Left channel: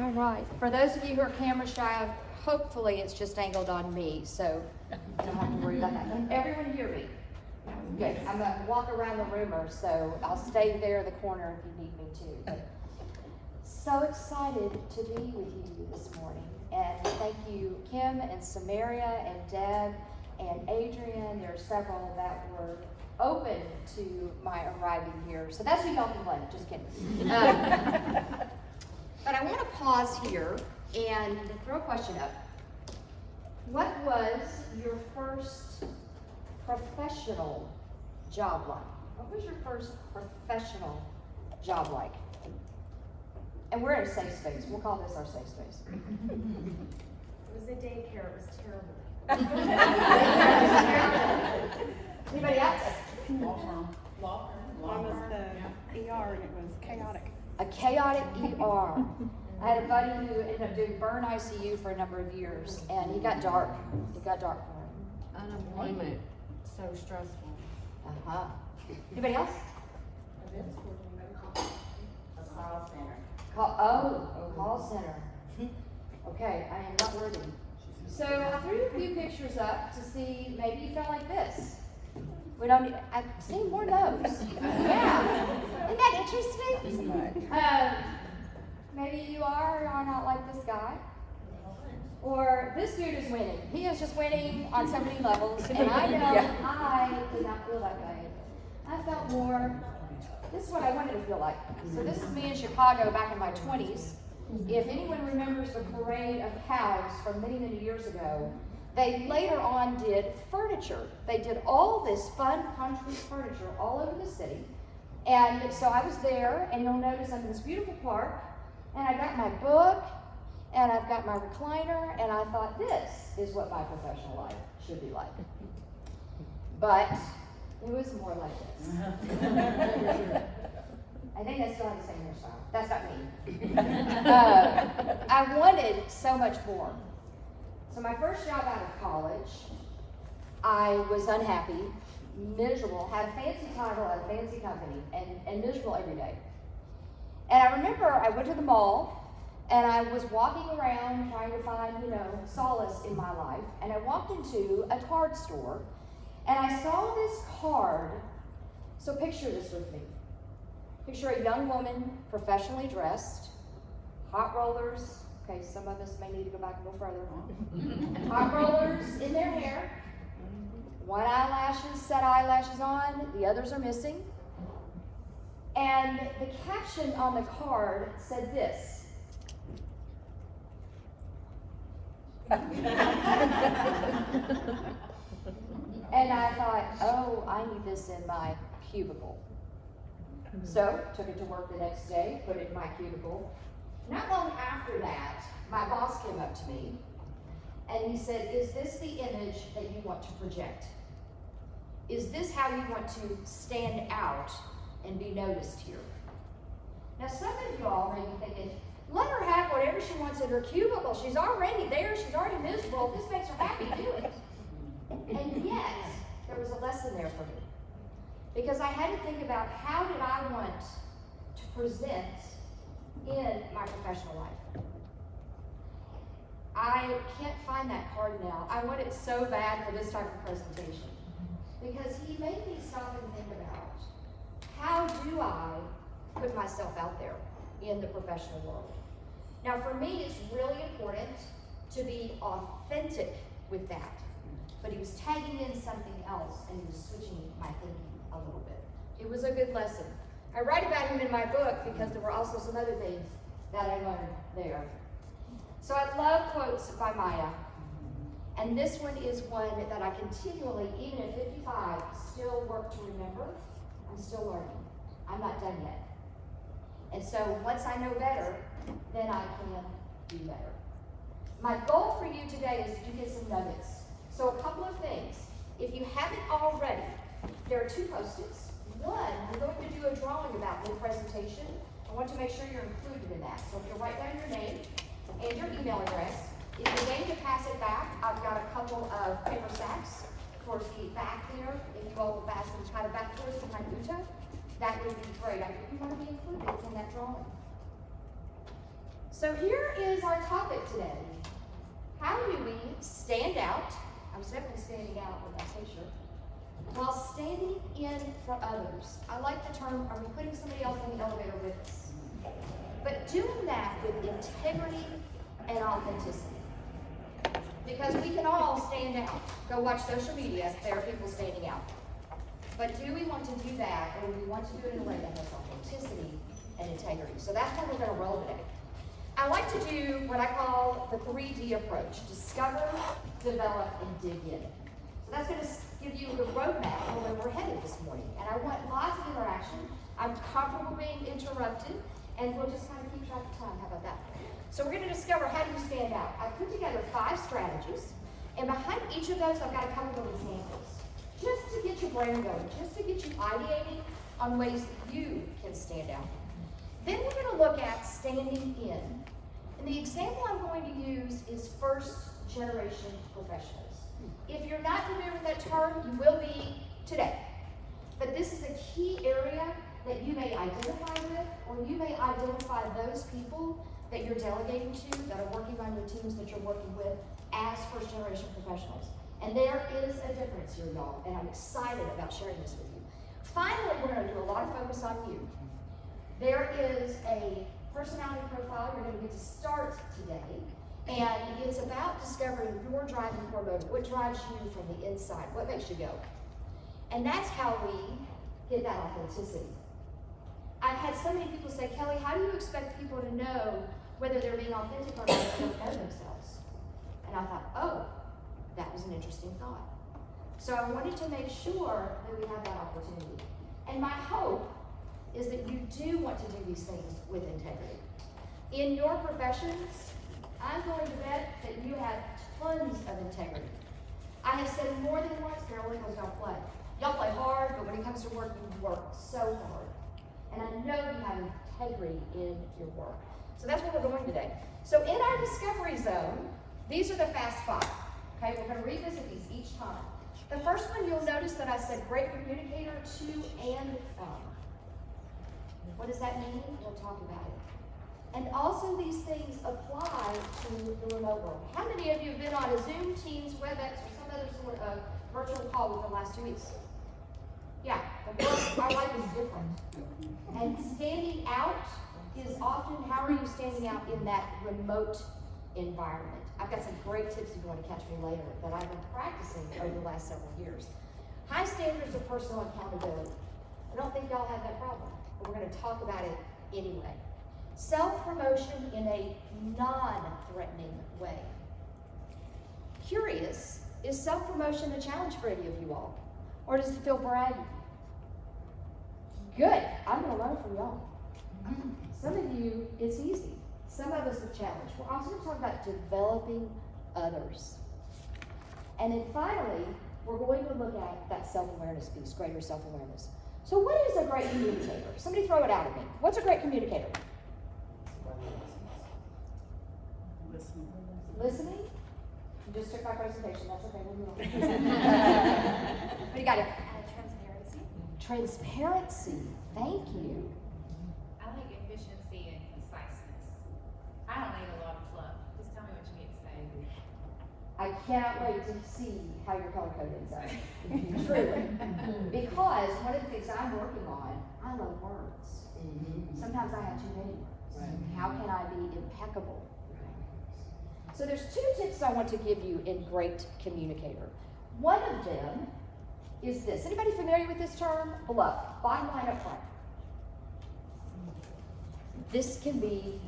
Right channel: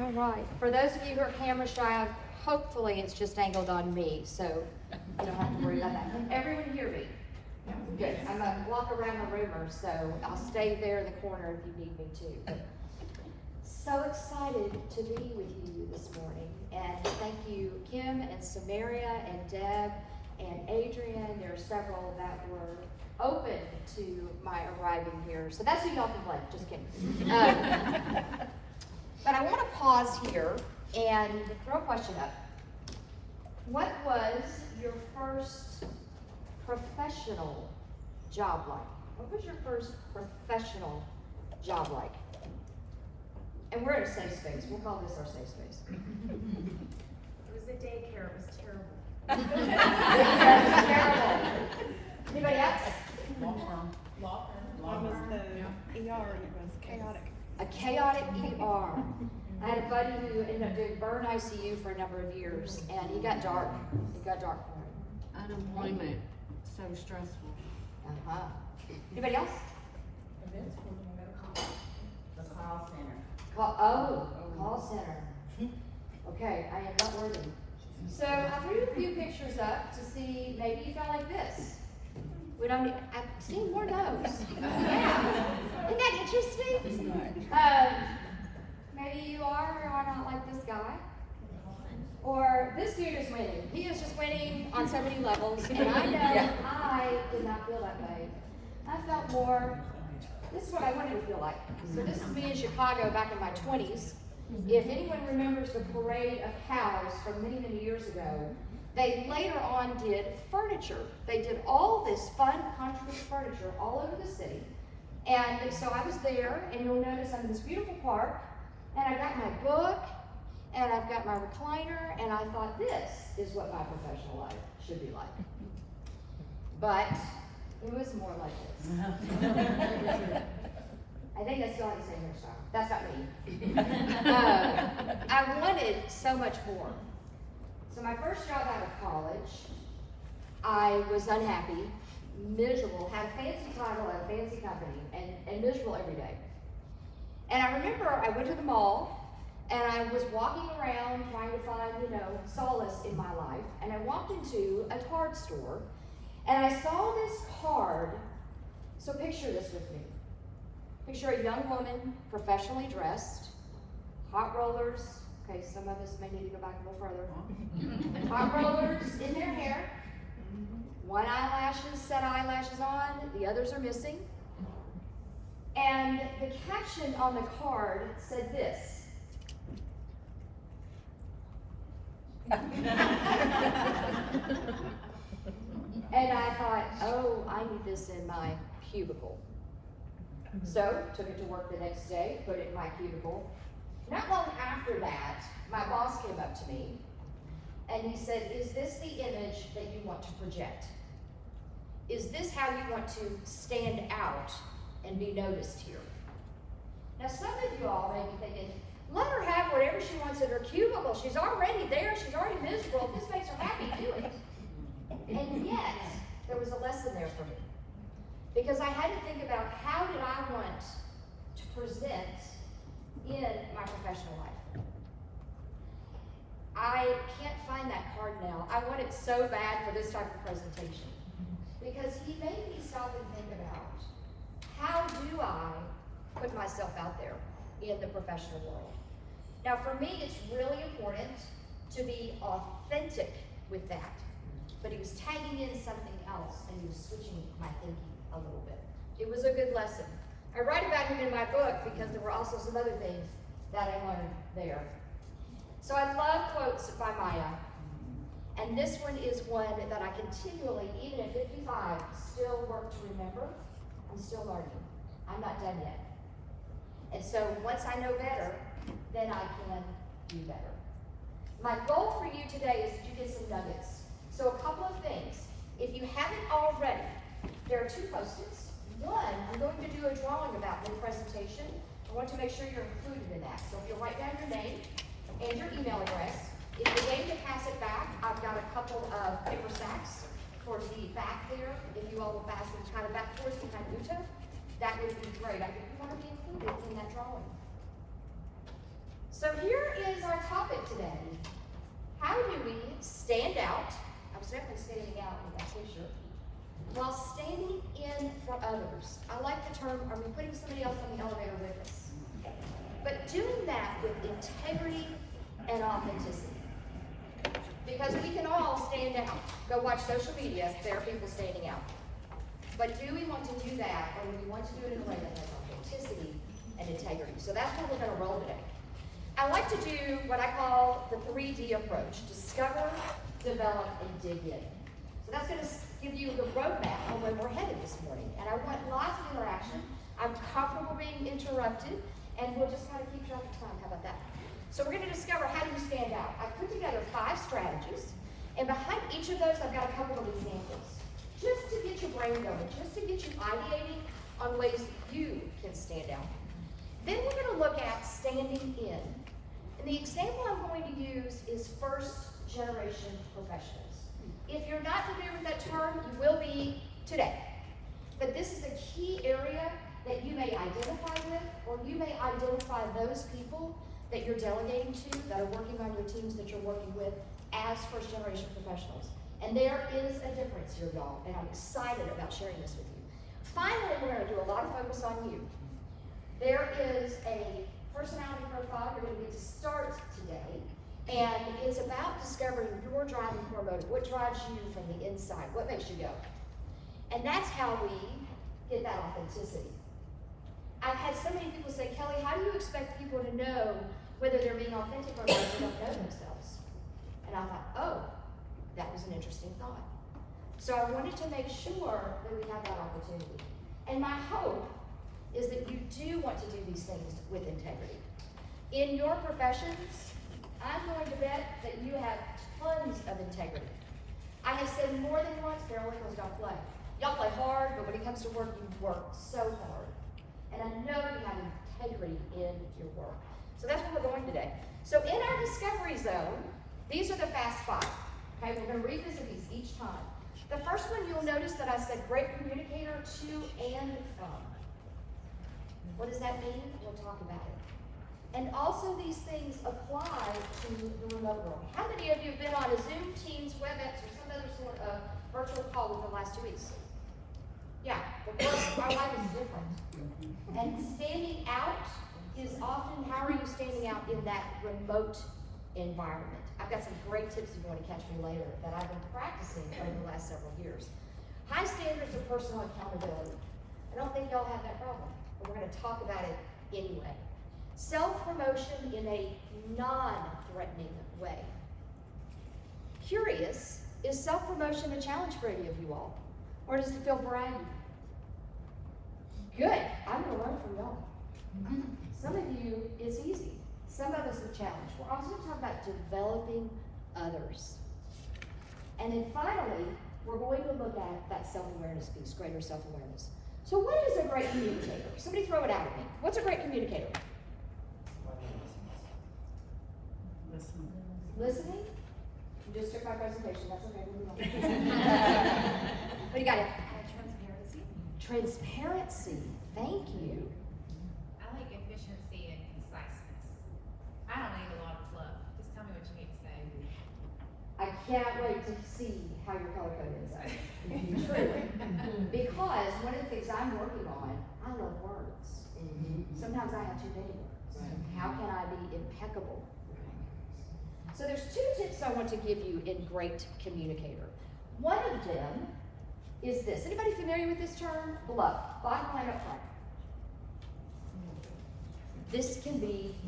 All right. For those of you who are camera shy, hopefully it's just angled on me, so you don't have to worry about that. Can everyone hear me? Good. I'm going to walk around the room, so I'll stay there in the corner if you need me to. But so excited to be with you this morning. And thank you, Kim and Samaria and Deb and Adrian. There are several that were open to my arriving here. So that's who y'all can blame. Just kidding. But I want to pause here and throw a question up. What was your first professional job like? What was your first professional job like? And we're in a safe space. We'll call this our safe space. It was a daycare. It was terrible. Daycare was terrible. Anybody else? Law firm. Mine was the ER and it was chaotic. A chaotic ER. I had a buddy who ended up doing burn ICU for a number of years, and he got dark. It got dark for him. Unemployment, so stressful. Uh-huh. Anybody else? A call center. Call center. Okay, I am not worthy. So I threw a few pictures up to see, maybe you felt like this. I've seen more no's. Yeah. Isn't that interesting? Maybe you are or are not like this guy. Or this dude is winning. He is just winning on so many levels, and I know I did not feel that way. I felt more, this is what I wanted to feel like. So this is me in Chicago back in my 20s. If anyone remembers the parade of cows from many, many years ago, they later on did furniture. They did all this fun country furniture all over the city. And so I was there, and you'll notice I'm in this beautiful park, and I got my book, and I've got my recliner, and I thought this is what my professional life should be like. But it was more like this. I think I still have the same hairstyle. That's not me. I wanted so much more. So my first job out of college, I was unhappy, miserable, had a fancy title at a fancy company, and miserable every day. And I remember I went to the mall, and I was walking around trying to find, solace in my life, and I walked into a card store, and I saw this card. So picture this with me. Picture a young woman, professionally dressed, hot rollers. Okay, some of us may need to go back a little further. Hot rollers in their hair. One set eyelashes on, the others are missing. And the caption on the card said this. And I thought, oh, I need this in my cubicle. So, took it to work the next day, put it in my cubicle. Not long after that, my boss came up to me, and he said, is this the image that you want to project? Is this how you want to stand out and be noticed here? Now, some of you all may be thinking, let her have whatever she wants in her cubicle. She's already there. She's already miserable. If this makes her happy, do it. And yet, there was a lesson there for me. Because I had to think about how did I want to present in my professional life. I can't find that card now. I want it so bad for this type of presentation. Because he made me stop and think about, how do I put myself out there in the professional world? Now for me, it's really important to be authentic with that. But he was tagging in something else, and he was switching my thinking a little bit. It was a good lesson. I write about him in my book because there were also some other things that I learned there. So I love quotes by Maya. And this one is one that I continually, even at 55, still work to remember. I'm still learning. I'm not done yet. And so once I know better, then I can do better. My goal for you today is to get some nuggets. So a couple of things. If you haven't already, there are 2 post-its. One, I'm going to do a drawing about the presentation. I want to make sure you're included in that. So if you write down your name and your email address, if you're waiting to pass it back, I've got a couple of paper sacks towards the back there. If you all would pass them kind of back towards behind Uta, that would be great. I think you want to be included in that drawing. So here is our topic today. How do we stand out? I was definitely standing out with that t-shirt. While standing in for others. I like the term, are we putting somebody else on the elevator with us? But doing that with integrity and authenticity. Because we can all stand out. Go watch social media, there are people standing out. But do we want to do that, or do we want to do it in a way that has authenticity and integrity? So that's what we're going to roll today. I like to do what I call the 3D approach. Discover, develop, and dig in. So that's going to give you the roadmap on where we're headed this morning. And I want lots of interaction. I'm comfortable being interrupted, and we'll just kind of keep track of time. How about that? So we're going to discover how do you stand out. I put together 5 strategies, and behind each of those I've got a couple of examples. Just to get your brain going, just to get you ideating on ways that you can stand out. Then we're going to look at standing in. And the example I'm going to use is first generation professionals. If you're not familiar with that term, you will be today. But this is a key area that you may identify with, or you may identify those people that you're delegating to, that are working on your teams that you're working with as first generation professionals. And there is a difference here, y'all, and I'm excited about sharing this with you. Finally, we're going to do a lot of focus on you. There is a personality profile you're going to get to start today, and it's about discovering your driving core motive. What drives you from the inside? What makes you go? And that's how we get that authenticity. I've had so many people say, Kelly, how do you expect people to know whether they're being authentic or not if they don't know themselves? And I thought, oh, that was an interesting thought. So I wanted to make sure that we have that opportunity. And my hope is that you do want to do these things with integrity. In your professions, I'm going to bet that you have tons of integrity. I have said more than once, there are workers don't play. Y'all play hard, but when it comes to work, you work so hard. And I know you have integrity in your work. So that's where we're going today. So in our discovery zone, these are the fast 5. Okay, we're going to revisit these each time. The first one, you'll notice that I said great communicator to and from. What does that mean? We'll talk about it. And also these things apply to the remote world. How many of you have been on a Zoom, Teams, WebEx, or some other sort of virtual call within the last 2 weeks? Yeah, of course, our life is different. And standing out is often, how are you standing out in that remote environment? I've got some great tips if you want to catch me later that I've been practicing over the last several years. High standards of personal accountability. I don't think y'all have that problem, but we're going to talk about it anyway. Self-promotion in a non-threatening way. Curious, is self-promotion a challenge for any of you all? Or does it feel braggy? Good, I'm going to learn from y'all. Some of you, it's easy. Some of us are challenged. We're also going to talk about developing others. And then finally, we're going to look at that self-awareness piece, greater self-awareness. So what is a great communicator? Somebody throw it out at me. What's a great communicator? Listening? You just took my presentation, that's okay. We'll move on. What do you got here? Transparency. Transparency, thank you. I like efficiency and conciseness. I don't need a lot of fluff. Just tell me what you need to say. I can't wait to see how your color code ends up. Truly. Because one of the things I'm working on, I love words. Sometimes I have too many words. How can I be impeccable? So there's 2 tips I want to give you in great communicator. One of them is this. Anybody familiar with this term? Bluff. Bottom line up front. This can be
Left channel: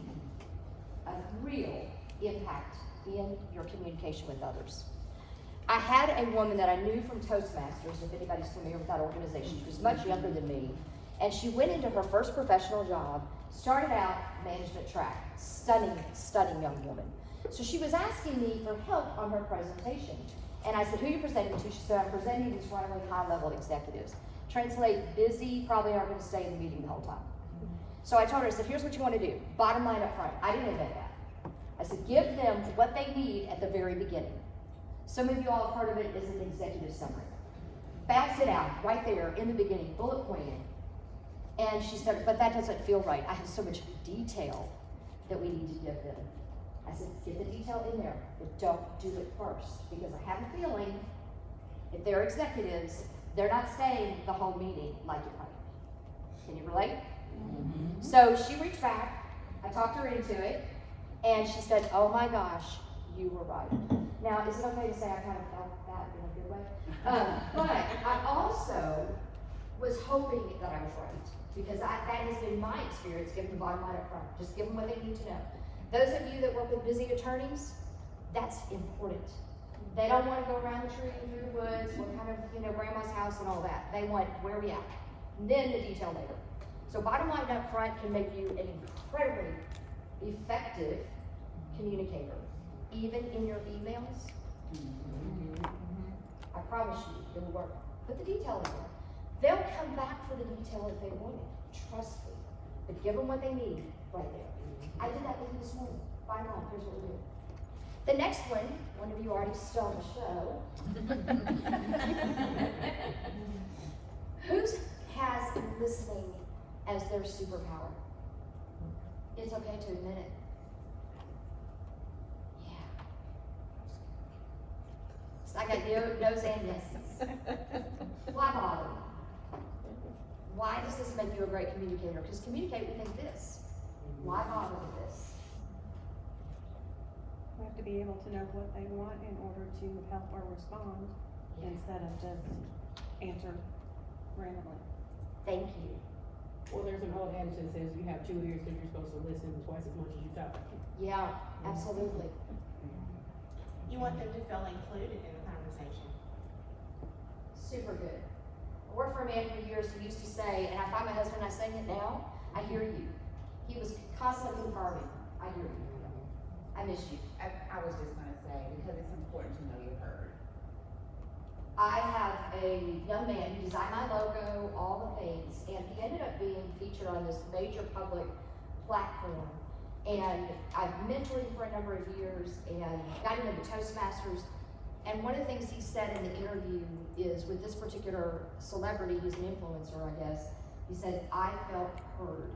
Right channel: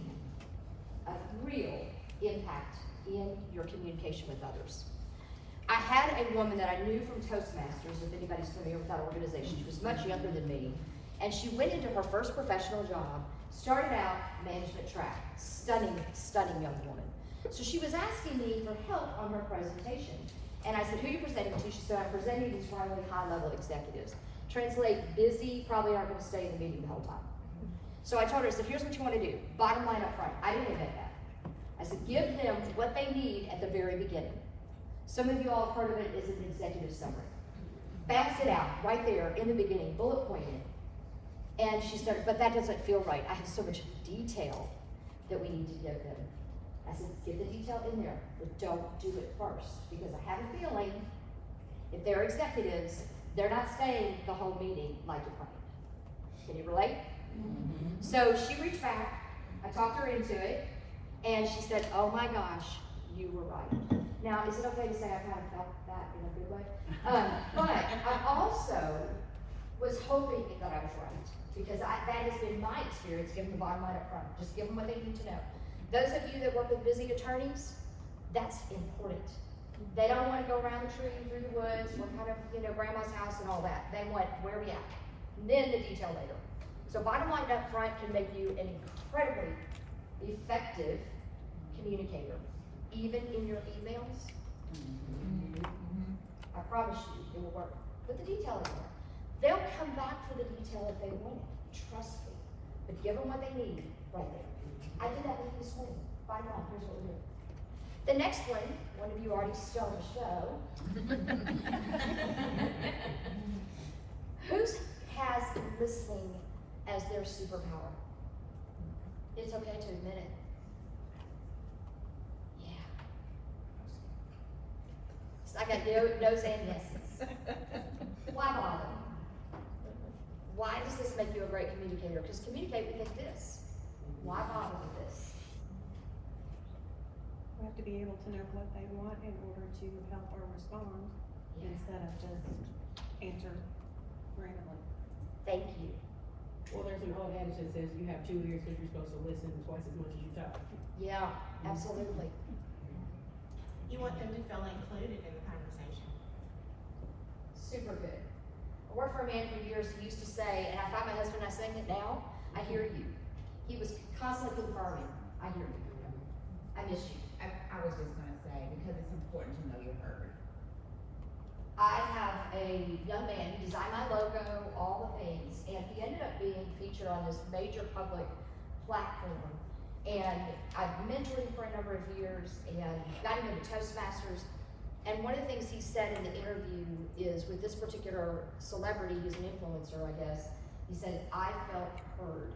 a real impact in your communication with others. I had a woman that I knew from Toastmasters, if anybody's familiar with that organization. She was much younger than me, and she went into her first professional job, started out management track. Stunning young woman. So she was asking me for help on her presentation. And I said, who are you presenting to? She said, I'm presenting these really high-level executives. Translate, busy, probably aren't going to stay in the meeting the whole time. So I told her, I said, here's what you want to do. Bottom line up front. I didn't invent that. I said, give them what they need at the very beginning. Some of you all have heard of it as an executive summary. Bats it out right there in the beginning, bullet pointed. And she said, but that doesn't feel right. I have so much detail that we need to give them. I said, get the detail in there, but don't do it first, because I have a feeling if they're executives, they're not staying the whole meeting like you planned. Can you relate? So she reached back, I talked her into it, and she said, oh my gosh, you were right. Now, is it okay to say I kind of felt that in a good way? But I also was hoping that I was right, because that has been my experience, giving the bottom line up front. Just give them what they need to know. Those of you that work with busy attorneys, that's important. They don't want to go around the tree and through the woods with kind of, grandma's house and all that. They want where we at, and then the detail later. So bottom line up front can make you an incredibly effective communicator, even in your emails. I promise you, it will work. Put the detail in there. They'll come back for the detail if they want it. Trust me. But give them what they need right there. I did that with you this morning. Bottom line, here's what we're doing. The next one of you already stole the show. Who has listening as their superpower? It's okay to admit it. Yeah. I got no's and yeses. Why bother? Why does this make you a great communicator? Because communicate with like this. Why bother with this? We have to be able to know what they want in order to help or respond, instead of just answer randomly. Thank you. Well, there's an old adage that says you have 2 ears that you're supposed to listen twice as much as you talk. Yeah, absolutely. You want them to feel included in the conversation. Super good. I worked for a man for years who used to say, and I find my husband not saying it now, I hear you. He was constantly confirming, I hear you. I miss you. I was just gonna say, because it's important to know you're heard. I have a young man, he designed my logo, all the things, and he ended up being featured on this major public platform. And I've mentored him for a number of years and got him into Toastmasters. And one of the things he said in the interview is, with this particular celebrity who's an influencer, I guess, he said, I felt heard.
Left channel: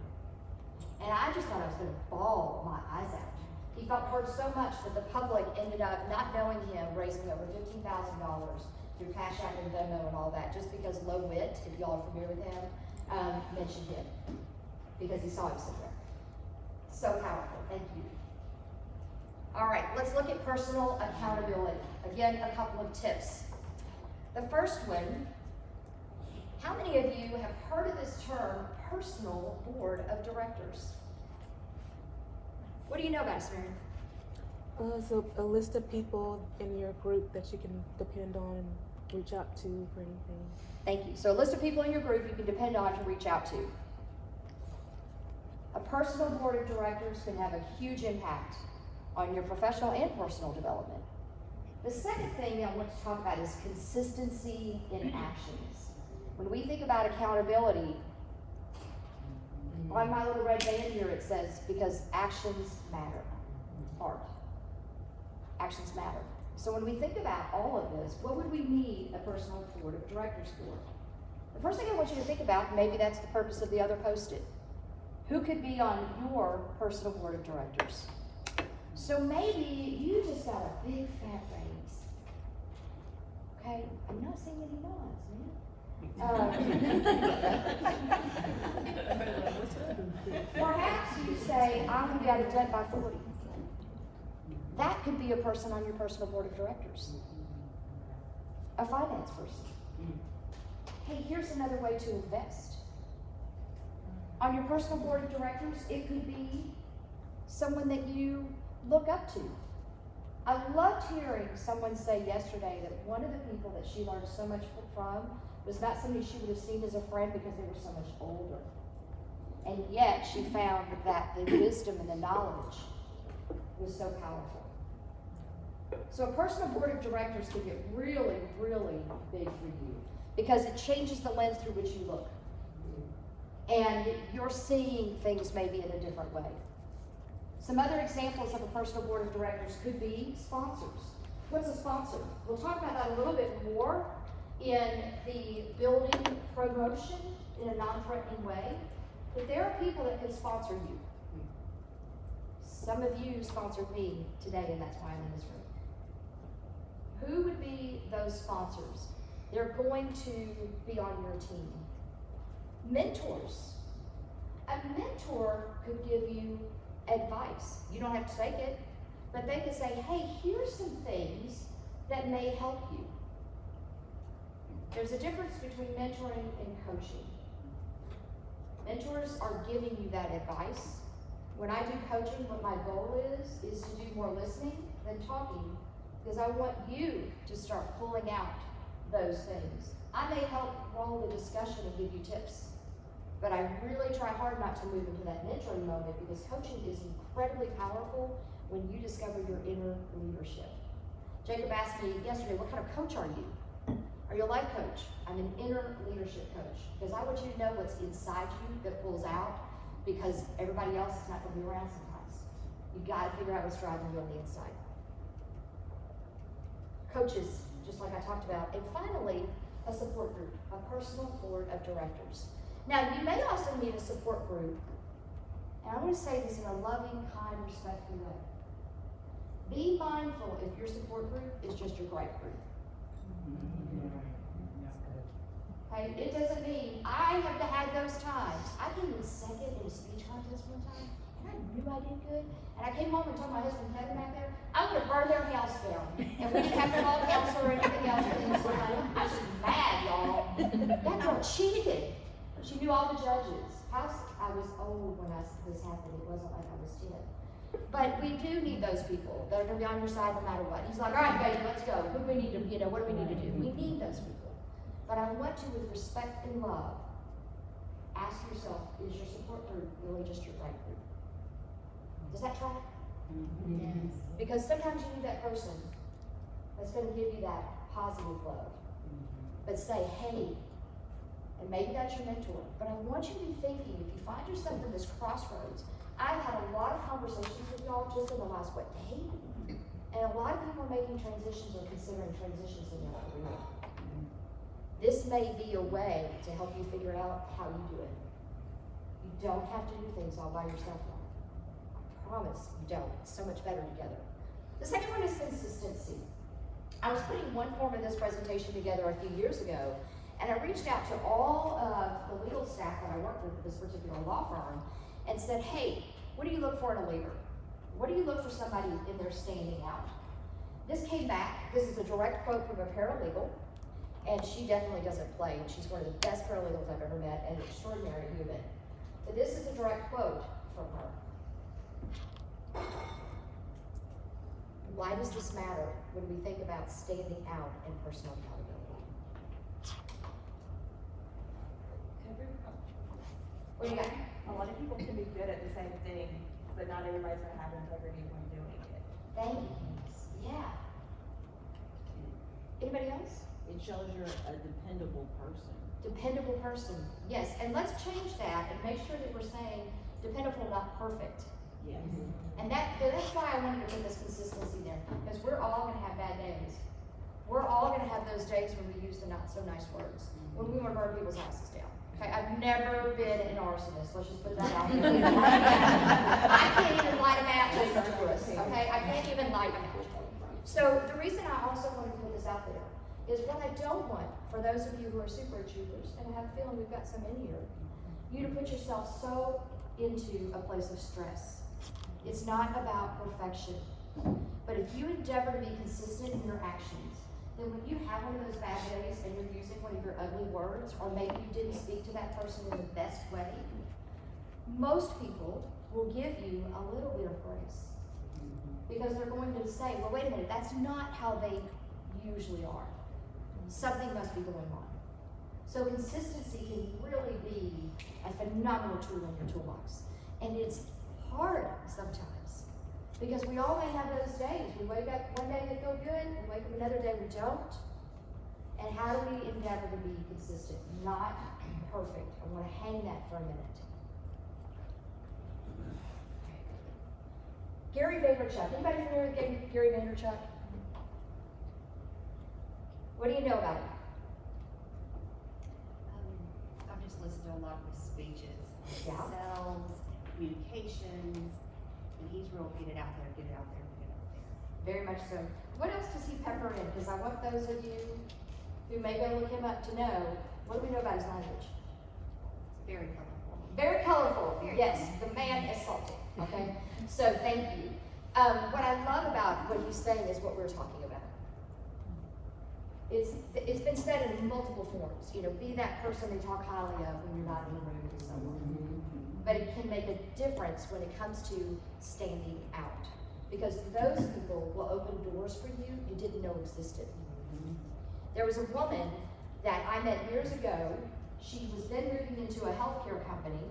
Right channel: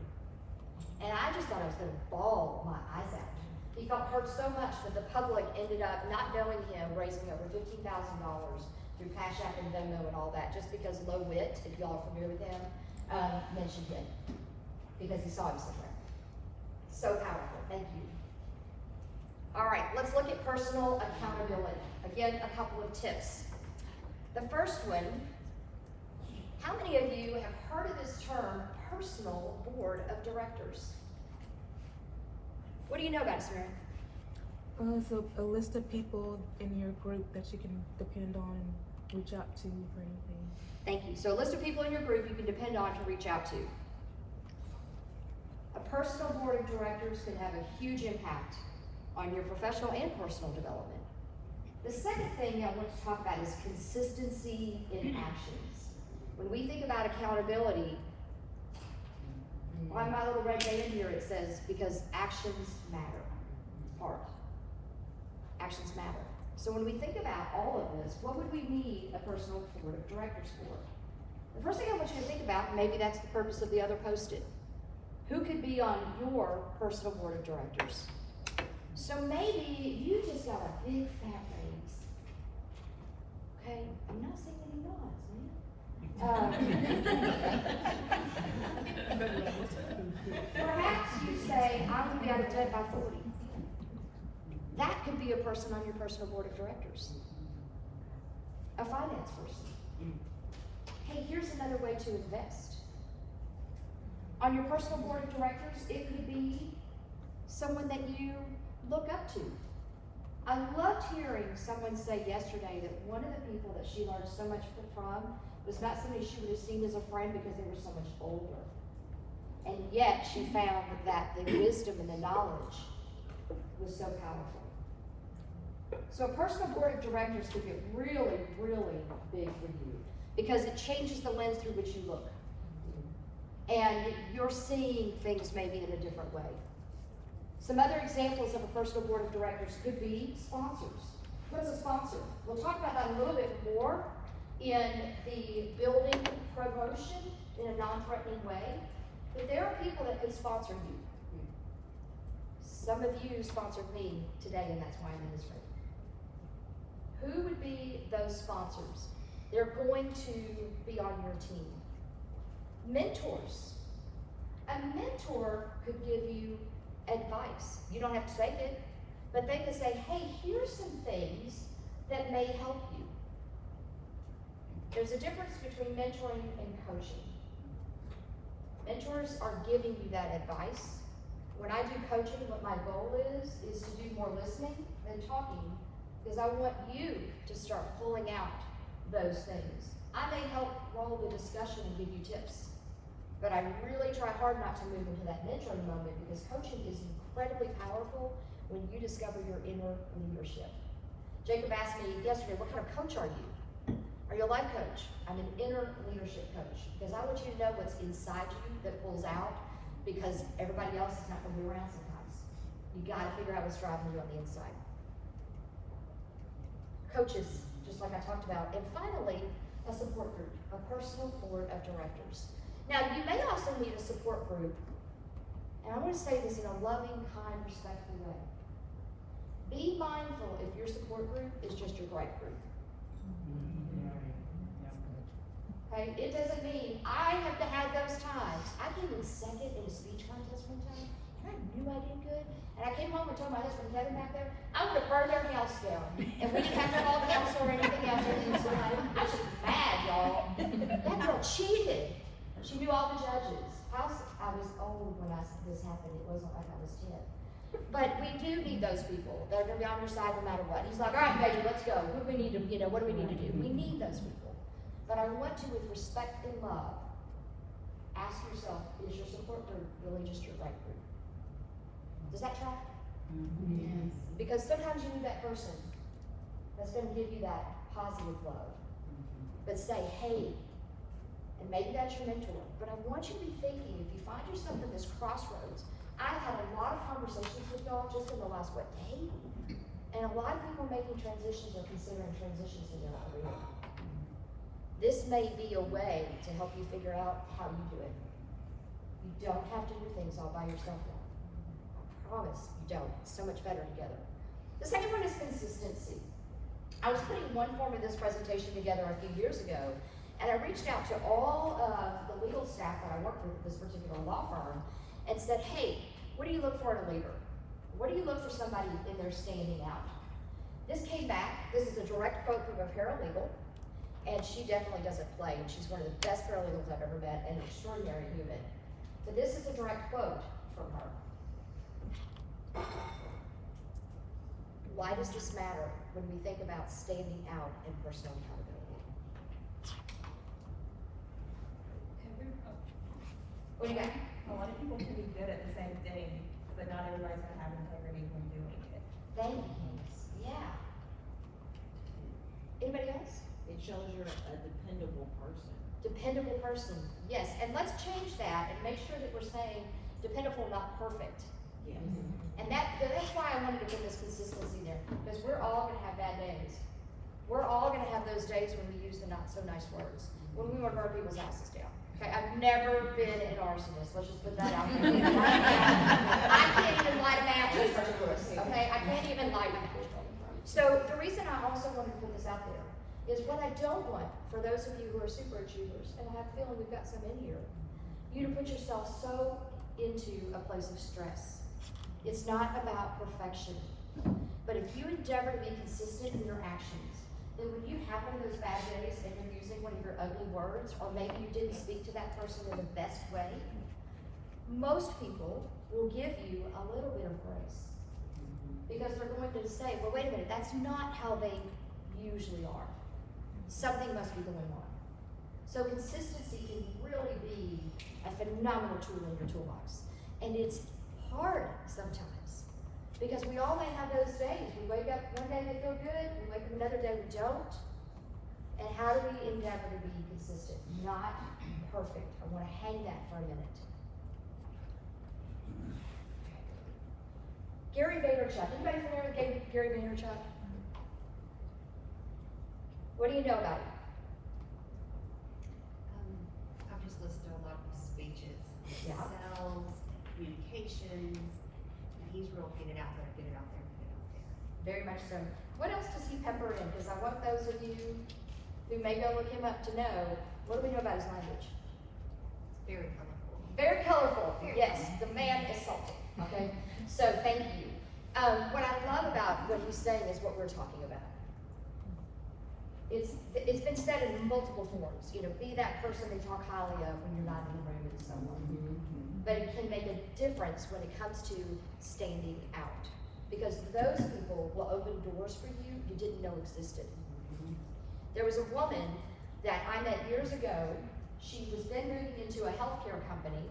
And I just thought I was gonna bawl my eyes out. He felt heard so much that the public ended up not knowing him, raising over $15,000 through Cash App and Venmo and all that, just because Low Wit, if y'all are familiar with him, mentioned him, because he saw him somewhere. So powerful, thank you. All right, let's look at personal accountability. Again, a couple of tips. The first one, how many of you have heard of this term, personal board of directors? What do you know about it, Samara? So a list of people in your group that you can depend on and reach out to for anything. Thank you. So a list of people in your group you can depend on to reach out to. A personal board of directors can have a huge impact on your professional and personal development. The second thing I want to talk about is consistency in actions. When we think about accountability, on my little red band here it says, because actions matter. Art. Actions matter. So when we think about all of this, what would we need a personal board of directors for? The first thing I want you to think about, maybe that's the purpose of the other post-it. Who could be on your personal board of directors? So maybe you just got a big fat raise. Okay, I'm not saying any nods, man. Perhaps you say, I'm gonna be out of debt by 40. That could be a person on your personal board of directors. A finance person. Hey, here's another way to invest. On your personal board of directors, it could be someone that you look up to. I loved hearing someone say yesterday that one of the people that she learned so much from was not somebody she would have seen as a friend because they were so much older. And yet she found that the wisdom and the knowledge was so powerful. So a personal board of directors could get really, really big for you because it changes the lens through which you look. And you're seeing things maybe in a different way. Some other examples of a personal board of directors could be sponsors. What's a sponsor? We'll talk about that a little bit more in the building promotion in a non-threatening way. But there are people that can sponsor you. Some of you sponsored me today, and that's why I'm in this room. Who would be those sponsors? They're going to be on your team. Mentors. A mentor could give you advice. You don't have to take it, but they could say, hey, here's some things that may help you. There's a difference between mentoring and coaching. Mentors are giving you that advice. When I do coaching, what my goal is to do more listening than talking, because I want you to start pulling out those things. I may help roll the discussion and give you tips, but I really try hard not to move into that mentoring moment, because coaching is incredibly powerful when you discover your inner leadership. Jacob asked me yesterday, what kind of coach are you? Are you a life coach? I'm an inner leadership coach, because I want you to know what's inside you that pulls out, because everybody else is not going to be around sometimes. You got to figure out what's driving you on the inside. Coaches, just like I talked about. And finally, a support group, a personal board of directors. Now, you may also need a support group, and I want to say this in a loving, kind, respectful way. Be mindful if your support group is just your gripe group. Okay, it doesn't mean I have to have those times. I came in second in a speech contest one time, and I knew I did good. And I came home and told my husband Kevin back there, I'm gonna burn their house down. And we didn't have to call counselor or anything else. I was just mad, y'all. That girl cheated. She knew all the judges. I was old when this happened. It wasn't like I was 10. But we do need those people that will be on your side no matter what. He's like, all right, baby, let's go. What do we need to, what do we need to do? We need those people. But I want to, with respect and love, ask yourself, is your support group really just your right group? Does that track? Yes. Because sometimes you need that person that's going to give you that positive love. But say, hey, and maybe that's your mentor. But I want you to be thinking, if you find yourself at this crossroads, I've had a lot of conversations with y'all just in the last, day? And a lot of people making transitions or considering transitions in their career. This may be a way to help you figure out how you do it. You don't have to do things all by yourself now. I promise you don't. It's so much better together. The second one is consistency. I was putting one form of this presentation together a few years ago, and I reached out to all of the legal staff that I worked with at this particular law firm and said, hey, what do you look for in a leader? What do you look for somebody in there standing out? This came back. This is a direct quote from a paralegal. And she definitely doesn't play, and she's one of the best paralegals I've ever met, and an extraordinary human. But this is a direct quote from her. Why does this matter when we think about standing out in personal accountability? What do you got? A lot of people can be good at the same thing, but not everybody's gonna have integrity when doing it. Thanks. Yeah. Anybody else? It shows you're a dependable person. Dependable person, yes. And let's change that and make sure that we're saying dependable, not perfect. Yes. And that's why I wanted to put this consistency there, because we're all gonna have bad days. We're all gonna have those days when we use the not so nice words, when we want to burn people's houses down. Okay, I've never been an arsonist, let's just put that out there. I can't even light a match in front of Chris, okay? I can't even light a match. So the reason I also wanted to put this out there is what I don't want, for those of you who are super achievers, and I have a feeling we've got some in here, you to put yourself so into a place of stress. It's not about perfection. But if you endeavor to be consistent in your actions, then when you have one of those bad days and you're using one of your ugly words, or maybe you didn't speak to that person in the best way, most people will give you a little bit of grace. Because they're going to say, well, wait a minute, that's not how they usually are. Something must be going on. So consistency can really be a phenomenal tool in your toolbox. And it's hard sometimes, because we all may have those days. We wake up one day we feel good, we wake up another day we don't. And how do we endeavor to be consistent? Not perfect. I want to hang that for a minute. Gary Vaynerchuk. Anybody familiar with Gary Vaynerchuk? What do you know about him? I've just listened to a lot of his speeches. Yeah. Sales, communications, and he's real big very much so. What else does he pepper in? Because I want those of you who may go look him up to know, what do we know about his language? Very colorful. Very colorful, yes, the man is salty, okay? So thank you. What I love about what he's saying is what we're talking about. It's been said in multiple forms, be that person we talk highly of when you're not in the room with someone. But it can make a difference when it comes to standing out. Because those people will open doors for you you didn't know existed. There was a woman that I met years ago. She was then moving into a healthcare company,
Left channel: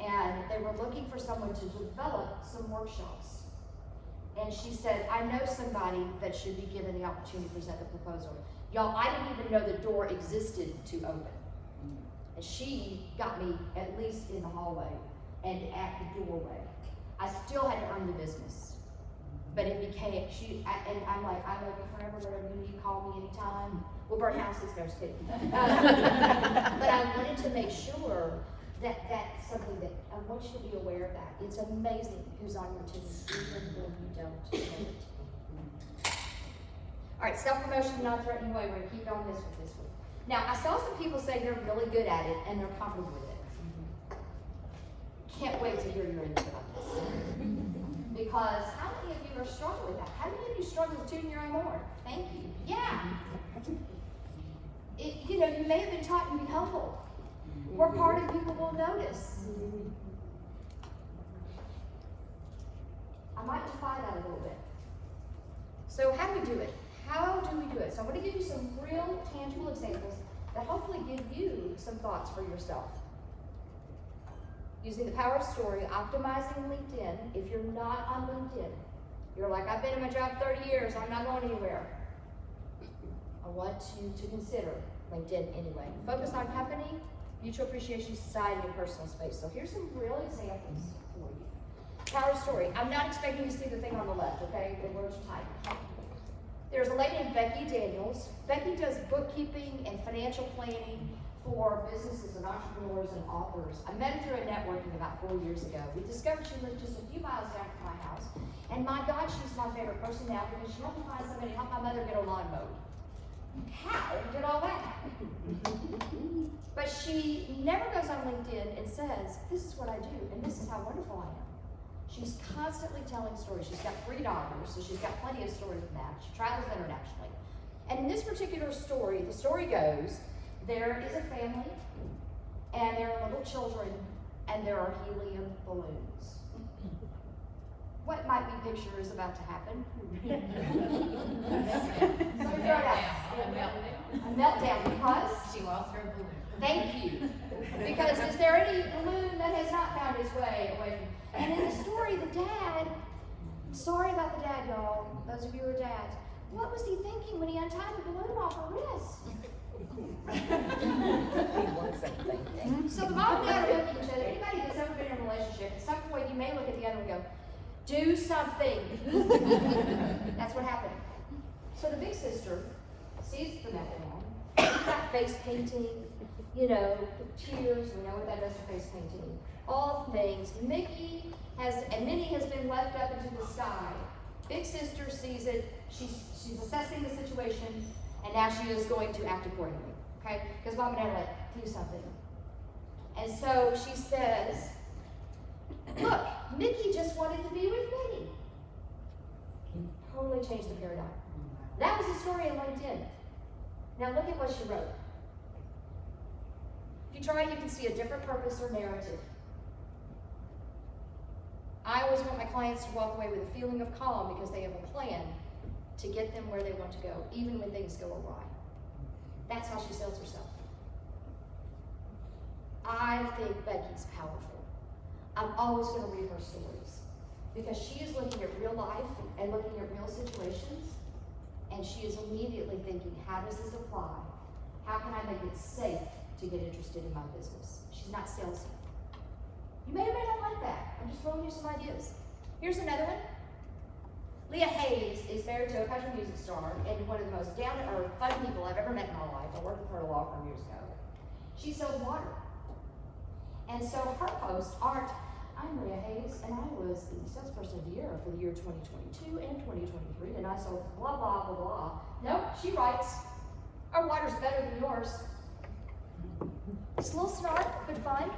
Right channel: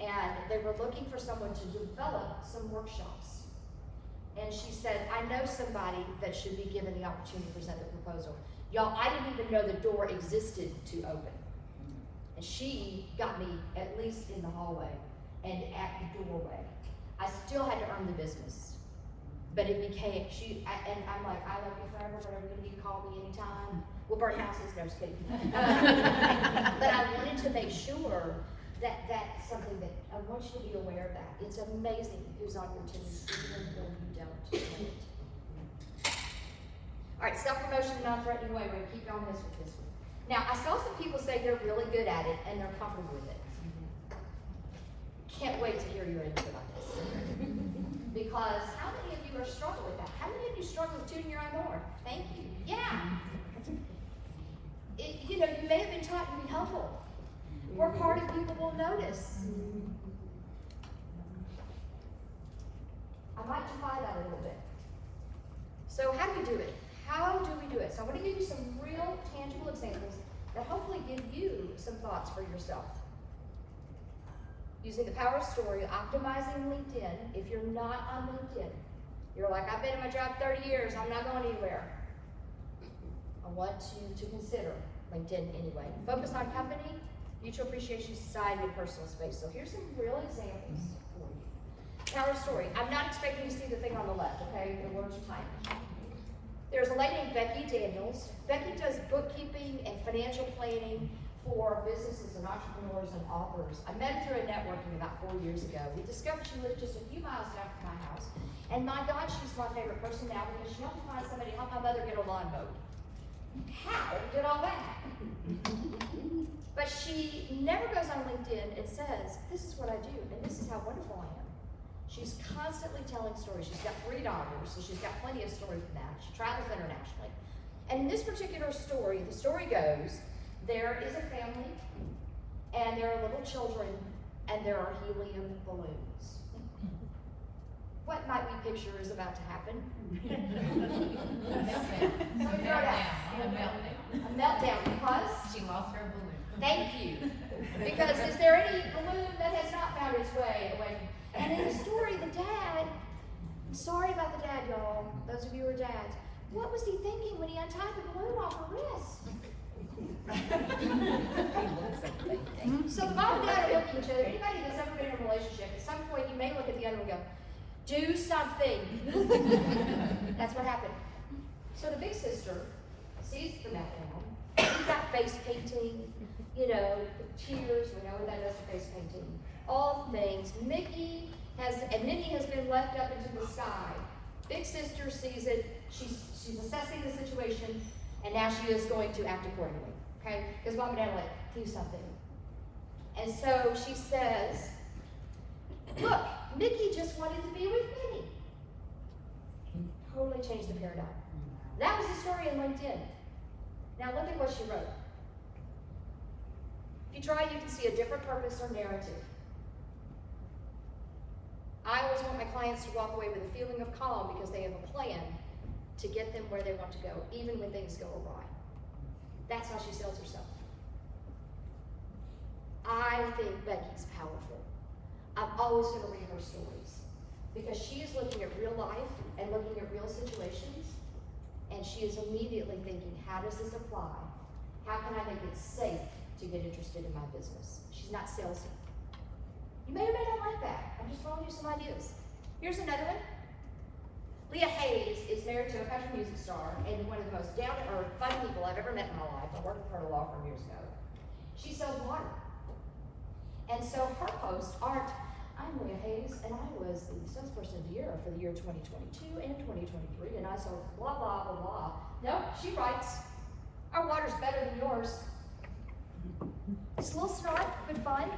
and they were looking for someone to develop some workshops. And she said, I know somebody that should be given the opportunity to present the proposal. Y'all, I didn't even know the door existed to open. And she got me at least in the hallway and at the doorway. I still had to earn the business. But it became, and I'm like, I love you forever, whatever you need, call me anytime. We'll burn houses, no speaking. But I wanted to make sure that that's something that I want you to be aware of that. It's amazing who's on your team, even when you don't know it. All right, self-promotion, non-threatening way. We're gonna keep going with this one. Now, I saw some people say they're really good at it and they're comfortable with it. Can't wait to hear your input on this. Because how many of you are struggling with that? How many of you struggle with tuning your own horn? Thank you. Yeah. You may have been taught to be humble. Work hard and people will notice. I might defy that a little bit. So how do we do it? How do we do it? So I want to give you some real tangible examples that hopefully give you some thoughts for yourself. Using the power of story, optimizing LinkedIn. If you're not on LinkedIn, you're like, I've been in my job 30 years, I'm not going anywhere. I want you to consider LinkedIn anyway. Focus on company, mutual appreciation, society, and personal space. So here's some real examples for you. Power of story. I'm not expecting you to see the thing on the left, okay? The words are tight. There's a lady named Becky Daniels. Becky does bookkeeping and financial planning for businesses and entrepreneurs and authors. I met her through a networking about 4 years ago. We discovered she lived just a few miles down from my house. And my God, she's my favorite person now because she helped me find somebody to help my mother get her lawn mowed. How did all that happen? But she never goes on LinkedIn and says, this is what I do, and this is how wonderful I am. She's constantly telling stories. She's got 3 daughters, so she's got plenty of stories from that. She travels internationally. And in this particular story, the story goes, there is a family, and there are little children, and there are helium balloons. What might we picture is about to happen? A meltdown, because? She lost her balloon. Thank you. Because is there any balloon that has not found its way away from? And in the story, the dad, sorry about the dad, y'all, those of you who are dads, what was he thinking when he untied the balloon off her wrist? So the bottom line of it, anybody that's ever been in a relationship, at some point you may look at the other and go, do something. That's what happened. So the big sister sees the meltdown. She's got face painting, tears. We know what that does for face painting. All things. Minnie has been left up into the sky. Big sister sees it. She's assessing the situation, and now she is going to act accordingly. Okay? Because Mom and Dad are like, do something. And so she says, look, Mickey just wanted to be with Minnie. Totally changed the paradigm. That was the story in LinkedIn. Now look at what she wrote. If you try, you can see a different purpose or narrative. I always want my clients to walk away with a feeling of calm because they have a plan to get them where they want to go, even when things go awry. That's how she sells herself. I think Becky's powerful. I'm always going to read her stories because she is looking at real life and looking at real situations, and she is immediately thinking, how does this apply? How can I make it safe to get interested in my business? She's not salesy. You may or may not like that. I'm just throwing you some ideas. Here's another one. Leah Hayes is married to a country music star and one of the most down-to-earth, fun people I've ever met in my life. I worked with her a law firm years ago. She sells water. And so her posts aren't, I'm Maria Hayes, and I was the salesperson of the year for the year 2022 and 2023, and I sold blah, blah, blah, blah. Nope, she writes, our water's better than yours. It's a little snark, good fun.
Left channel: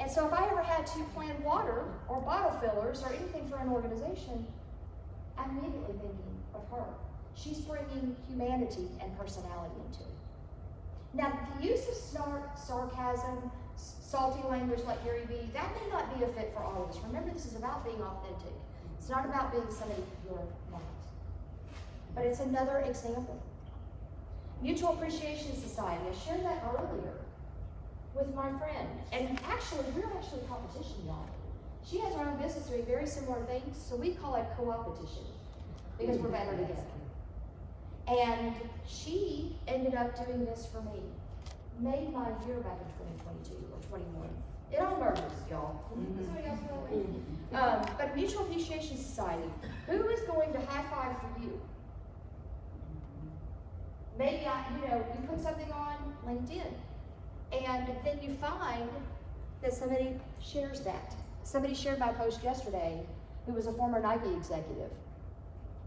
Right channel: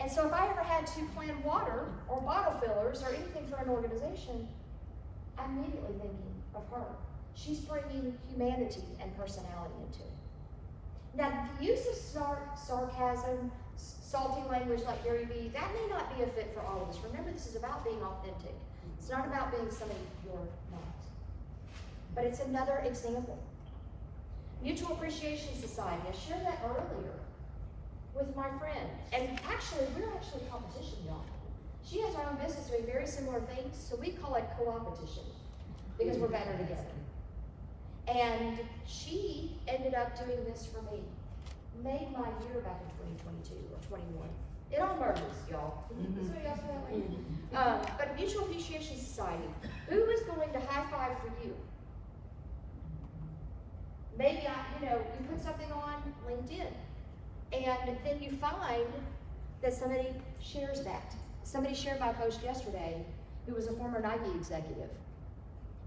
And so if I ever had to plan water or bottle fillers or anything for an organization, I'm immediately thinking of her. She's bringing humanity and personality into it. Now, the use of sarcasm, salty language like Gary Vee, that may not be a fit for all of us. Remember, this is about being authentic. It's not about being somebody you're not. But it's another example. Mutual Appreciation Society, I shared that earlier with my friend. And actually, we're actually competition, y'all. She has her own business doing very similar things, so we call it co-opetition because we're better together. And she ended up doing this for me. Made my year back in 2022 or 21. It all merges, y'all. So you guys know that? But a Mutual Appreciation Society, who is going to high five for you? Maybe you put something on LinkedIn, and then you find that somebody shares that. Somebody shared my post yesterday who was a former Nike executive.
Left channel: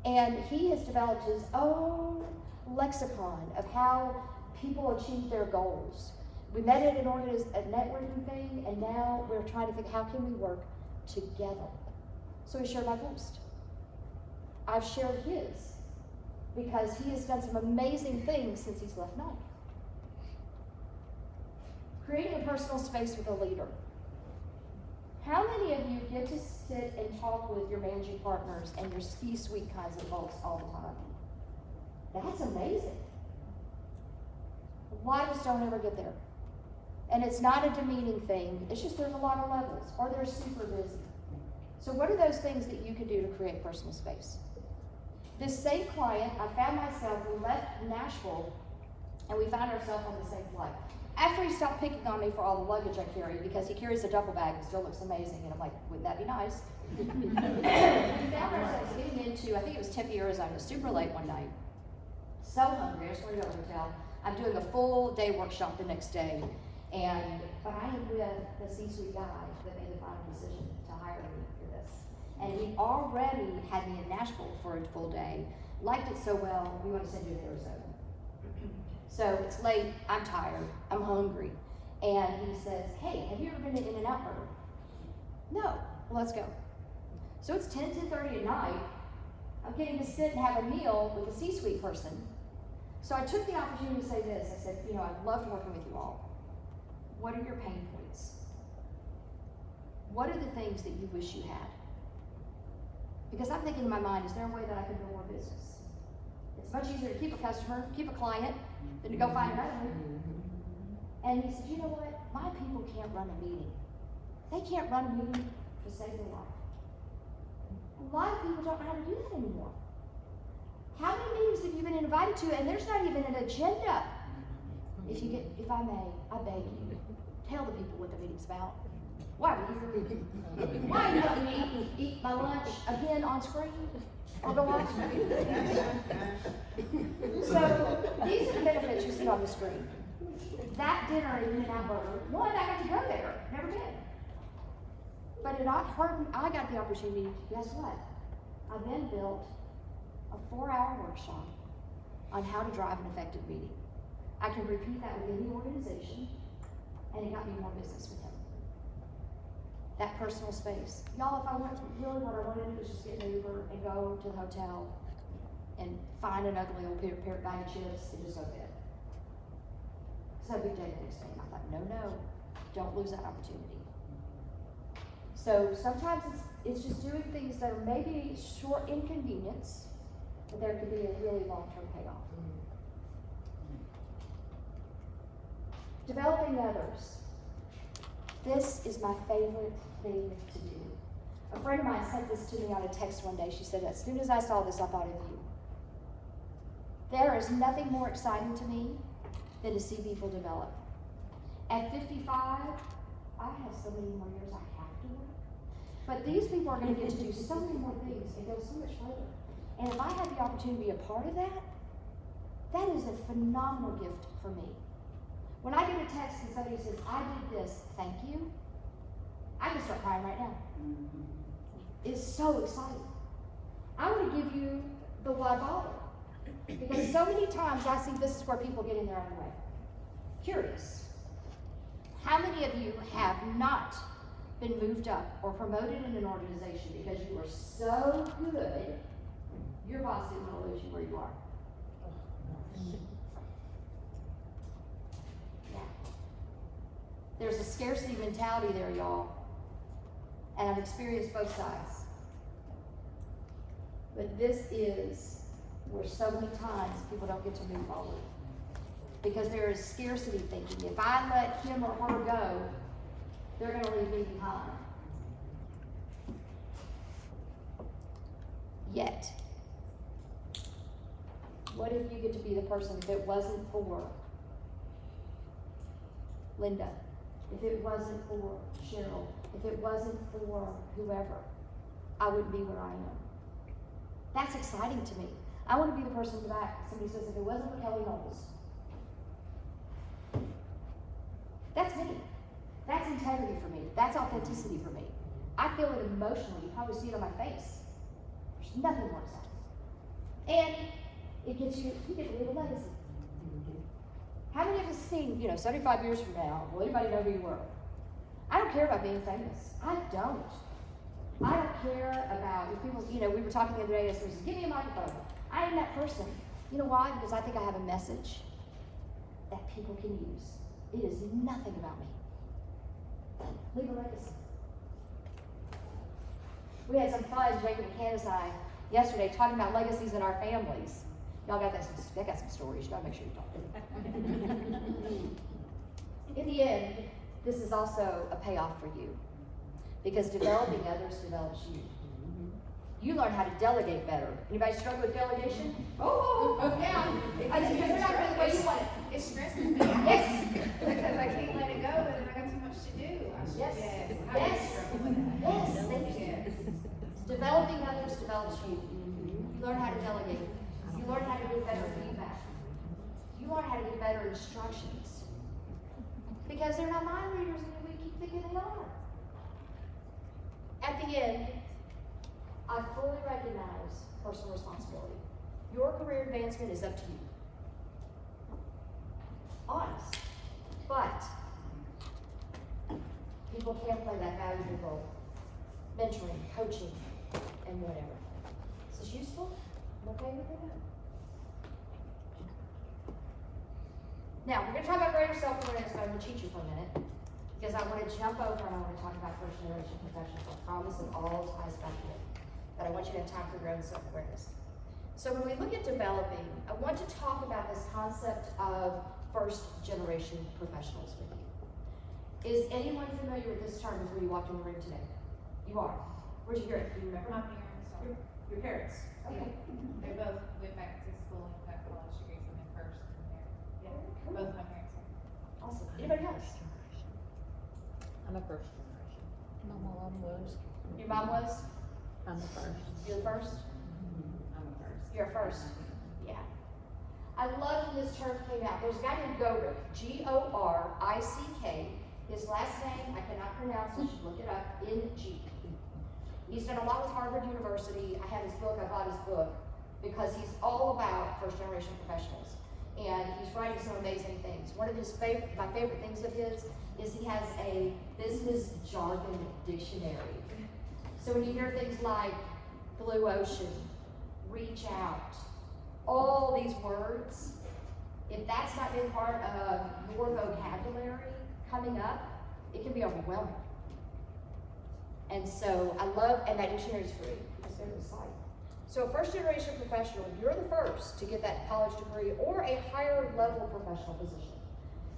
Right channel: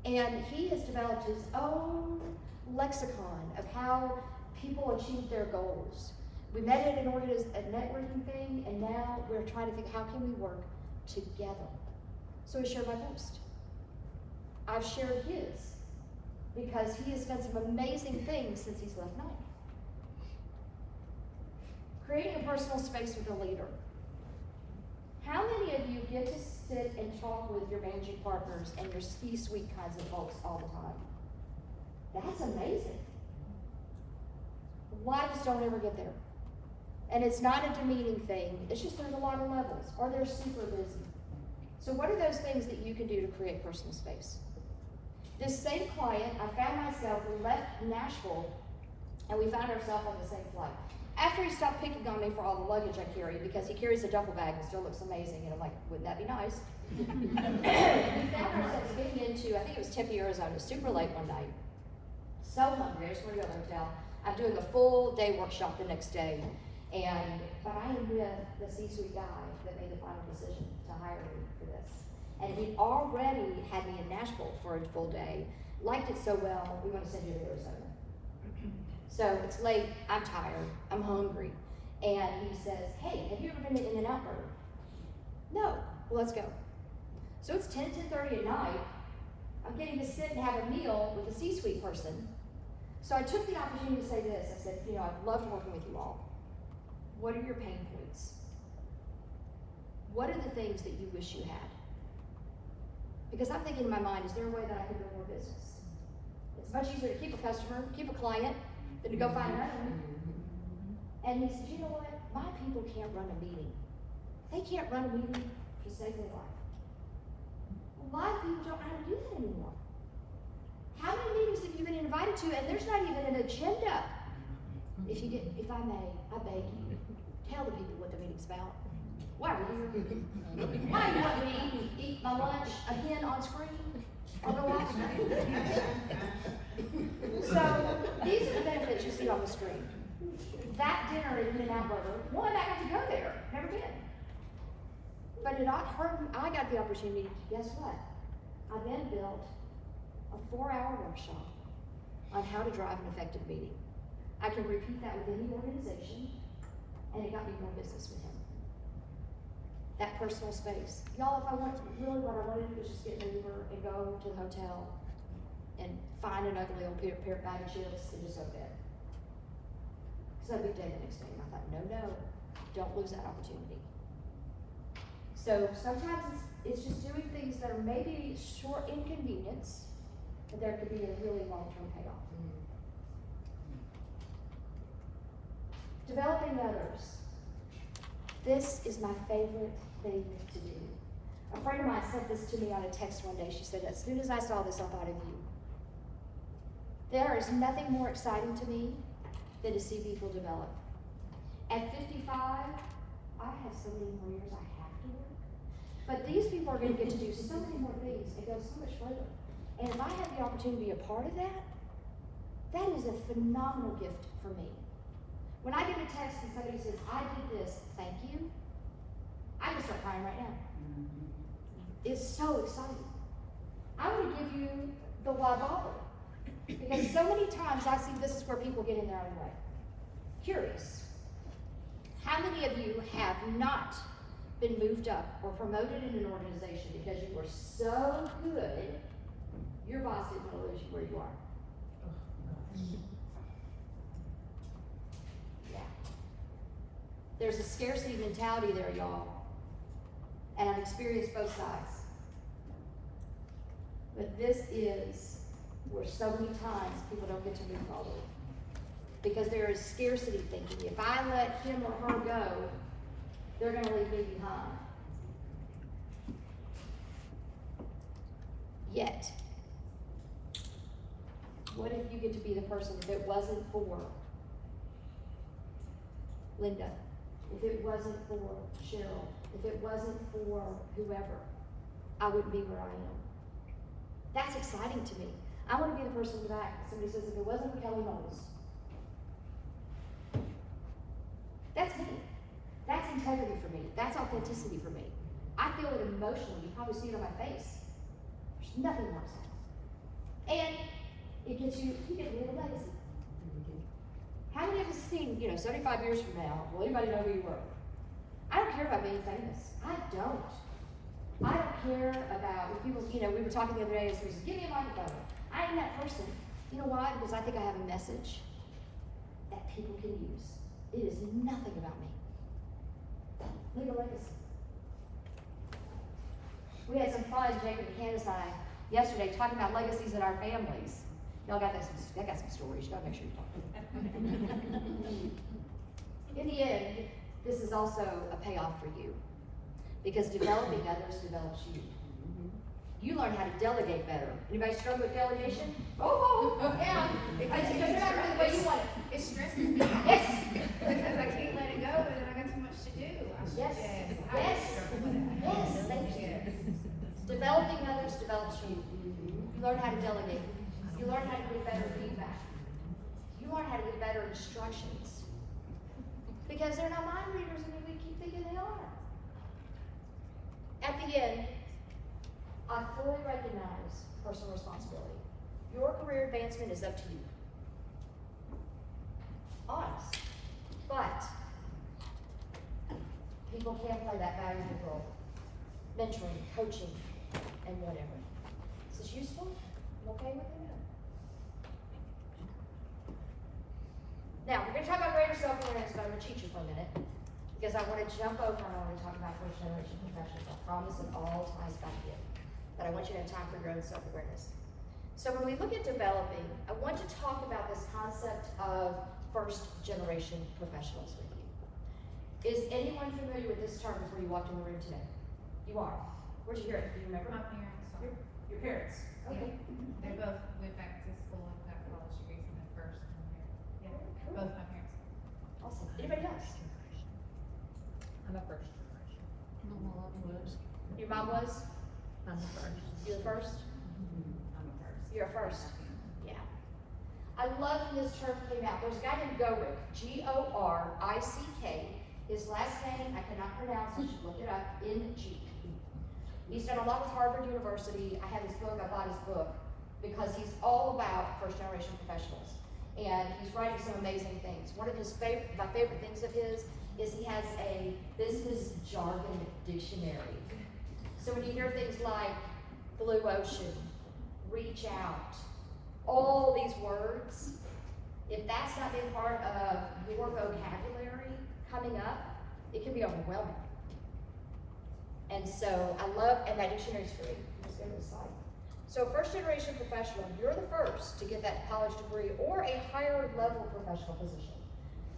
And he has developed his own lexicon of how people achieve their goals. We met at a networking thing, and now we're trying to think, how can we work together? So he shared my post. I've shared his, because he has done some amazing things since he's left Nike. Creating a personal space with a leader. How many of you get to sit and talk with your managing partners and your C-suite kinds of folks all the time? That's amazing. A lot of us don't ever get there. And it's not a demeaning thing, it's just there's a lot of levels, or they're super busy. So what are those things that you can do to create personal space? This same client, I found myself, we left Nashville, and we found ourselves on the same flight. After he stopped picking on me for all the luggage I carry, because he carries a duffel bag and still looks amazing, and I'm like, wouldn't that be nice? We found ourselves getting into, I think it was Tempe, Arizona, super late one night. So hungry, I just want to go to the hotel. I'm doing a full day workshop the next day, but I am with the C-suite guy that made the final decision to hire me for this. And he already had me in Nashville for a full day, liked it so well, we want to send you to Arizona. So it's late, I'm tired, I'm hungry. And he says, hey, have you ever been to In-N-Out Burger? No, well, let's go. So it's 10:30 at night. I'm getting to sit and have a meal with a C-suite person. So I took the opportunity to say this. I said, I've loved working with you all. What are your pain points? What are the things that you wish you had? Because I'm thinking in my mind, is there a way that I can build more business? It's much easier to keep a customer, keep a client, than to go find another one. And he said, you know what? My people can't run a meeting. They can't run a meeting to save their life. A lot of people don't know how to do that anymore. How many meetings have you been invited to, and there's not even an agenda? If I may, I beg you, tell the people what the meeting's about. Why are you here? Why are you letting me eat my lunch again on screen? Or go watch it? So, these are the benefits you see on the screen. That dinner at In-N-Out Burger, one, I got to go there, never been. But I got the opportunity, guess what? I then built a 4-hour workshop on how to drive an effective meeting. I can repeat that with any organization, and it got me more business with him. That personal space. Y'all, if I wanted to, really what I wanted to do was just get an Uber and go to the hotel and find an ugly little pair of bag of chips and just go to bed. Because I had a big day the next day, and I thought, no, don't lose that opportunity. So sometimes it's just doing things that are maybe short inconvenience, but there could be a really long-term payoff. Developing others. This is my favorite thing to do. A friend of mine sent this to me on a text one day. She said, as soon as I saw this, I thought of you. There is nothing more exciting to me than to see people develop. At 55, I have so many more years I have to work. But these people are going to get to do so many more things and go so much further. And if I have the opportunity to be a part of that, that is a phenomenal gift for me. When I get a text and somebody says, I did this, thank you, I can start crying right now. It's so exciting. I'm gonna give you the why bother. Because so many times I see this is where people get in their own way. Curious. How many of you have not been moved up or promoted in an organization because you were so good, your boss didn't want to lose you where you are? Yeah. There's a scarcity mentality there, y'all. And I've experienced both sides. But this is where so many times people don't get to move forward. Because there is scarcity thinking. If I let him or her go, they're going to leave me behind. Yet, what if you get to be the person, if it wasn't for Linda, if it wasn't for Cheryl, if it wasn't for whoever, I wouldn't be where I am. That's exciting to me. I want to be the person in the back. Somebody says, if it wasn't for Kelly Knowles. That's me. That's integrity for me. That's authenticity for me. I feel it emotionally. You probably see it on my face. There's nothing more exciting. And it gets you get to leave a legacy. How many of us seen, 75 years from now, will anybody know who you were? I don't care about being famous. I don't. I don't care about if people, we were talking the other day, and someone said, give me a microphone. I am that person. You know why? Because I think I have a message that people can use. It is nothing about me. Leave a legacy. We had some fun, Jacob and Candace and I, yesterday, talking about legacies in our families. Y'all got some stories. You gotta make sure you talk. In the end, this is also a payoff for you. Because developing others develops you. You learn how to delegate better. Anybody struggle with delegation? Oh, yeah. Because you're not going the way you want it. It stresses me out. Yes. Because I can't let it go, and then I got too much to do. Yes. Yes. Thank you. Developing others develops you. You learn how to delegate. You learn how to give better feedback. You learn how to give better instructions. Because they're not mind readers, and we keep thinking they are. At the end, I fully recognize personal responsibility. Your career advancement is up to you. Honest. But people can play that valuable role. Mentoring, coaching, and whatever. Is this useful? I'm okay with it now. We're going to talk about greater self-awareness, but I'm going to teach you for a minute. Because I want to jump over and I want to talk about first generation professionals. I promise it all ties back in. But I want you to have time for your own self-awareness. So when we look at developing, I want to talk about this concept of first generation professionals with you. Is anyone familiar with this term before you walked in the room today? You are. Where'd you hear it? Do you remember? My parents are. Your parents. Okay. They both went back to school and got college degrees in their first and their, both my parents are. Awesome. Anybody else? I'm a first generation. My mom was. Your mom was? I'm a first. You're the first? I'm a first. You're a first. Yeah. I love when this term came out. There's a guy named Gorick, G-O-R-I-C-K. His last name, I cannot pronounce, you should look it up, N-G. He's done a lot with Harvard University. I have his book, I bought his book, because he's all about first generation professionals. And he's writing some amazing things. One of my favorite things of his is he has a business jargon dictionary. So when you hear things like blue ocean, reach out, all these words, if that's not been part of your vocabulary coming up, it can be overwhelming. And so I love, and that dictionary is free, because they're the site. So first generation professional, you're the first to get that college degree or a higher level professional position.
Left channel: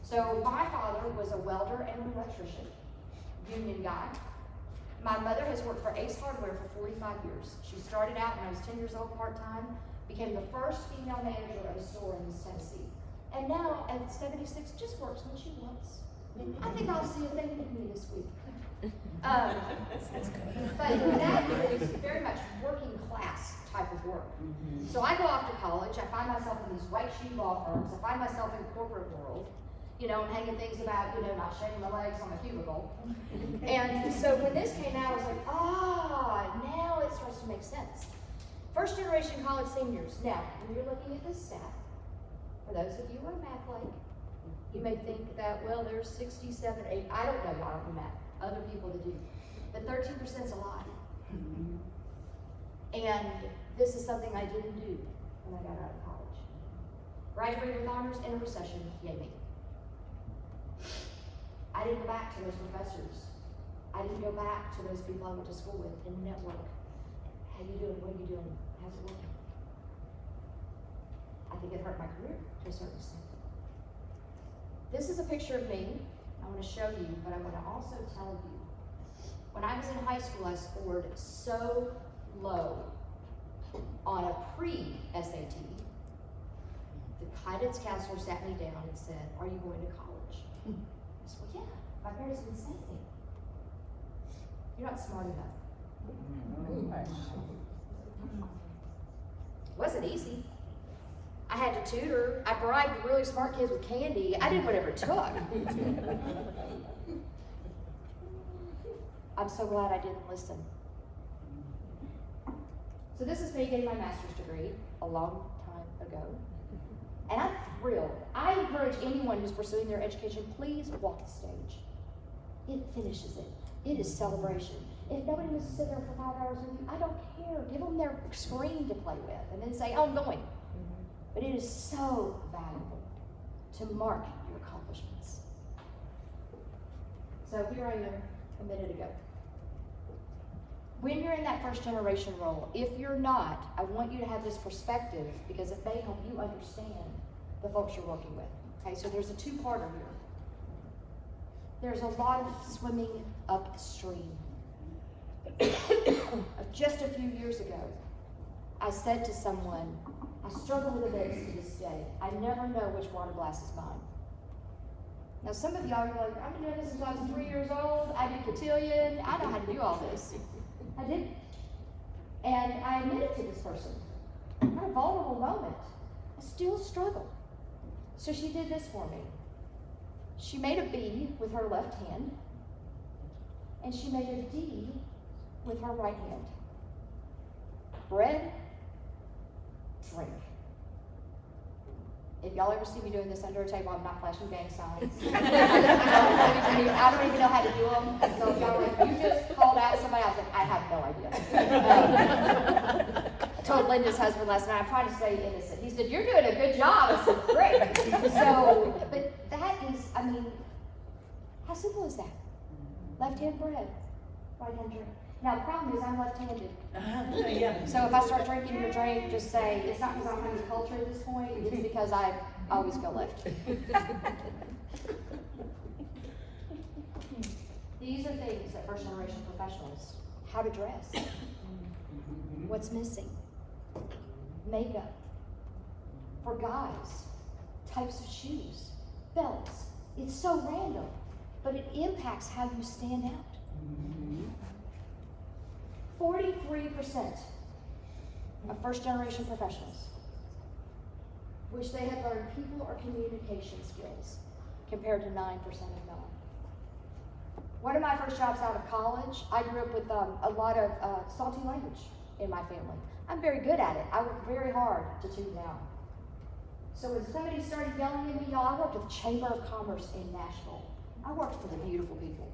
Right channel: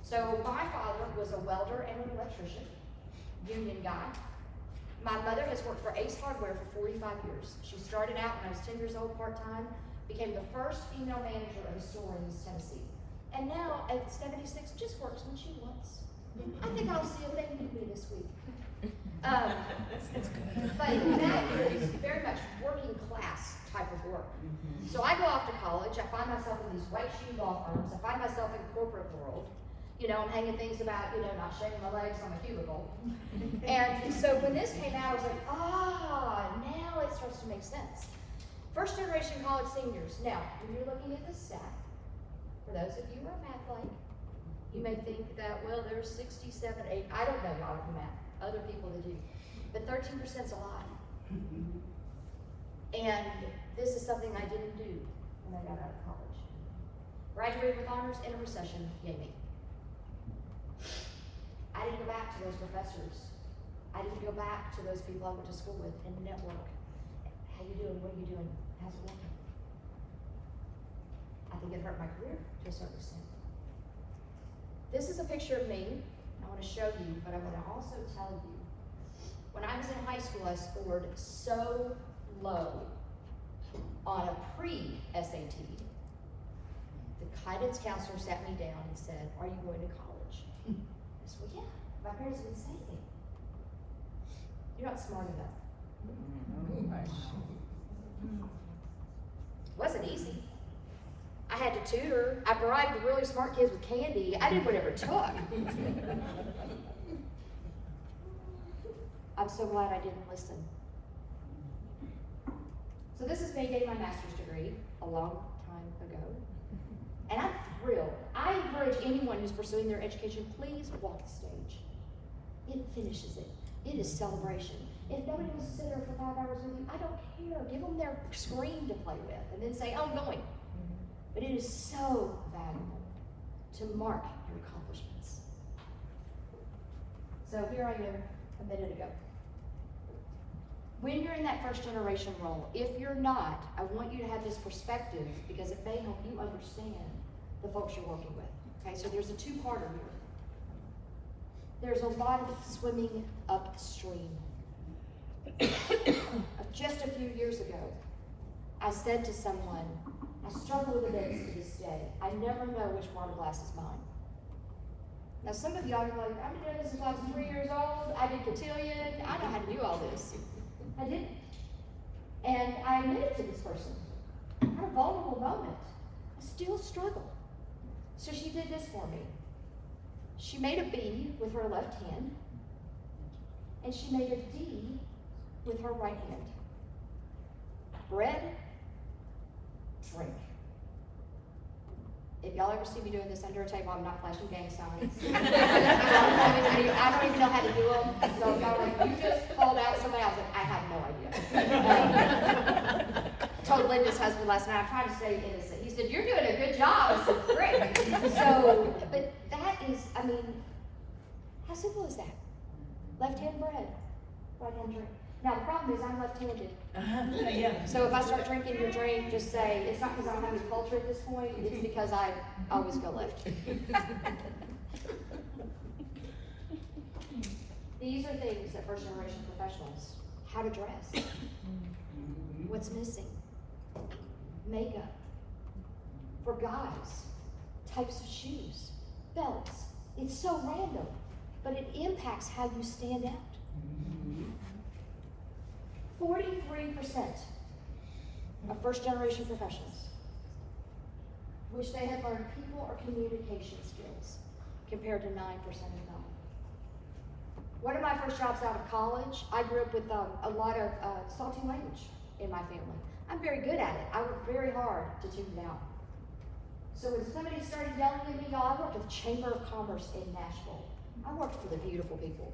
So my father was a welder and an electrician, union guy. My mother has worked for Ace Hardware for 45 years. She started out when I was 10 years old part-time, became the first female manager of a store in East Tennessee. And now at 76, just works when she wants. I think I'll see if they need me this week. But that is very much working class type of work. So I go off to college, I find myself in these white shoe law firms, I find myself in the corporate world, You know, I'm hanging things about, not shaving my legs on the cubicle. And so when this came out, I was like, now it starts to make sense. First generation college seniors. Now, when you're looking at this stat, for those of you who are math like, you may think that, well, there's 67, 8, I don't know, I don't do math, other people that do. But 13% is a lot. And this is something I didn't do when I got out of college. Graduated with honors and a recession hit me. I didn't go back to those professors. I didn't go back to those people I went to school with and network. How you doing? What are you doing? How's it working? I think it hurt my career to a certain extent. This is a picture of me. I want to show you, but I want to also tell you. When I was in high school, I scored so low on a pre-SAT. The guidance counselor sat me down and said, "Are you going to college?" I said, "Well, yeah. My parents didn't say anything. You're not smart enough." It wasn't easy. I had to tutor. I bribed the really smart kids with candy. I did whatever it took. I'm so glad I didn't listen. So this is me getting my master's degree a long time ago. And I'm thrilled. I encourage anyone who's pursuing their education, please walk the stage. It finishes it. It is celebration. If nobody wants to sit there for 5 hours with you, I don't care. Give them their screen to play with and then say, I'm going. But it is so valuable to mark your accomplishments. So here I am a minute ago. When you're in that first generation role, if you're not, I want you to have this perspective because it may help you understand the folks you're working with. Okay, so there's a two-parter here. There's a lot of swimming upstream. Just a few years ago, I said to someone, I struggle with events to this day. I never know which wine glass is mine. Now some of y'all are like, I've been doing this since I was 3 years old. I did cotillion. I know how to do all this. I didn't. And I admitted to this person. I had a vulnerable moment. I still struggle. So she did this for me. She made a B with her left hand, and she made a D with her right hand. Bread, drink. If y'all ever see me doing this under a table, I'm not flashing gang signs. I don't even know how to do them. So if y'all like, you just called out somebody, I was like, I have no idea. I told Linda's husband last night, I tried to stay innocent. He said, you're doing a good job. I said, great. So, but that is, I mean, how simple is that? Left hand bread, right hand drink. Now the problem is I'm left-handed. So if I start drinking your drink, just say, it's not because I don't have any culture at this point, it's because I always go left. These are things that first generation professionals, how to dress, what's missing, makeup, for guys, types of shoes, belts. It's so random, but it impacts how you stand out. 43% of first generation professionals wish they had learned people or communication skills compared to 9% of not. One of my first jobs out of college, I grew up with a lot of salty language in my family. I'm very good at it. I work very hard to tune it out. So when somebody started yelling at me, y'all, I worked with Chamber of Commerce in Nashville. I worked for the beautiful people.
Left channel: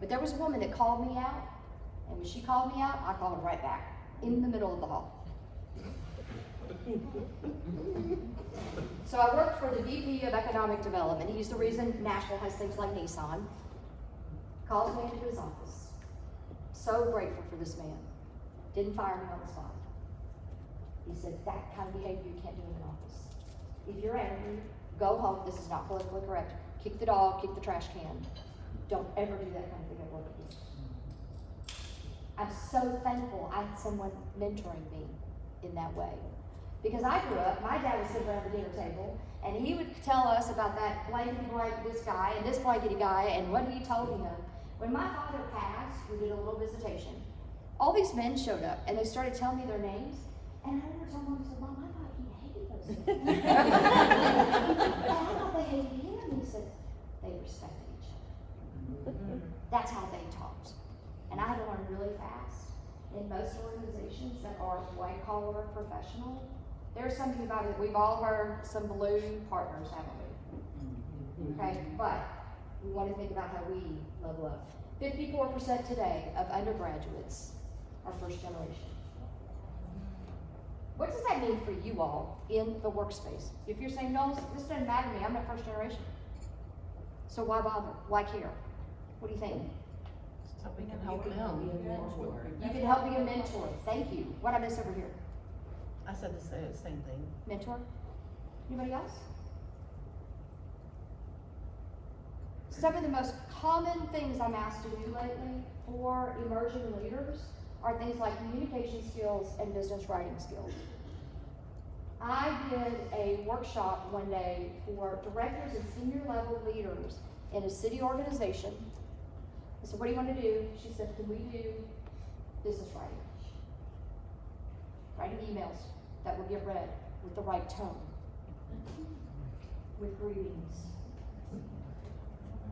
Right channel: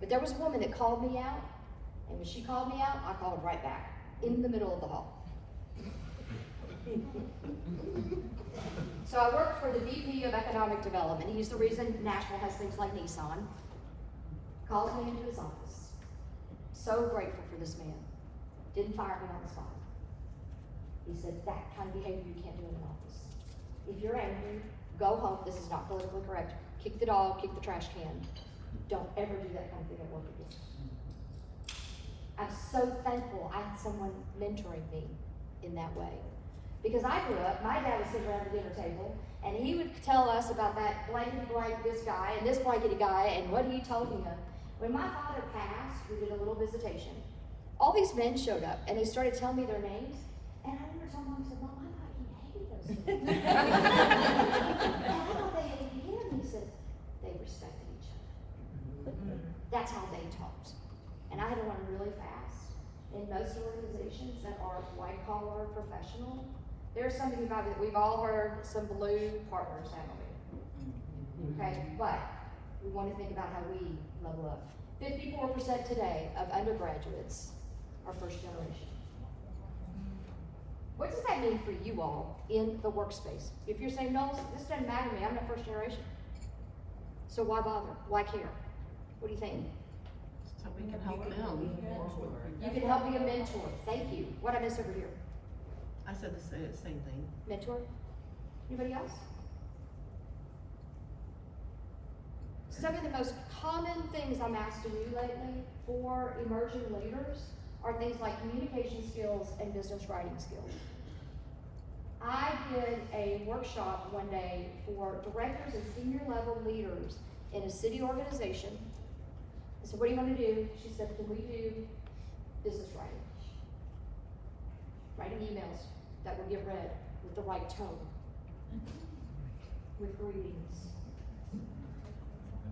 But there was a woman that called me out, and when she called me out, I called her right back, in the middle of the hall. So I worked for the VP of Economic Development. He's the reason Nashville has things like Nissan. Calls me into his office. So grateful for this man. Didn't fire me on the spot. He said, that kind of behavior you can't do in an office. If you're angry, go home. This is not politically correct. Kick the dog, kick the trash can. Don't ever do that kind of thing at work again. I'm so thankful I had someone mentoring me in that way. Because I grew up, my dad would sit around the dinner table, and he would tell us about that blankety blank this guy and this blankety guy and what he told him. When my father passed, we did a little visitation. All these men showed up, and they started telling me their names, and I remember telling Mom, I said, Mom, I thought he hated those things. And I thought they hated him. He said, That's how they talked. And I had to learn really fast. In most organizations that are white collar professional, there's something about it. We've all heard some blue partners, haven't we? Okay, but we want to think about how we level up. 54% today of undergraduates are first generation. What does that mean for you all in the workspace? If you're saying, no, this doesn't matter to me, I'm not first generation. So why bother? Why care? What do you think? So we can help them. You can help be a mentor. Thank you. What I miss over here? I said the same thing. Mentor? Anybody else? Some of the most common things I'm asked to do lately for emerging leaders are things like communication skills and business writing skills. I did a workshop one day for directors and senior level leaders in a city organization. I said, what do you want to do? She said, can we do business writing? Writing emails that will get read with the right tone, with greetings,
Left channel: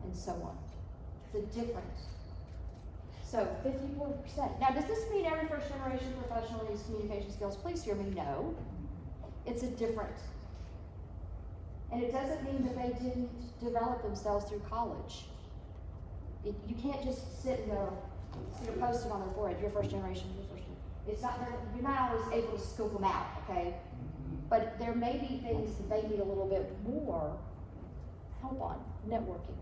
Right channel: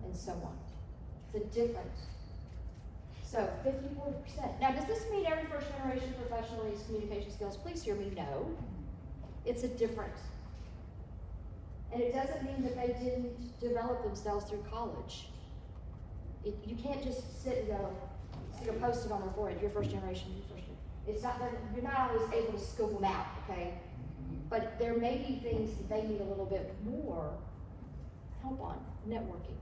and so on. It's a difference. So 54%. Now, does this mean every first generation professional needs communication skills? Please hear me, no. It's a difference. And it doesn't mean that they didn't develop themselves through college. You can't just sit and go, see a post-it on the forehead, you're first generation, you're first generation. It's not, you're not always able to scope them out, okay? But there may be things that they need a little bit more help on, networking,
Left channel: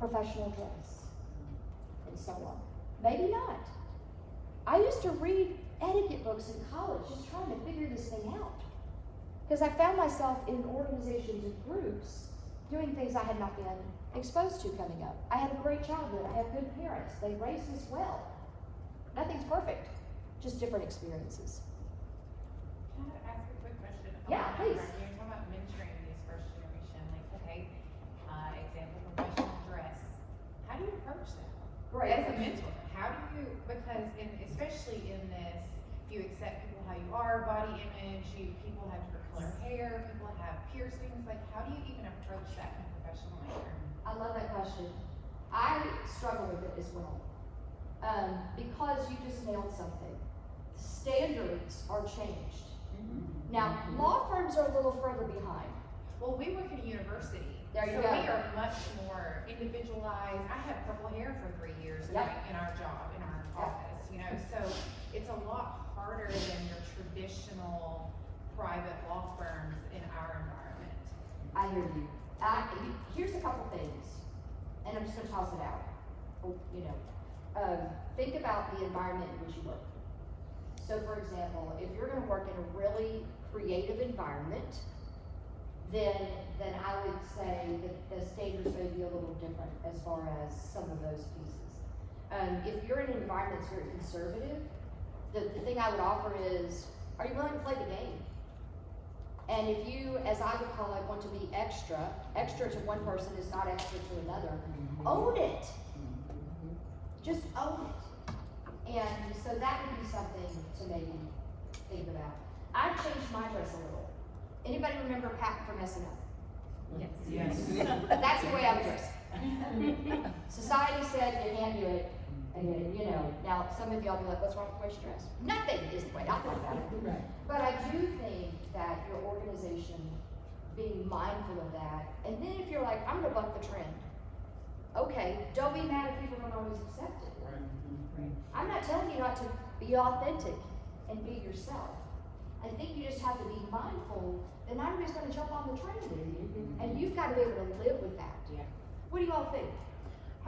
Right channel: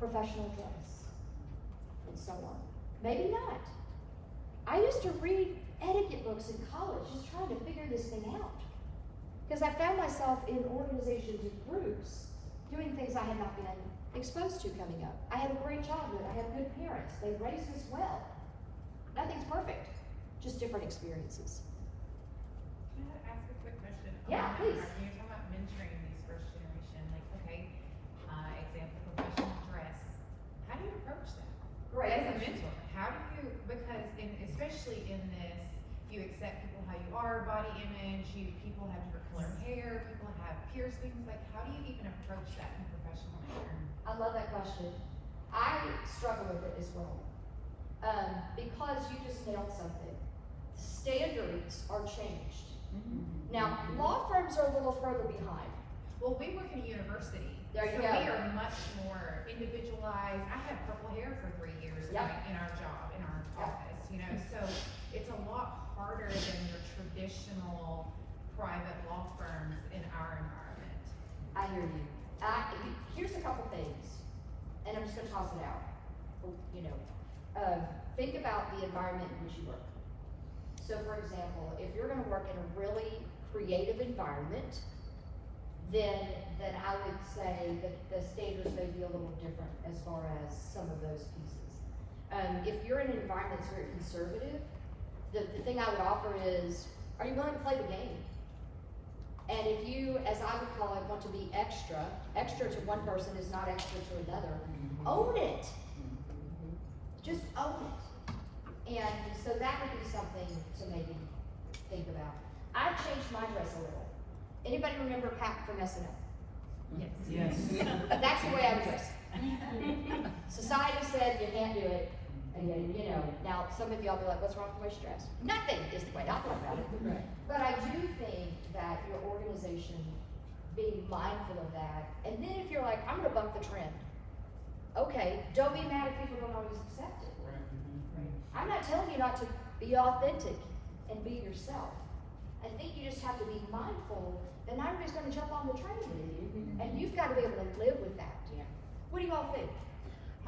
professional dress, and so on. Maybe not. I used to read etiquette books in college just trying to figure this thing out. Because I found myself in organizations and groups doing things I had not been exposed to coming up. I had a great childhood. I had good parents. They raised us well. Nothing's perfect, just different experiences. Can I ask a quick question? Yeah, please. When you're talking about mentoring these first generation, like, okay, example, professional dress, how do you approach that? Great. As a mentor, how do you, because especially in this, you accept people how you are, body image, people have different color hair, people have piercings, like, how do you even approach that in a professional manner? I love that question. I struggle with it as well. Because you just nailed something. Standards are changed. Now, law firms are a little further behind. Well, we work in a university, There you so go. we are much more individualized. I had purple hair for 3 years Yep. in our job, in our office, you know, so it's a lot harder than your traditional private law firms in our environment. I hear you. Here's a couple things, and I'm just gonna toss it out. You know, think about the environment in which you work. So for example, if you're gonna work in a really creative environment, then I would say that the standards may be a little different as far as some of those pieces. If you're in an environment that's very conservative, the thing I would offer is, are you willing to play the game? And if you, as I would call it, want to be extra to one person is not extra to another, own it. Just own it. And so that would be something to maybe think about. I've changed my dress a little. Anybody remember Pat from SNL? Yes. That's the way I was dressed. Society said you can't do it. And you know, now some of y'all be like, what's wrong with the way she dressed? Nothing is the way I thought about it. But I do think that your organization being mindful of that, and then if you're like, I'm gonna buck the trend, okay, don't be mad if people don't always accept it. I'm not telling you not to be authentic and be yourself. I think you just have to be mindful that not everybody's gonna jump on the train with you, and you've gotta be able to live with that. Yeah. What do you all think?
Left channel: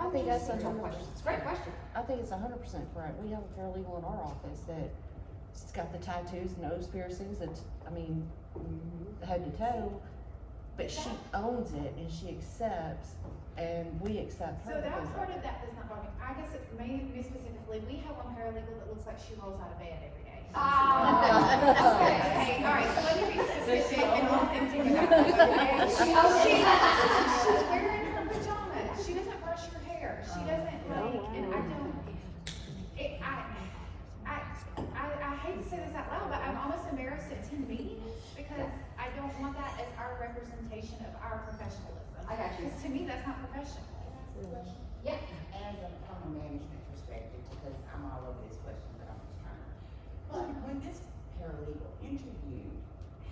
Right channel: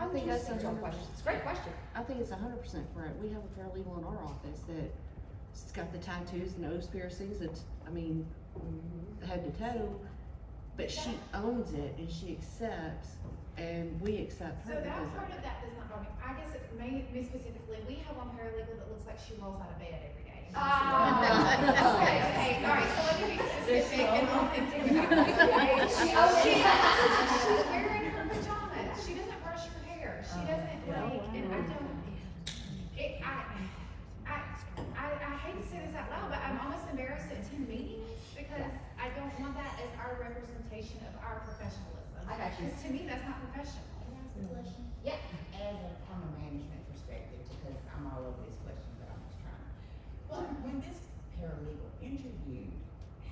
I think that's a a question. It's a great question. I think it's 100% correct. We have a paralegal in our office that's got the tattoos and nose piercings, and I mean, head to toe, but she owns it and she accepts, and we accept So her. that because part of of that does not bother me. I guess it may, me specifically, we have one paralegal that looks like she rolls out of bed every day. Okay, all right, so let me be specific and authentic about it. She's wearing her pajamas, she doesn't brush her hair, she doesn't like, and I don't, I hate to say this out loud, but I'm almost embarrassed to attend meetings because I don't want that as our representation of our professionalism. I got you. Because to me, that's not professional. Yeah. From a management perspective, because I'm all over this question, but I'm just trying to. But when this paralegal interviewed,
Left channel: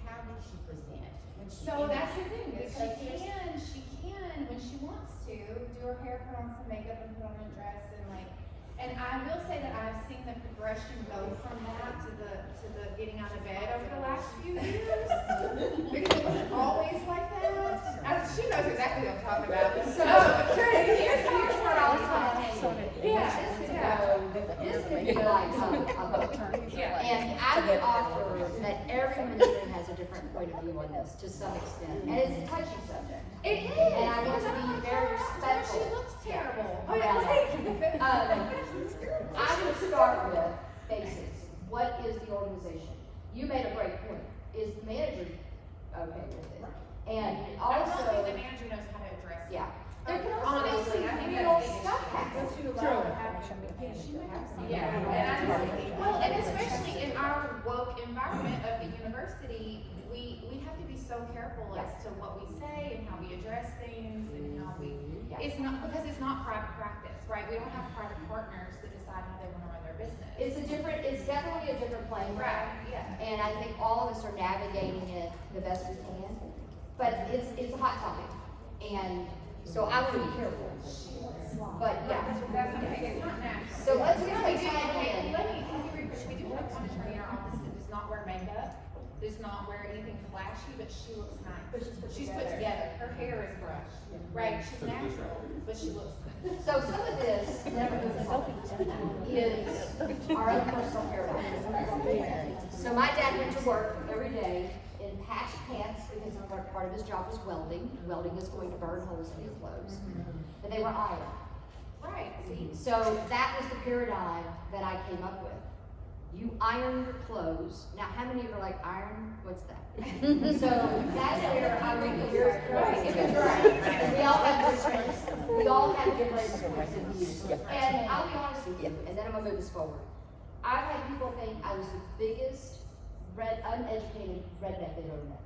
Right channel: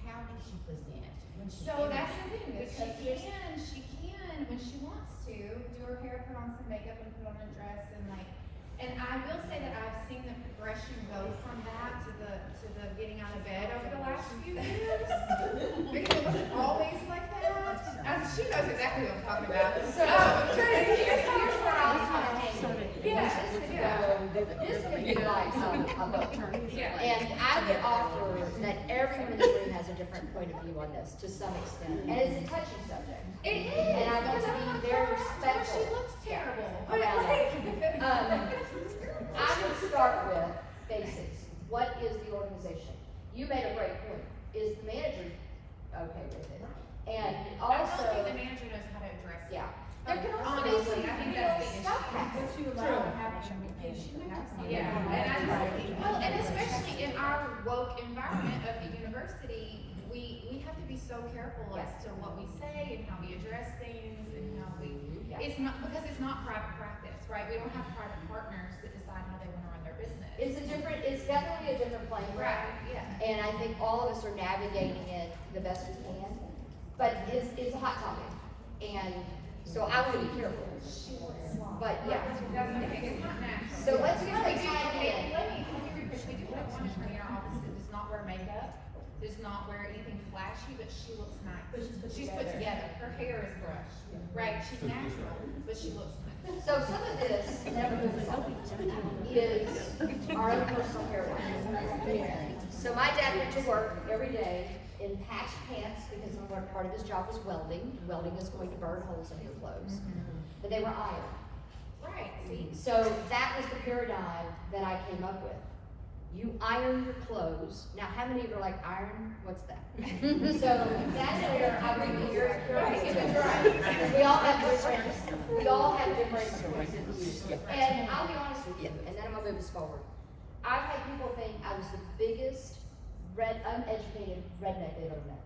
how did she present? When she So that's the thing, interviewed? because Because she can, when she wants to, do her hair, put on some makeup and put on a dress and like, and I will say that I've seen the progression go from that to the getting out of bed over the last few years. Because it wasn't always like that. She knows exactly what I'm talking about. So, here's what I was trying to say. Yeah, This would be like a book. Yeah. And I would offer that every ministry has a different point of view on this to some extent. And it's a touchy subject. It is. And I want to be very respectful. She looks terrible. around that. I would start with basics. What is the organization? You made a great point. Is the manager okay with it? And I don't also, think the manager knows how to address it. yeah. There can also be Honestly, I think that's the stuff issue. happens. Yeah, and I just, well, and especially in our woke environment of the university, we have to be so careful as to what we say and how we address things and how we, it's not, because it's not private practice, right? We don't have private partners that decide how they want to run their business. It's definitely a different playing field. Right, yeah. And I think all of us are navigating it the best we can. But it's a hot topic. And so I would be careful. But yeah. That's okay, it's not natural. So let's get We the do, time okay, in. let me rephrase, we do have one attorney in our office that does not wear makeup, does not wear anything flashy, but she looks nice. She's put together, her hair is brushed, right, she's natural, but she looks good. So some of this, never moves on, is our own personal paradigm. So my dad went to work every day in patched pants because part of his job was welding. Welding is going to burn holes in your clothes. But they were ironed. Right, see? So that was the paradigm that I came up with. You iron your clothes. Now, how many of you are like, iron? What's that? So that's where I would be very careful. We all have different points of view. And I'll be honest with you, and then I'm gonna move us forward. I've had people think I was the biggest uneducated redneck they've ever met.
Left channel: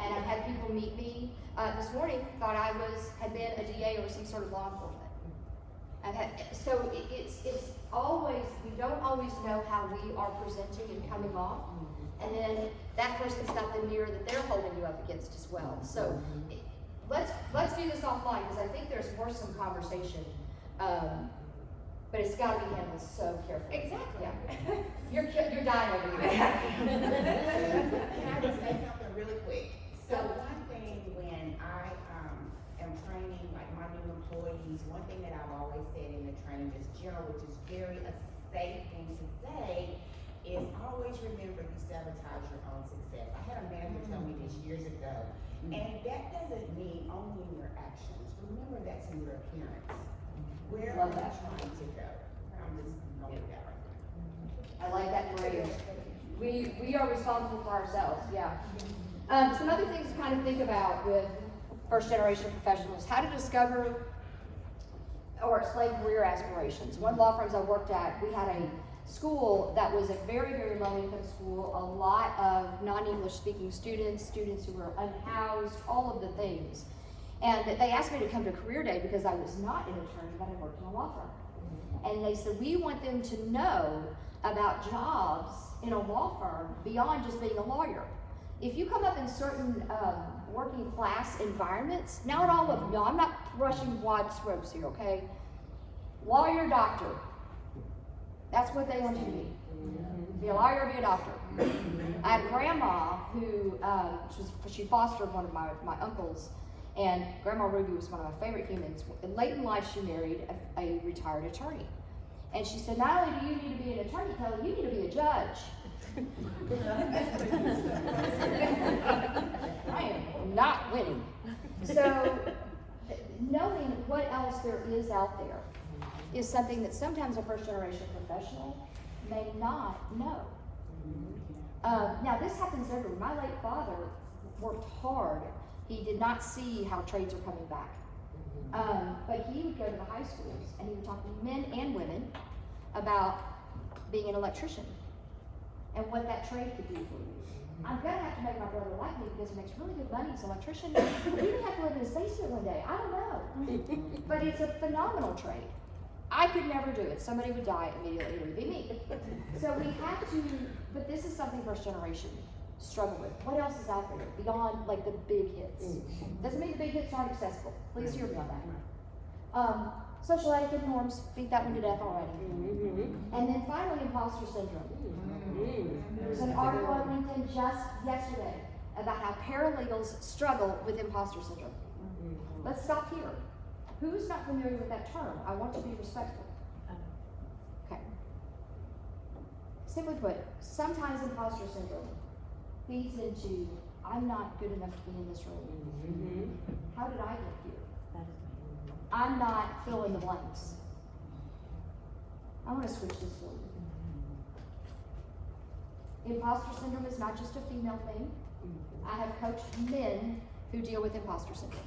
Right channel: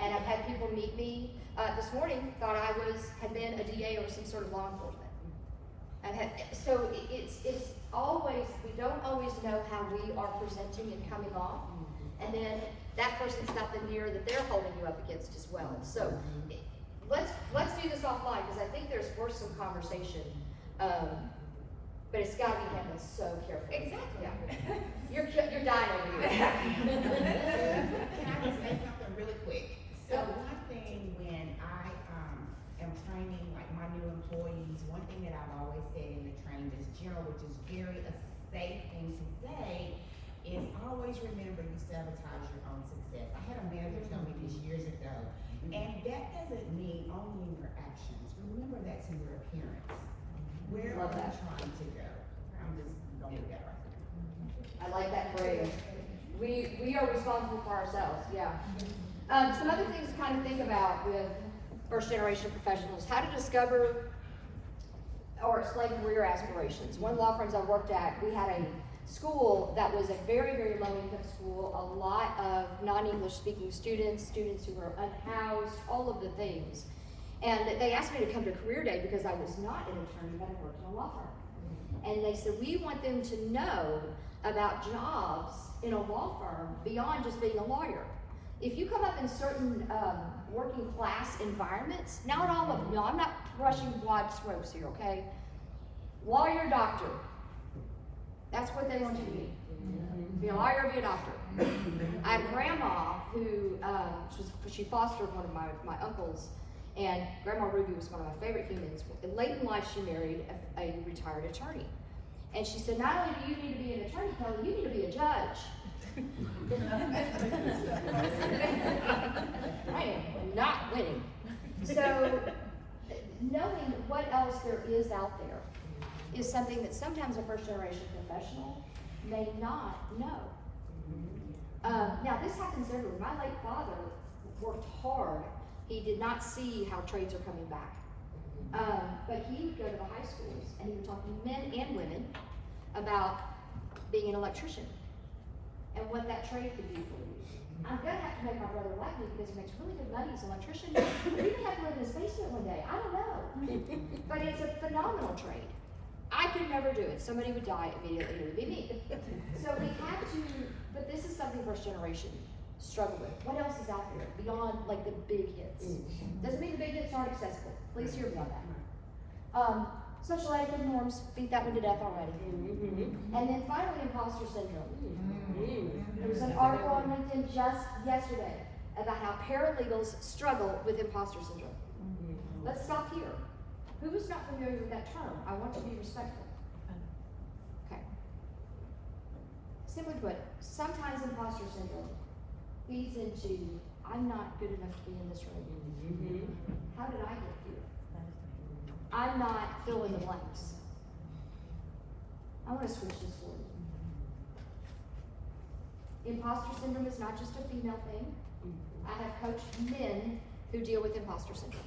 And I've had people meet me, this morning, thought I had been a DA or some sort of law enforcement. So it's always, we don't always know how we are presenting and coming off. And then that person's got the mirror that they're holding you up against as well. So let's do this offline, because I think there's worth some conversation. But it's gotta be handled so carefully. Exactly. Yeah. You're dying over here. Can I just say something really quick? So one thing when I am training like my new employees, one thing that I've always said in the training is general, which is very a safe thing to say, is always remember you sabotage your own success. I had a manager tell me this years ago, and that doesn't mean only in your actions. Remember that's in your appearance. Where are you trying to go? I'm just going with that. I like that phrase. We are responsible for ourselves, yeah. Some other things to kind of think about with first generation professionals, how to discover or explain career aspirations. One of the law firms I worked at, we had a school that was a very, very low income school, a lot of non-English speaking students who were unhoused, all of the things. And they asked me to come to career day because I was not an attorney, but I worked in a law firm. And they said, we want them to know about jobs in a law firm beyond just being a lawyer. If you come up in certain working class environments, not all of them, no, I'm not brushing wide strokes here, okay? Lawyer, doctor. That's what they want you to be. Be a lawyer, be a doctor. I had a grandma who, she fostered one of my uncles, and Grandma Ruby was one of my favorite humans. Late in life, she married a retired attorney. And she said, not only do you need to be an attorney, Kelly, you need to be a judge. I am not winning. So, knowing what else there is out there is something that sometimes a first generation professional may not know. Now, this happens everywhere. My late father worked hard. He did not see how trades are coming back. But he would go to the high schools and he would talk to men and women about being an electrician. and what that trade could do for you. I'm gonna have to make my brother like me because he makes really good money as an electrician. Or he may have to live in his basement one day, I don't know. But it's a phenomenal trade. I could never do it, somebody would die immediately, it would be me. So we have to, but this is something first generation struggle with. What else is out there beyond like the big hits? Doesn't mean the big hits aren't accessible, please hear me on that. Social etiquette norms, beat that one to death already. And then finally, imposter syndrome. There was an article on LinkedIn just yesterday about how paralegals struggle with imposter syndrome. Let's stop here. Who is not familiar with that term? I want to be respectful. Okay. Simply put, sometimes imposter syndrome feeds into, I'm not good enough to be in this room. How did I get here? I'm not fill in the blanks. I want to switch this for you. Imposter syndrome is not just a female thing. I have coached men who deal with imposter syndrome.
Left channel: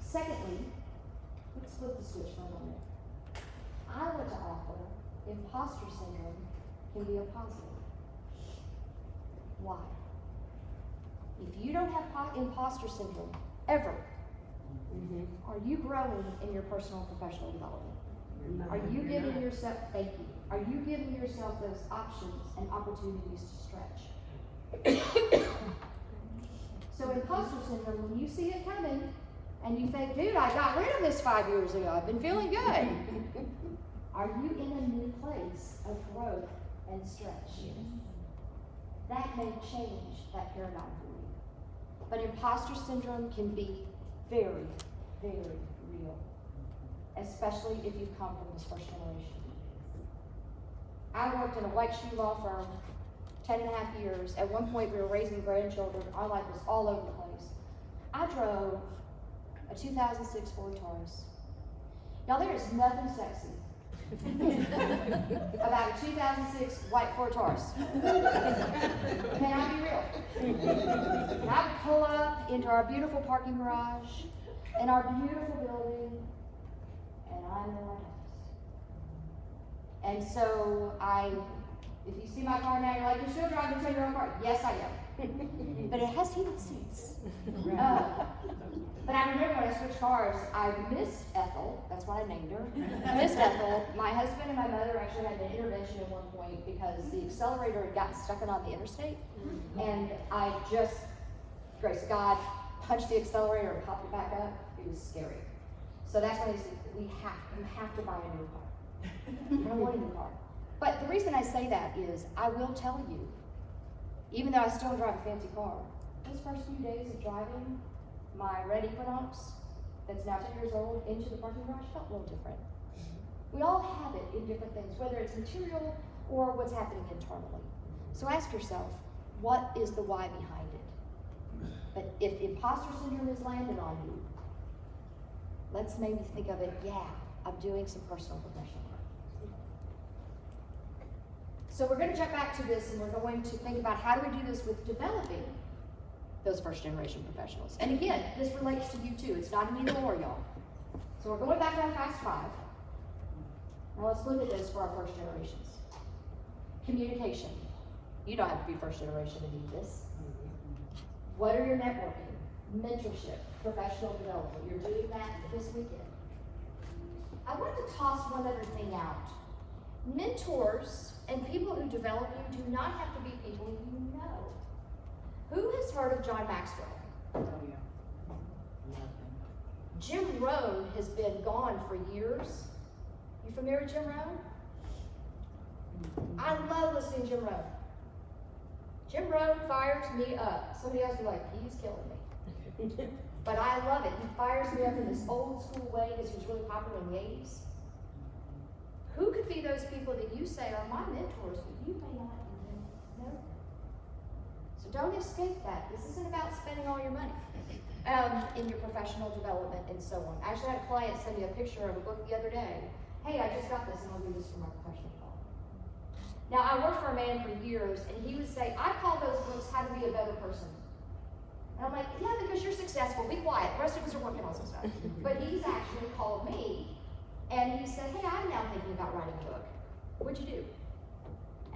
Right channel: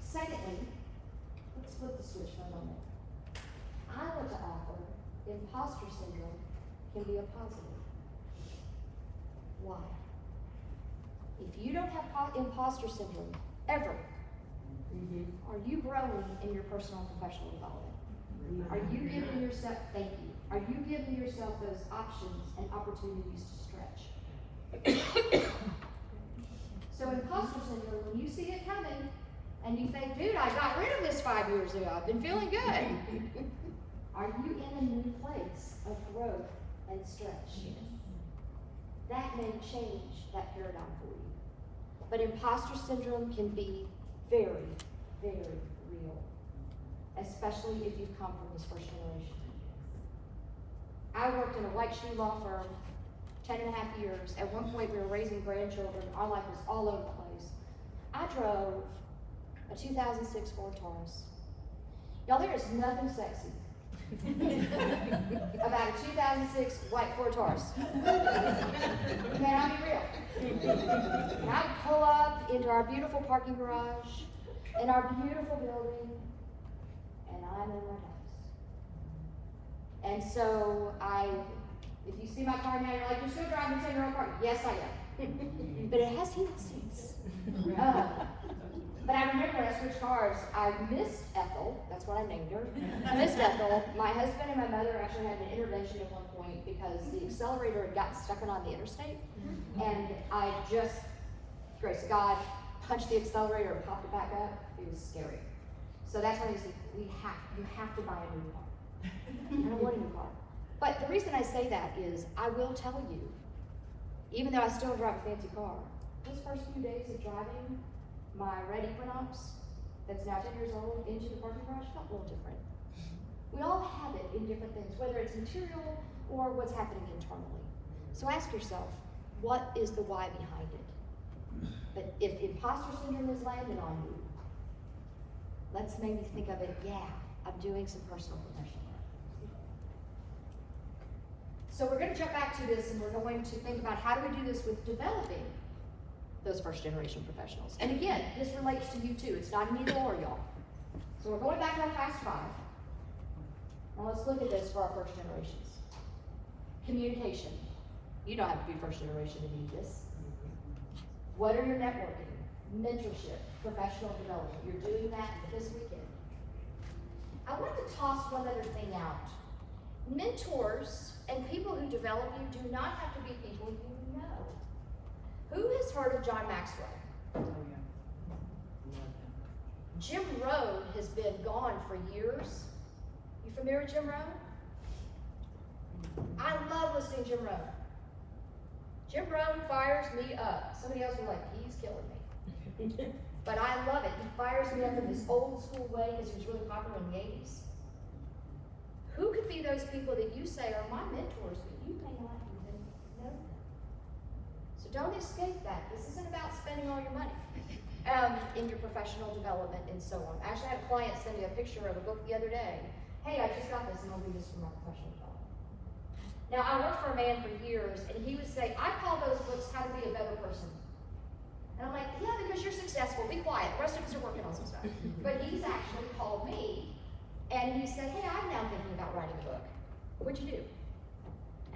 Secondly, let's flip the switch for a moment. I want to offer imposter syndrome can be a positive. Why? If you don't have imposter syndrome ever, are you growing in your personal and professional development? Are you giving yourself, thank you, are you giving yourself those options and opportunities to stretch? So imposter syndrome, when you see it coming, and you think, dude, I got rid of this 5 years ago, I've been feeling good. Are you in a new place of growth and stretch? That may change that paradigm for you. But imposter syndrome can be very, very real, especially if you've come from this first generation. I worked in a white shoe law firm 10.5 years. At one point, we were raising grandchildren. Our life was all over the place. I drove a 2006 Ford Taurus. Now, there is nothing sexy about a 2006 white Ford Taurus. May I be real? And I would pull up into our beautiful parking garage in our beautiful building, and I'm in my house. And so if you see my car now, you're like, you're still driving a 10-year-old car? Yes, I am. But it has heated seats. But I remember when I switched cars, I missed Ethel, that's what I named her. I missed Ethel. My husband and my mother actually had an intervention at one point because the accelerator had gotten stuck on the interstate. And I just, grace of God, punched the accelerator and popped it back up. It was scary. So that's when he said, you have to buy a new car. I don't want a new car. But the reason I say that is, I will tell you, even though I still drive a fancy car, those first few days of driving my red Equinox, that's now 10 years old, into the parking garage felt a little different. We all have it in different things, whether it's material or what's happening internally. So ask yourself, what is the why behind it? But if imposter syndrome is landed on you, let's maybe think of it, yeah, I'm doing some personal professional work. So we're going to jump back to this and we're going to think about how do we do this with developing those first generation professionals. And again, this relates to you too. It's not an either or, y'all. So we're going back on Fast 5. Now let's look at this for our first generations. Communication. You don't have to be first generation to need this. What are your networking, mentorship, professional development? You're doing that this weekend. I want to toss one other thing out. Mentors and people who develop you do not have to be people you know. Who has heard of John Maxwell? Jim Rohn has been gone for years. You familiar with Jim Rohn? I love listening to Jim Rohn. Jim Rohn fires me up. Somebody else will be like, he's killing me. But I love it. He fires me up in this old school way because he was really popular in the 80s. Who could be those people that you say are my mentors, but you may not even know? So don't escape that. This isn't about spending all your money in your professional development and so on. I actually had a client send me a picture of a book the other day. Hey, I just got this and I'll read this for my professional development. Now, I worked for a man for years and he would say, I call those books How to Be a Better Person. And I'm like, yeah, because you're successful, be quiet. The rest of us are working on some stuff. But he's actually called me and he said, hey, I'm now thinking about writing a book. What'd you do?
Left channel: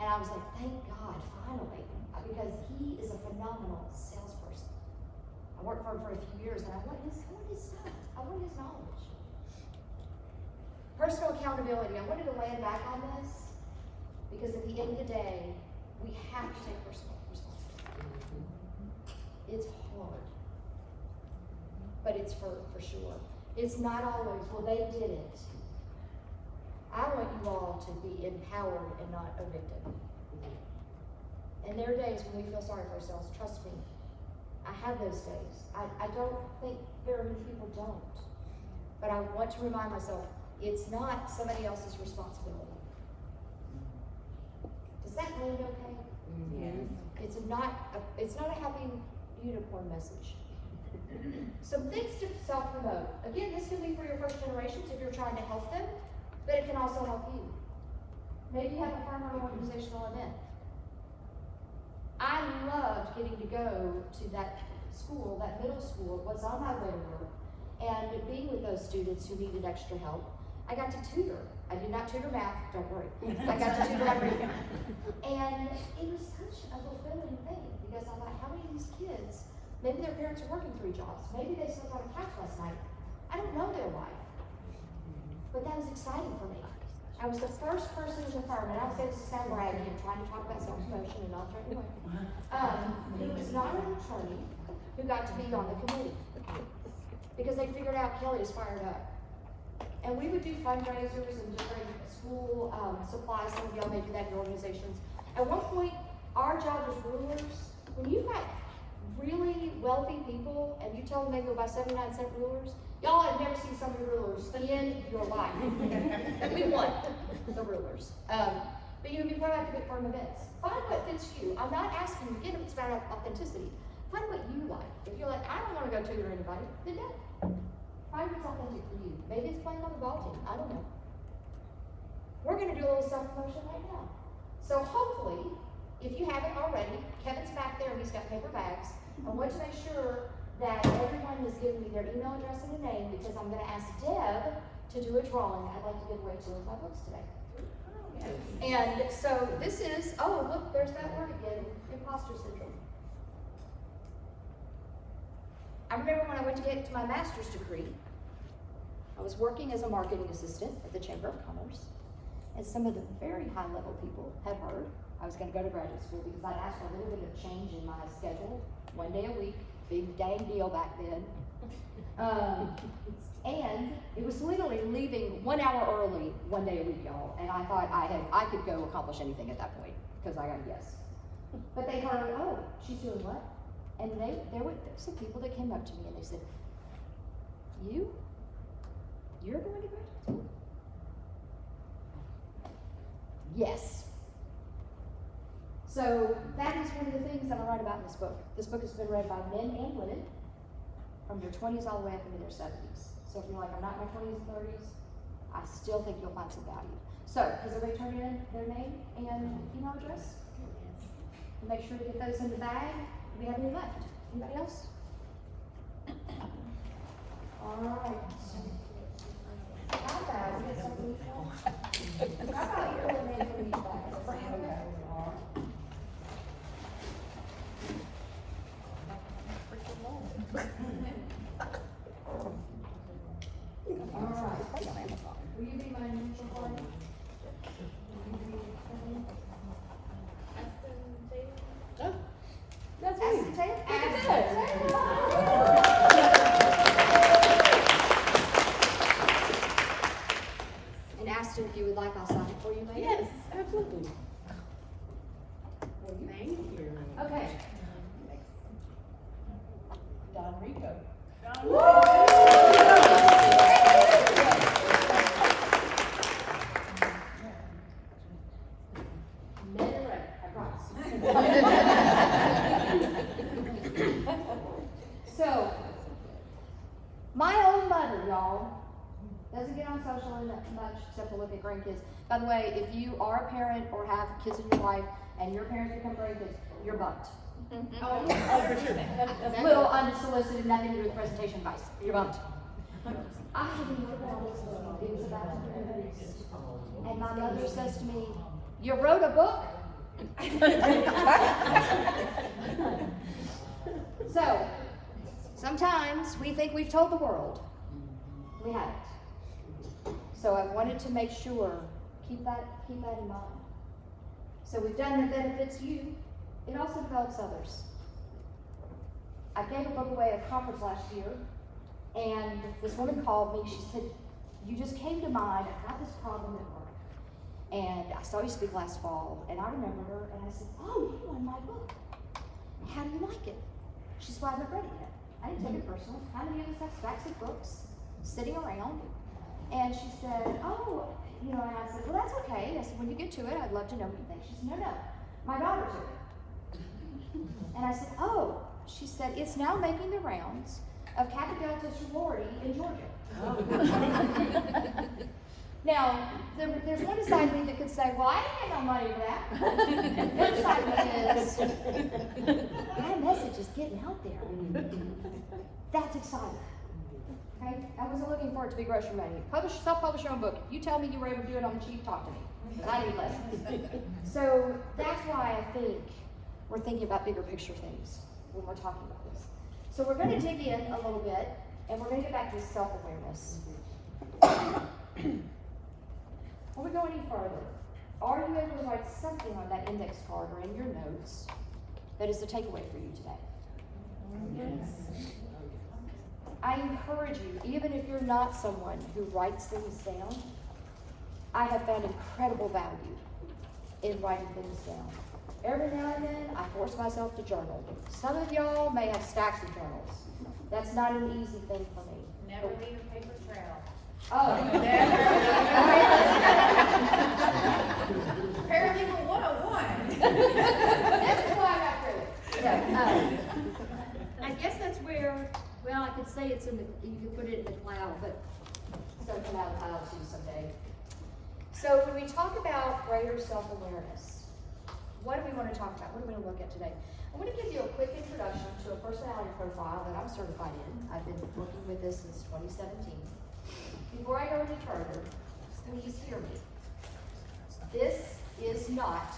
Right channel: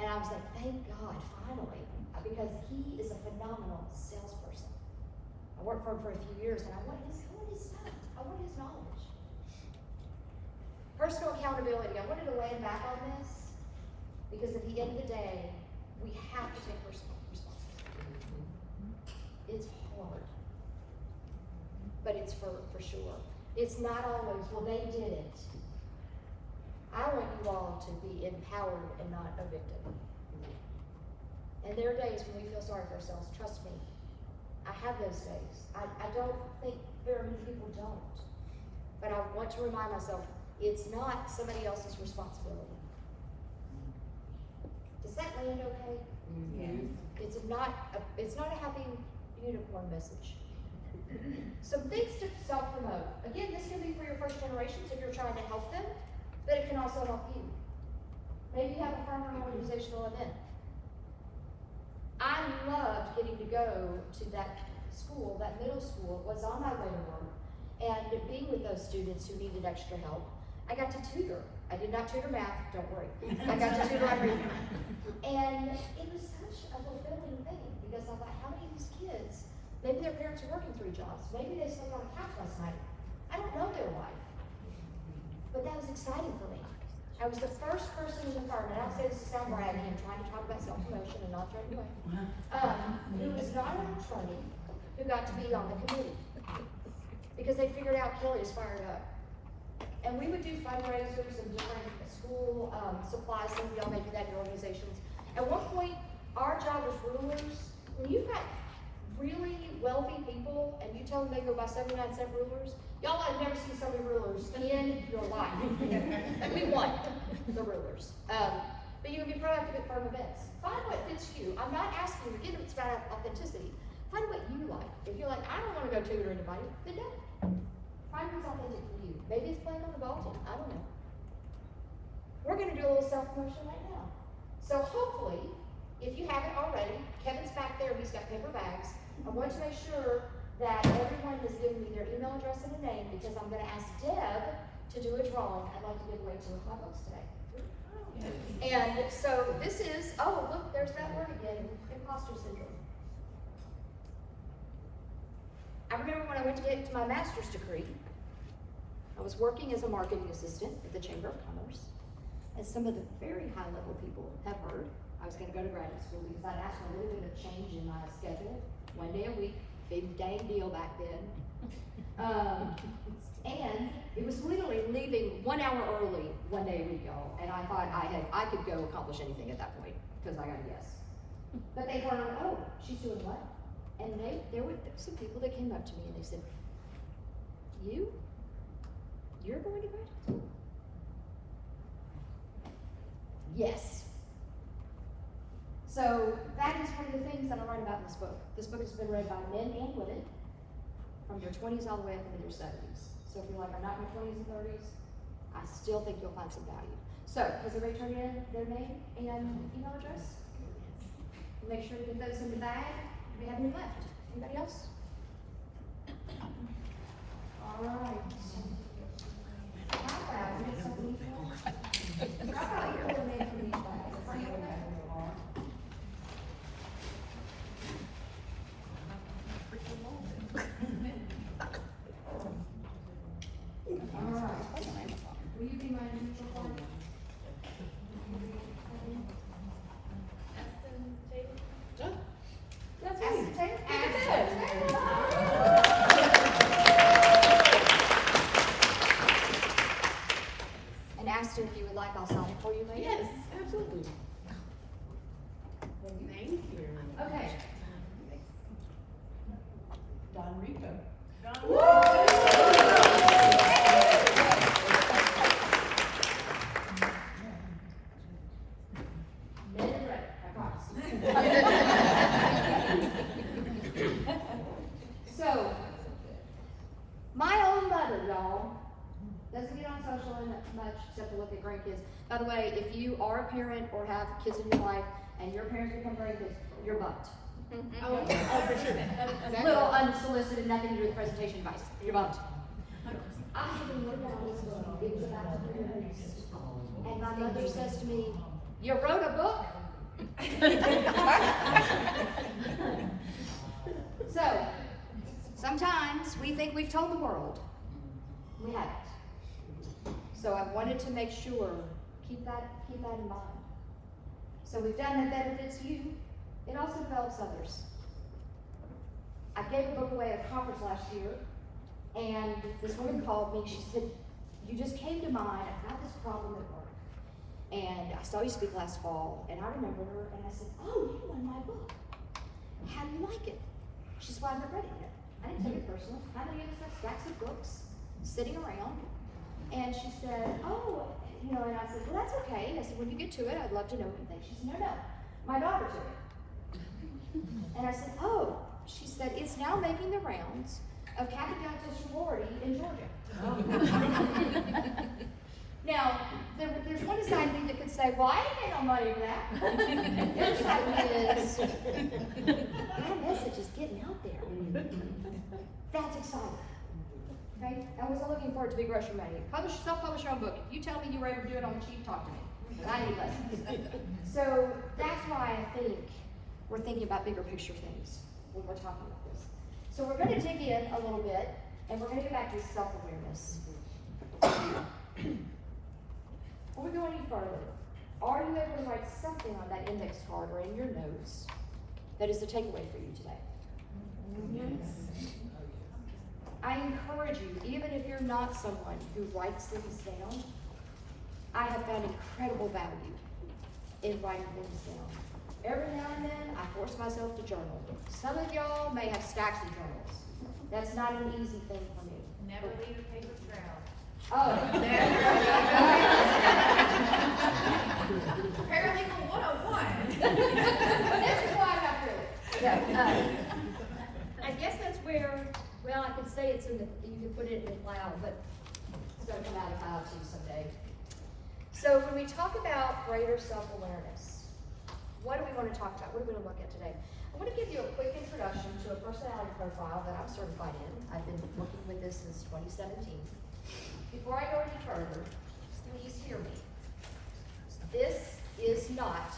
And I I was like, thank God, finally, because he is a phenomenal salesperson. I worked for him for a few years, and I want his stuff. I want his knowledge. Personal accountability. I wanted to land back on this because at the end of the day, we have to take personal responsibility. It's hard, but it's for sure. It's not always, well, they did it. I want you all to be empowered and not a victim. And there are days when we feel sorry for ourselves. Trust me, I have those days. I don't think very many people don't. But I want to remind myself, it's not somebody else's responsibility. Does that land okay? Yes. It's not a happy unicorn message. Some things to self-promote. Again, this can be for your first generations if you're trying to help them, but it can also help you. Maybe you have a firm or an organizational event. I loved getting to go to that school, that middle school, was on my way to work, and being with those students who needed extra help. I got to tutor. I did not tutor math, don't worry. I got to tutor reading. And it was such a fulfilling thing because I thought, how many of these kids, maybe their parents are working 3 jobs, maybe they slept on a couch last night. I don't know their life. But that was exciting for me. I was the first person in the firm, and I would say this to sound bragging and trying to talk about self-promotion and not throwing away, who was not an attorney who got to be on the committee. Because they figured out Kelly is fired up. And we would do fundraisers and different school supplies, some of y'all may do that in your organizations. At one point, our job as rulers, when you've got really wealthy people and you tell them they go buy 79-cent rulers, y'all have never seen so many rulers in your life. We won the rulers. But you would be proactive at firm events. Find what fits you. I'm not asking you, again, it's about authenticity. Find what you like. If you're like, I don't want to go tutor anybody, then don't. Find what's authentic for you. Maybe it's playing on the ball team. I don't know. We're going to do a little self-promotion right now. So hopefully, if you haven't already, Kevin's back there. He's got paper bags. I want to make sure that everyone has given me their email address and a name because I'm going to ask Deb to do a drawing. I'd like to give away 2 of my books today. And so this is, oh, look, there's that word again, imposter syndrome. I remember when I went to get to my master's degree, I was working as a marketing assistant at the Chamber of Commerce, and some of the very high-level people have heard I was going to go to graduate school because I'd asked for a little bit of change in my schedule, 1 day a week, big dang deal back then. And it was literally leaving 1 hour early 1 day a week, y'all, and I thought I could go accomplish anything at that point because I got a yes. But they heard, oh, she's doing what? And there were some people that came up to me and they said, you're going to graduate school? Yes. So that is one of the things that I write about in this book. This book has been read by men and women from your 20s all the way up into their 70s. So if you're like, I'm not in my 20s and 30s, I still think you'll find some value. So has everybody turned in their name and email address? And make sure to get those in the bag. Do we have any left? Anybody else? All right. How about we get some of these bags? How about you eliminate some of these bags? All right. Will you be my neutral party? That's and asked her if you would like I'll sign it for you later. Yes, absolutely. Thank you. Okay. Don Rico. Men are ready, I promise. So, my own mother, y'all, doesn't get on social much except to look at grandkids. By the way, if you are a parent or have kids in your life and your parents become grandkids, you're bumped. Oh, for sure. Little unsolicited, nothing to do with presentation advice. You're bumped. I have been working on this book. It was about to be released. And my mother says to me, you wrote a book? So, sometimes we think we've told the world. We haven't. So I wanted to make sure, keep that in mind. So we've done that benefits you. It also develops others. I gave a book away at a conference last year, and this woman called me. She said, "You just came to mind. I've got this problem at work. And I saw you speak last fall, and I remember her, and I said, oh, you won my book. How do you like it?" She said, "Well, I haven't read it yet." I didn't take it personally. How many of us have stacks of books sitting around? And she said, "Oh, and I said, well, that's okay." I said, "When you get to it, I'd love to know what you think." She said, no, my daughter took it. And I said, "Oh." She said, "It's now making the rounds of Kappa Delta sorority in Georgia." Now, there's one side of me that could say, "Well, I didn't pay no money for that." The other side of me is, my message is getting out there. That's exciting. Okay? I wasn't looking for it to be grocery money. Self-publish your own book. If you tell me you were able to do it on the cheap, talk to me. But I need lessons. So that's why I think we're thinking about bigger picture things when we're talking about this. So we're going to dig in a little bit, and we're going to get back to self-awareness. Before we go any further, are you able to write something on that index card or in your notes that is a takeaway for you today? Yes. I encourage you, even if you're not someone who writes things down, I have found incredible value in writing things down. Every now and then, I force myself to journal. Some of y'all may have stacks of journals. That's not an easy thing for me. Never leave a paper trail. Oh. Paralegal 101. That's why I got through it. Yeah, I guess that's where, well, I could say it's in the, you could put it in the cloud, but it's gonna come out of cloud too someday. So when we talk about greater self-awareness, what do we want to talk about? What do we want to look at today? I want to give you a quick introduction to a personality profile that I'm certified in. I've been working with this since 2017. Before I go any further, please hear me. This is not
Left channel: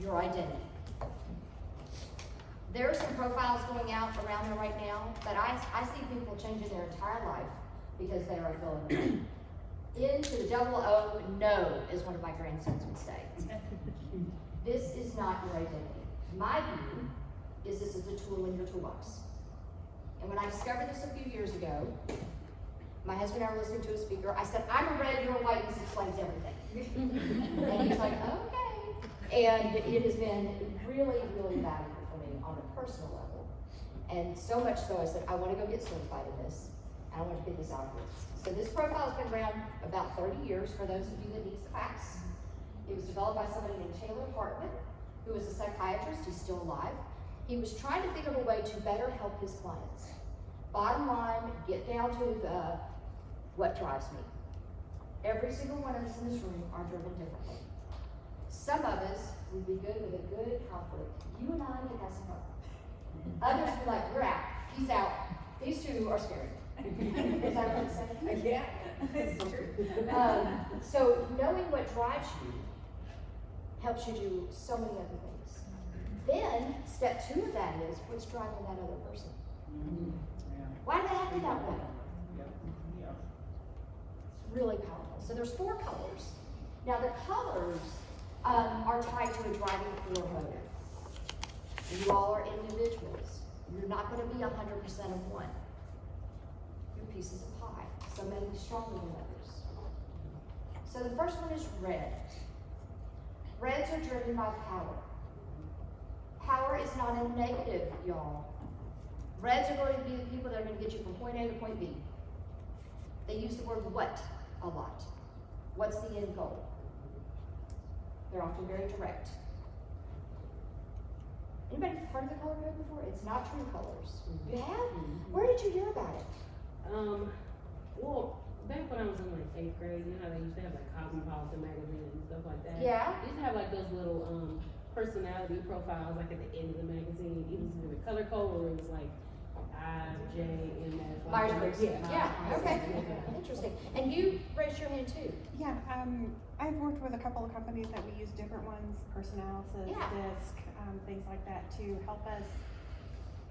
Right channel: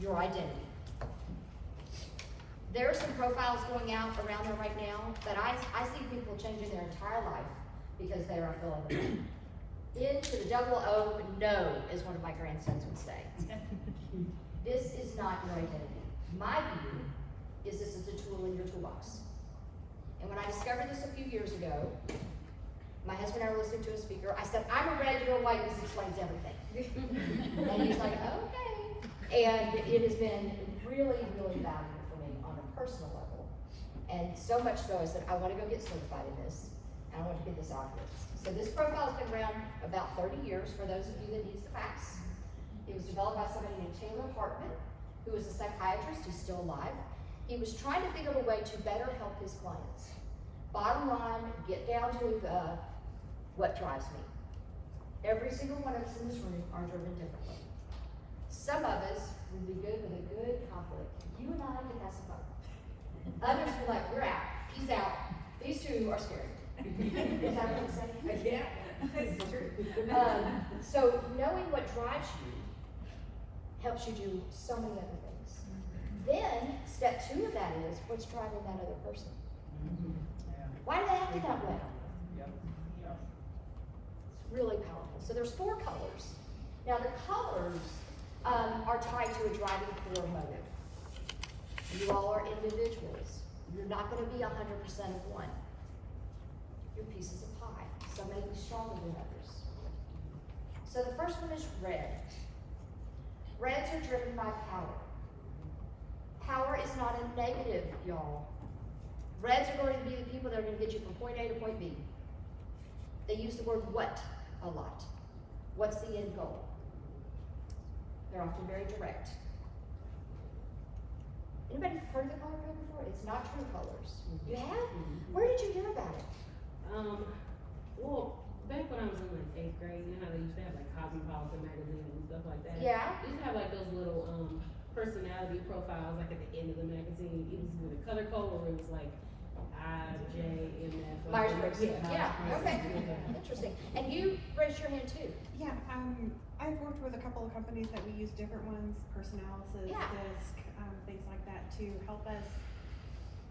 your identity. There are some profiles going out around them right now, but I see people changing their entire life because they are filling into the double O no, is one of my grandsons would say. This is not your identity. My view is this is a tool in your toolbox. And when I discovered this a few years ago, my husband and I were listening to a speaker. I said, "I'm a regular white, this explains everything." And he was like, "Okay." And it has been really, really valuable for me on a personal level. And so much so, I said, I want to go get certified in this, and I want to get this out here. So this profile has been around about 30 years for those of you that needs the facts. It was developed by somebody named Taylor Hartman, who was a psychiatrist. He's still alive. He was trying to think of a way to better help his clients. Bottom line, get down to the what drives me. Every single one of us in this room are driven differently. Some of us would be good with a good conflict. You and I can have some fun. Others would be like, "You're out. He's out. These two are scary." Is that what I'm saying? Yeah, that's true. So knowing what drives you helps you do so many other things. Then step 2 of that is what's driving that other person. Why do they have to that way? It's really powerful. So there's 4 colors. Now the colors are tied to a driving core motive. You all are individuals. You're not going to be 100% of one. You're pieces of pie. Some may be stronger than others. So the first one is red. Reds are driven by power. Power is not a negative, y'all. Reds are going to be the people that are going to get you from point A to point B. They use the word what a lot. What's the end goal? They're often very direct. Anybody heard the color code before? It's not true colors. You have? Where did you hear about it? Well, back when I was in like 8th grade, you know how they used to have like Cosmopolitan magazine and stuff like that? Yeah. They used to have like those little personality profiles like at the end of the magazine. It was either color code or it was like, I IJMS. Myers-Briggs. Yeah, okay. Yeah. Interesting. And you raised your hand too. Yeah, I've worked with a couple of companies that we use different ones, Personalysis, Yeah. Disc, things like that to help us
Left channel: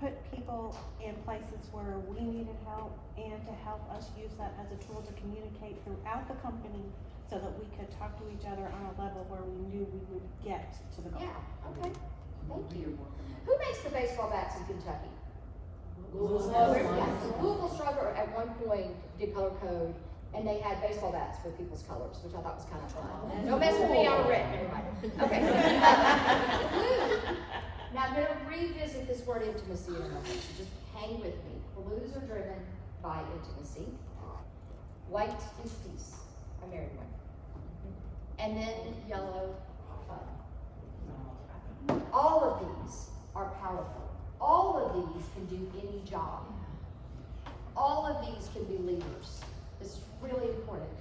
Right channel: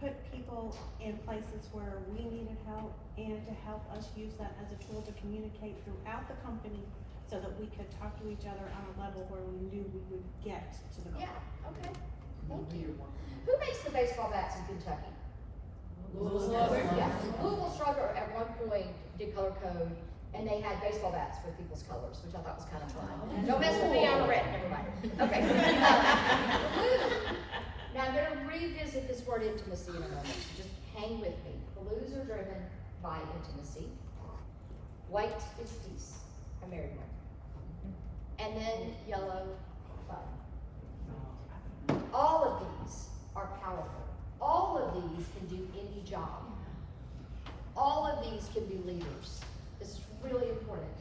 put people in places where we needed help and to help us use that as a tool to communicate throughout the company so that we could talk to each other on a level where we knew we would get to the goal. Yeah, okay. Thank you. Who makes the baseball bats in Kentucky? Louisville. Yes. Louisville Struggle at one point did color code, and they had baseball bats with people's colors, which I thought was kind of fun. Don't mess with me, I'm red, never mind. Okay. Blue. Now I'm gonna revisit this word intimacy in a moment, so just hang with me. Blues are driven by intimacy. White is peace, a married one. And then yellow, fun. All of these are powerful. All of these can do any job. All of these can be leaders. It's really important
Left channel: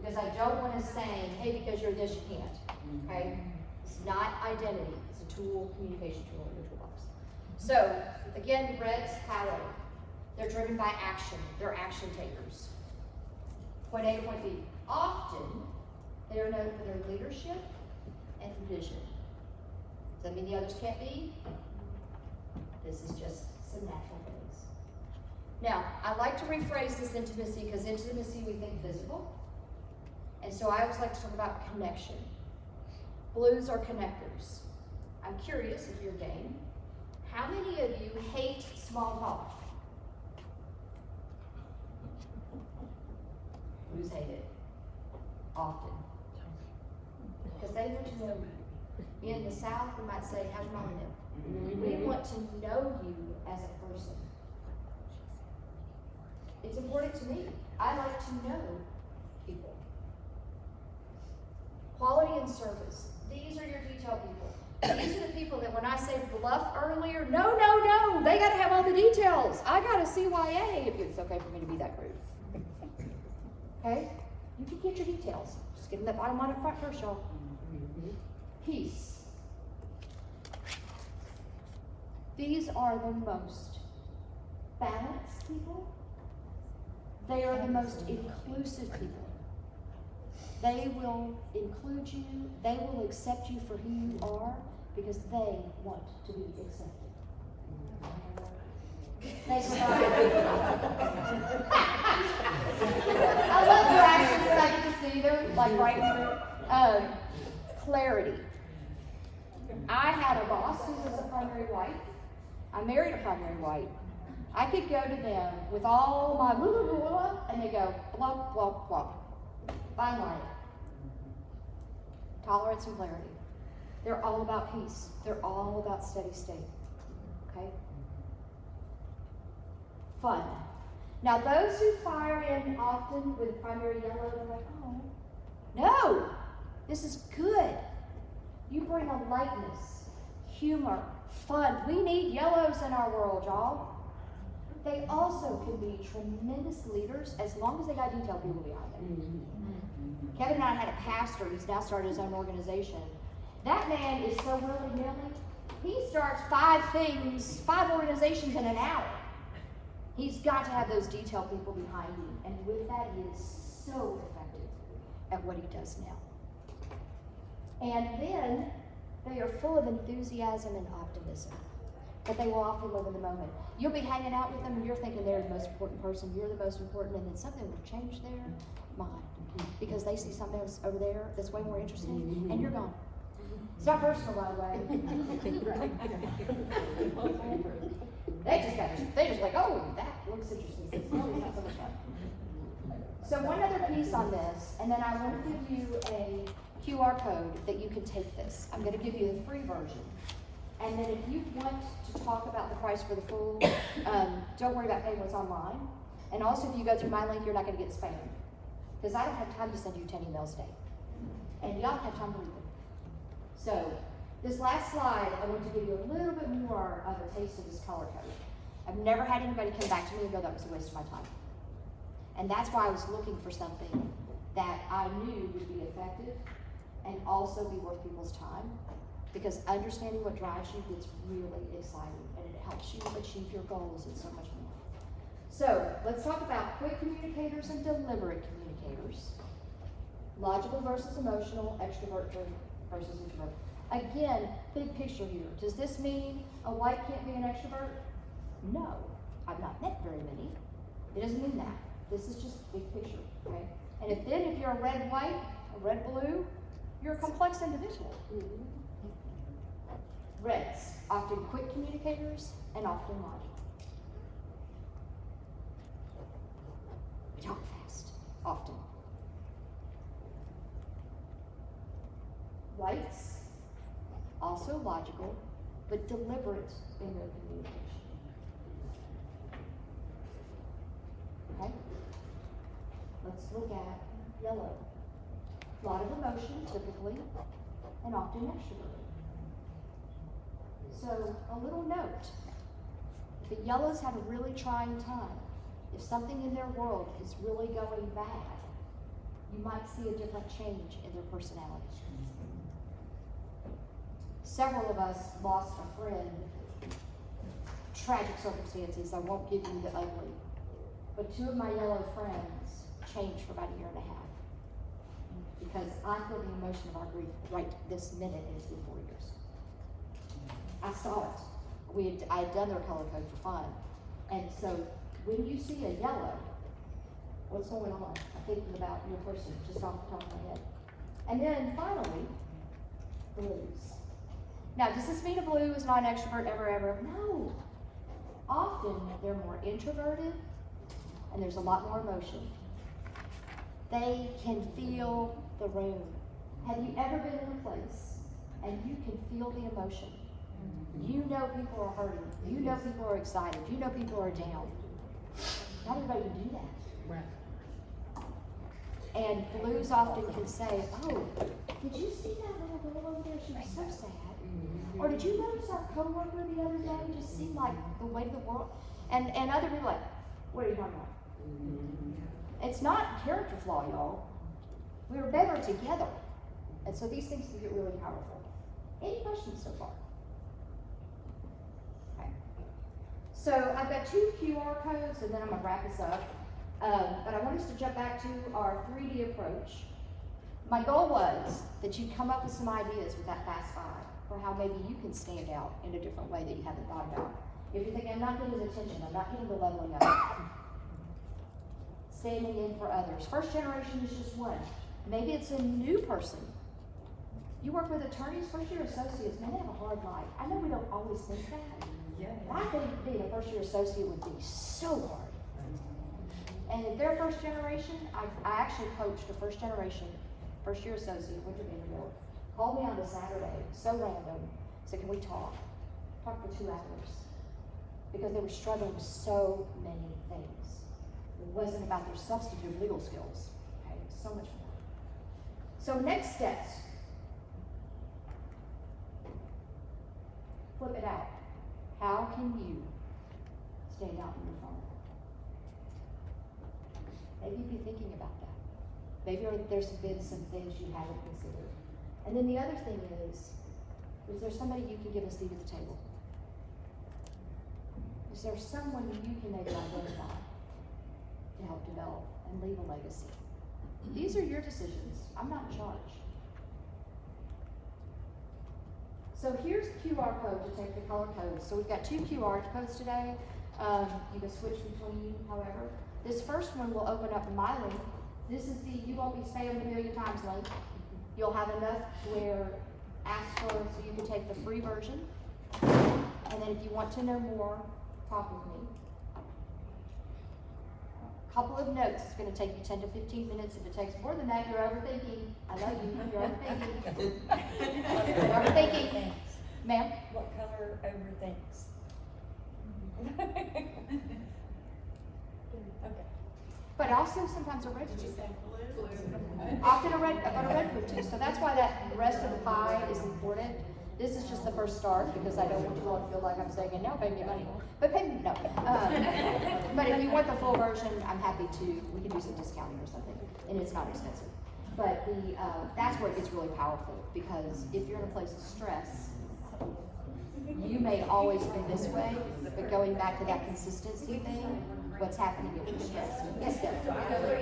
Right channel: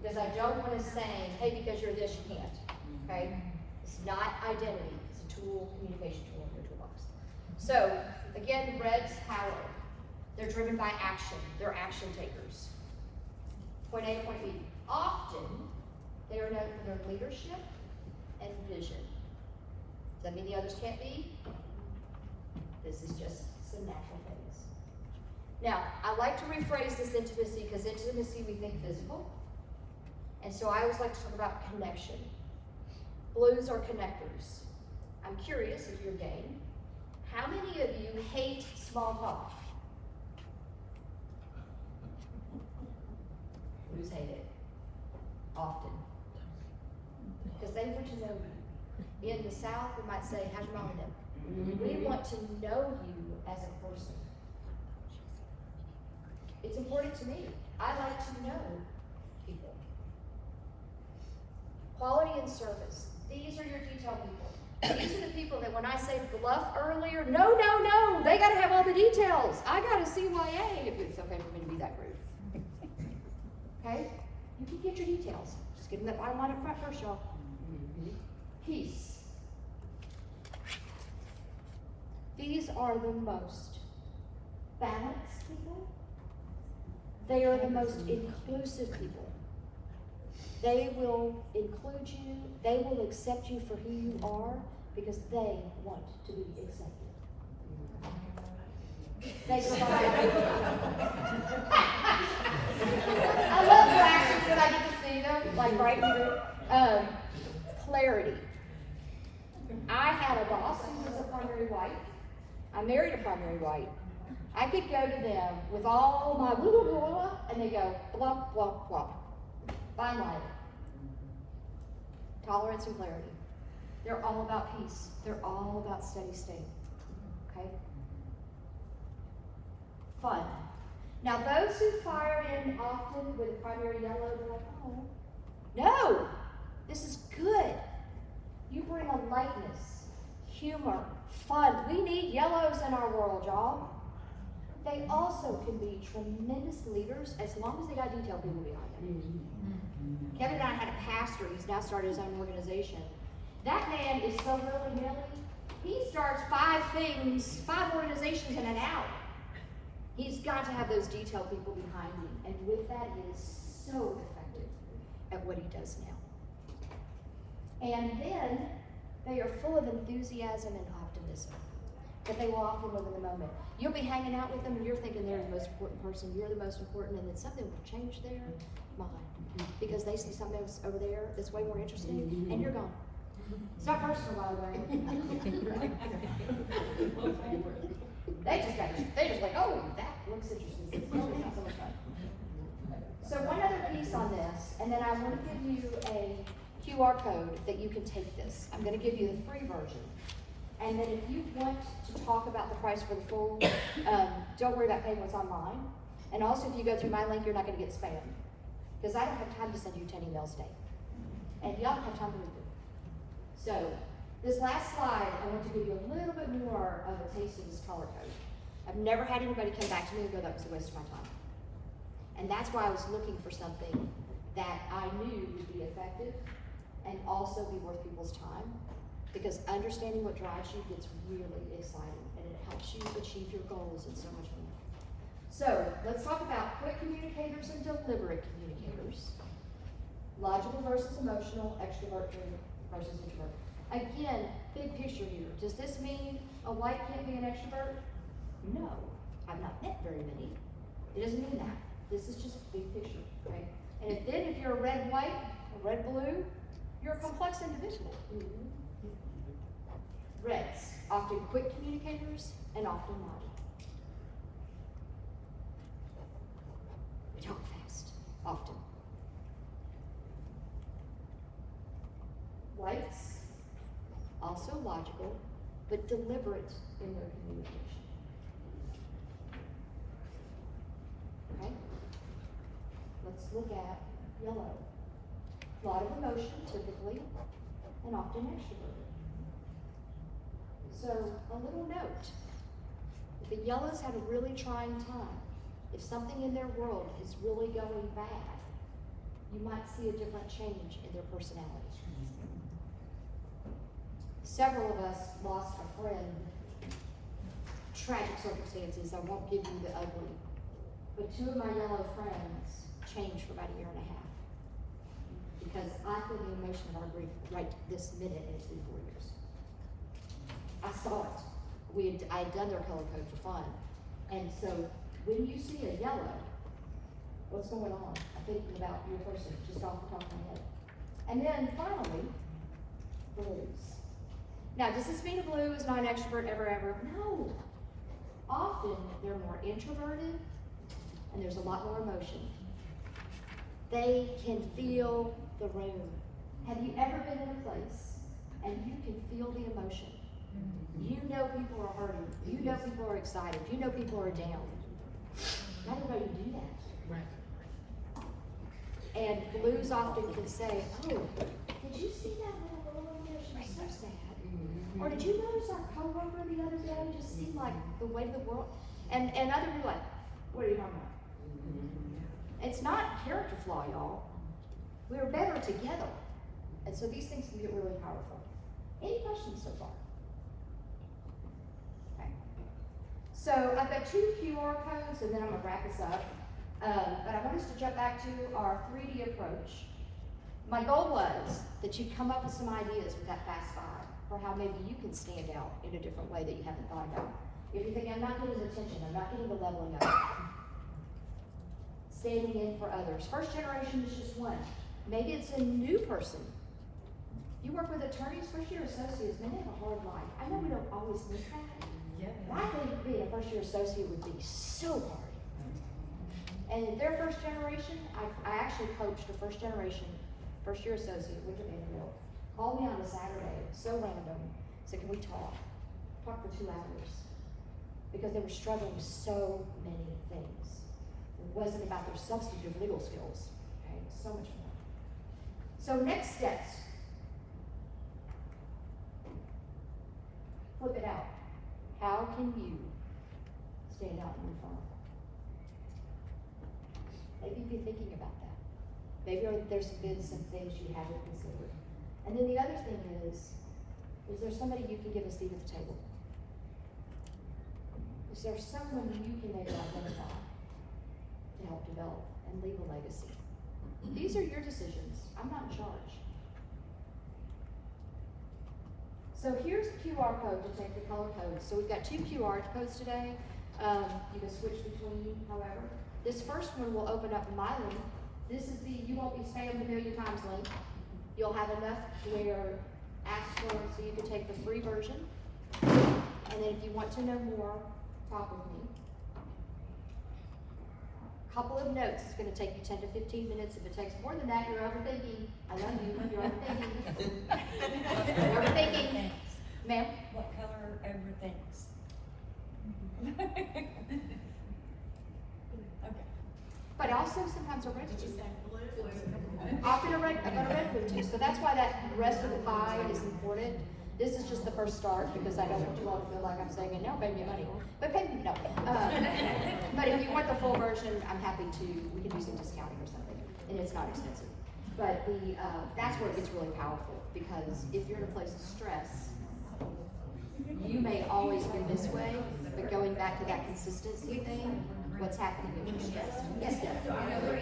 because I don't want to say, hey, because you're this, you can't. Okay? It's not identity. It's a tool, communication tool in your toolbox. So again, red's power. They're driven by action. They're action takers. Point A to point B. Often, they are known for their leadership and vision. Does that mean the others can't be? This is just some natural things. Now, I like to rephrase this intimacy because intimacy we think physical. And so I always like to talk about connection. Blues are connectors. I'm curious if you're game. How many of you hate small talk? Blues hate it. Often. Because they want to know you. In the South, we might say, how's your mom today? We want to know you as a person. It's important to me. I like to know people. Quality and service. These are your detail people. These are the people that when I say bluff earlier, no, they gotta have all the details. I gotta CYA if it's okay for me to be that crude. Okay? You can get your details. Just get in that bottom line up front first, y'all. Peace. These are the most balanced people. They are the most inclusive people. They will include you. They will accept you for who you are because they want to be accepted. They I love their actions when I get to see them, like right here. Clarity. I had a boss who was a primary white. I married a primary white. I could go to them with all my blah, blah, blah, blah, and they go blah, blah, blah. Fine line. Tolerance and clarity. They're all about peace. They're all about steady state. Okay? Fun. Now those who fire in often with primary yellow, they're like, oh, no, this is good. You bring a lightness, humor, fun. We need yellows in our world, y'all. They also can be tremendous leaders as long as they got detailed people behind them. Kevin and I had a pastor who's now started his own organization. That man is so willy-nilly. He starts 5 organizations in an hour. He's got to have those detailed people behind him. And with that, he is so effective at what he does now. And then they are full of enthusiasm and optimism, but they will often live in the moment. You'll be hanging out with them and you're thinking they're the most important person, you're the most important, and then something will change their mind because they see something else over there that's way more interesting, and you're gone. It's not personal, by the way. they just like, oh, that looks interesting. No, it's not so much fun. So one other piece on this, and then I want to give you a QR code that you can take this. I'm going to give you the free version. And then if you want to talk about the price for the full, don't worry about paying what's online. And also if you go through my link, you're not going to get spammed. Because I don't have time to send you 10 emails a day. And y'all don't have time to read them. So this last slide, I want to give you a little bit more of a taste of this color code. I've never had anybody come back to me and go, that was a waste of my time. And that's why I was looking for something that I knew would be effective and also be worth people's time. because understanding what drives you gets really exciting, and it helps you achieve your goals and so much more. So, let's talk about quick communicators and deliberate communicators. Logical versus emotional, extrovert versus introvert. Again, big picture here. Does this mean a white can't be an extrovert? No. I've not met very many. It doesn't mean that. This is just big picture, right? And if you're a red white, a red blue, you're a complex individual. Reds, often quick communicators and often logical. We talk fast, often. Whites, also logical, but deliberate in their communication. Okay? Let's look at yellow. A lot of emotion, typically, and often extroverted. So, a little note. If the yellows have a really trying time, if something in their world is really going bad, you might see a different change in their personality. Several of us lost a friend. Tragic circumstances, I won't give you the ugly. But two of my yellow friends changed for about a year and a half. Because I feel the emotion of our grief right this minute, and it's been 4 years. I saw it. I had done their color code for fun. And so when you see a yellow, what's going on? I'm thinking about your person just off the top of my head. And then finally, blues. Now, does this mean a blue is not an extrovert ever? No. Often they're more introverted and there's a lot more emotion. They can feel the room. Have you ever been in a place and you can feel the emotion? You know people are hurting. You know people are excited. You know people are down. Not everybody can do that. Right. And blues often can say, oh, did you see that little girl over there? She was so sad. Or did you notice our coworker the other day just seemed like the way of the world? And other people like, what are you talking about? It's not a character flaw, y'all. We are better together. And so these things can get really powerful. Any questions so far? Okay. So I've got 2 QR codes and then I'm gonna wrap this up. But I want us to jump back to our 3D approach. My goal was that you'd come up with some ideas with that Fast 5 for how maybe you can stand out in a different way that you haven't thought about. If you're thinking, I'm not getting attention, I'm not getting the leveling up. Standing in for others. First generation is just one. Maybe it's a new person. You work with attorneys, first year associates, man, they have a hard life. I know we don't always think that. But I think being a first year associate would be so hard. And if they're first generation, I actually coached a first generation, first year associate, went to Vanderbilt, called me on a Saturday, so random, said, can we talk? Talk for 2 hours. Because they were struggling with so many things. It wasn't about their substantive legal skills, okay? So much more. So next steps. Flip it out. How can you stand out in your firm? Maybe you've been thinking about that. Maybe there's been some things you haven't considered. And then the other thing is there somebody you can give a seat at the table? Is there someone you can maybe identify to help develop and leave a legacy? These are your decisions. I'm not in charge. So here's the QR code to take the color codes. So we've got 2 QR codes today. You can switch between, however. This first one will open up my link. This is the you won't be spammed a million times link. You'll have enough where ask for, so you can take the free version. And then if you want to know more, talk with me. Couple of notes. It's going to take you 10 to 15 minutes. If it takes more than that, you're overthinking. I know you. You're overthinking. You're overthinking. Ma'am? What color overthinks? But also sometimes a red food. Often a red food too. So that's why that rest of the pie is important. This is just the first start because I don't want you all to feel like I'm saying, no, pay me money. But pay me, no. But if you want the full version, I'm happy to, we can do some discounting or something. And it's not expensive. But that's where it gets really powerful because if you're in a place of stress, you may always be this way, but going back to that consistency thing, what's happening in your stress. Yes, Deb? Yeah, whatever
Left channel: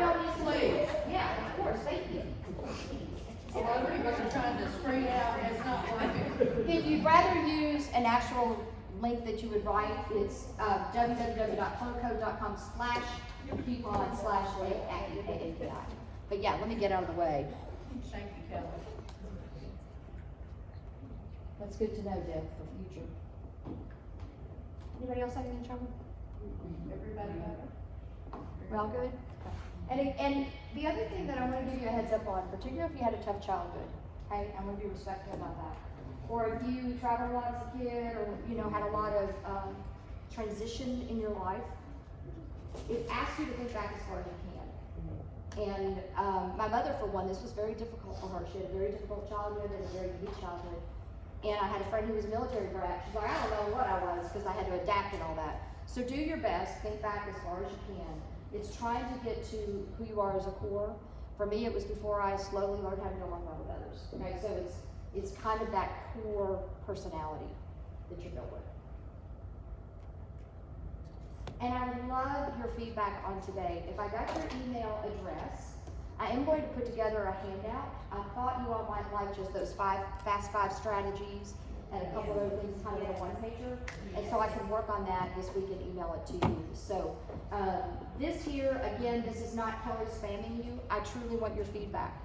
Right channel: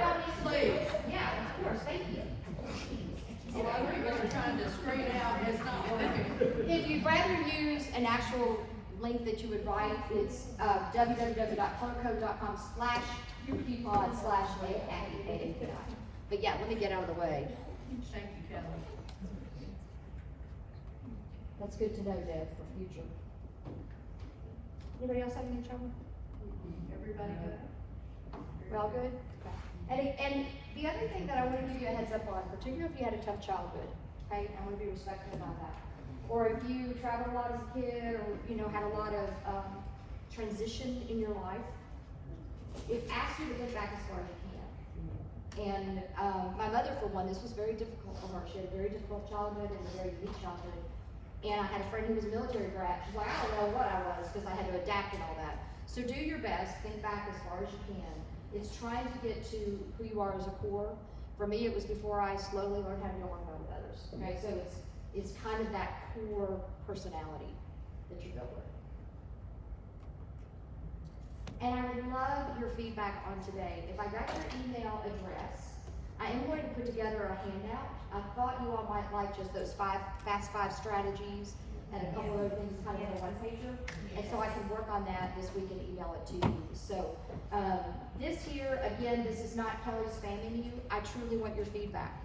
y'all need to do. Yeah, of course, thank you. If you'd rather use an actual link that you would write, it's www.colorcode.com/coupon/AAPI. But yeah, let me get out of the way. Thank you, Kelly. That's good to know, Deb, for future. Anybody else have any trouble? Everybody got it? We're all good? Okay. And the other thing that I want to give you a heads up on, particularly if you had a tough childhood, okay, I want to be respectful about that. Or if you traveled a lot as a kid, or, you know, had a lot of transition in your life, it asks you to think back as far as you can. And my mother, for one, this was very difficult for her. She had a very difficult childhood and a very unique childhood. And I had a friend who was a military brat. She's like, I don't know what I was, because I had to adapt and all that. So do your best, think back as far as you can. It's trying to get to who you are as a core. For me, it was before I slowly learned how to get along well with others. Okay, so it's kind of that core personality that you go with. And I would love your feedback on today. If I got your email address, I am going to put together a handout. I thought you all might like just those fast five strategies and a couple of things kind of in a one-pager. And so I can work on that this week and email it to you. So this here, again, this is not Kelly spamming you. I truly want your feedback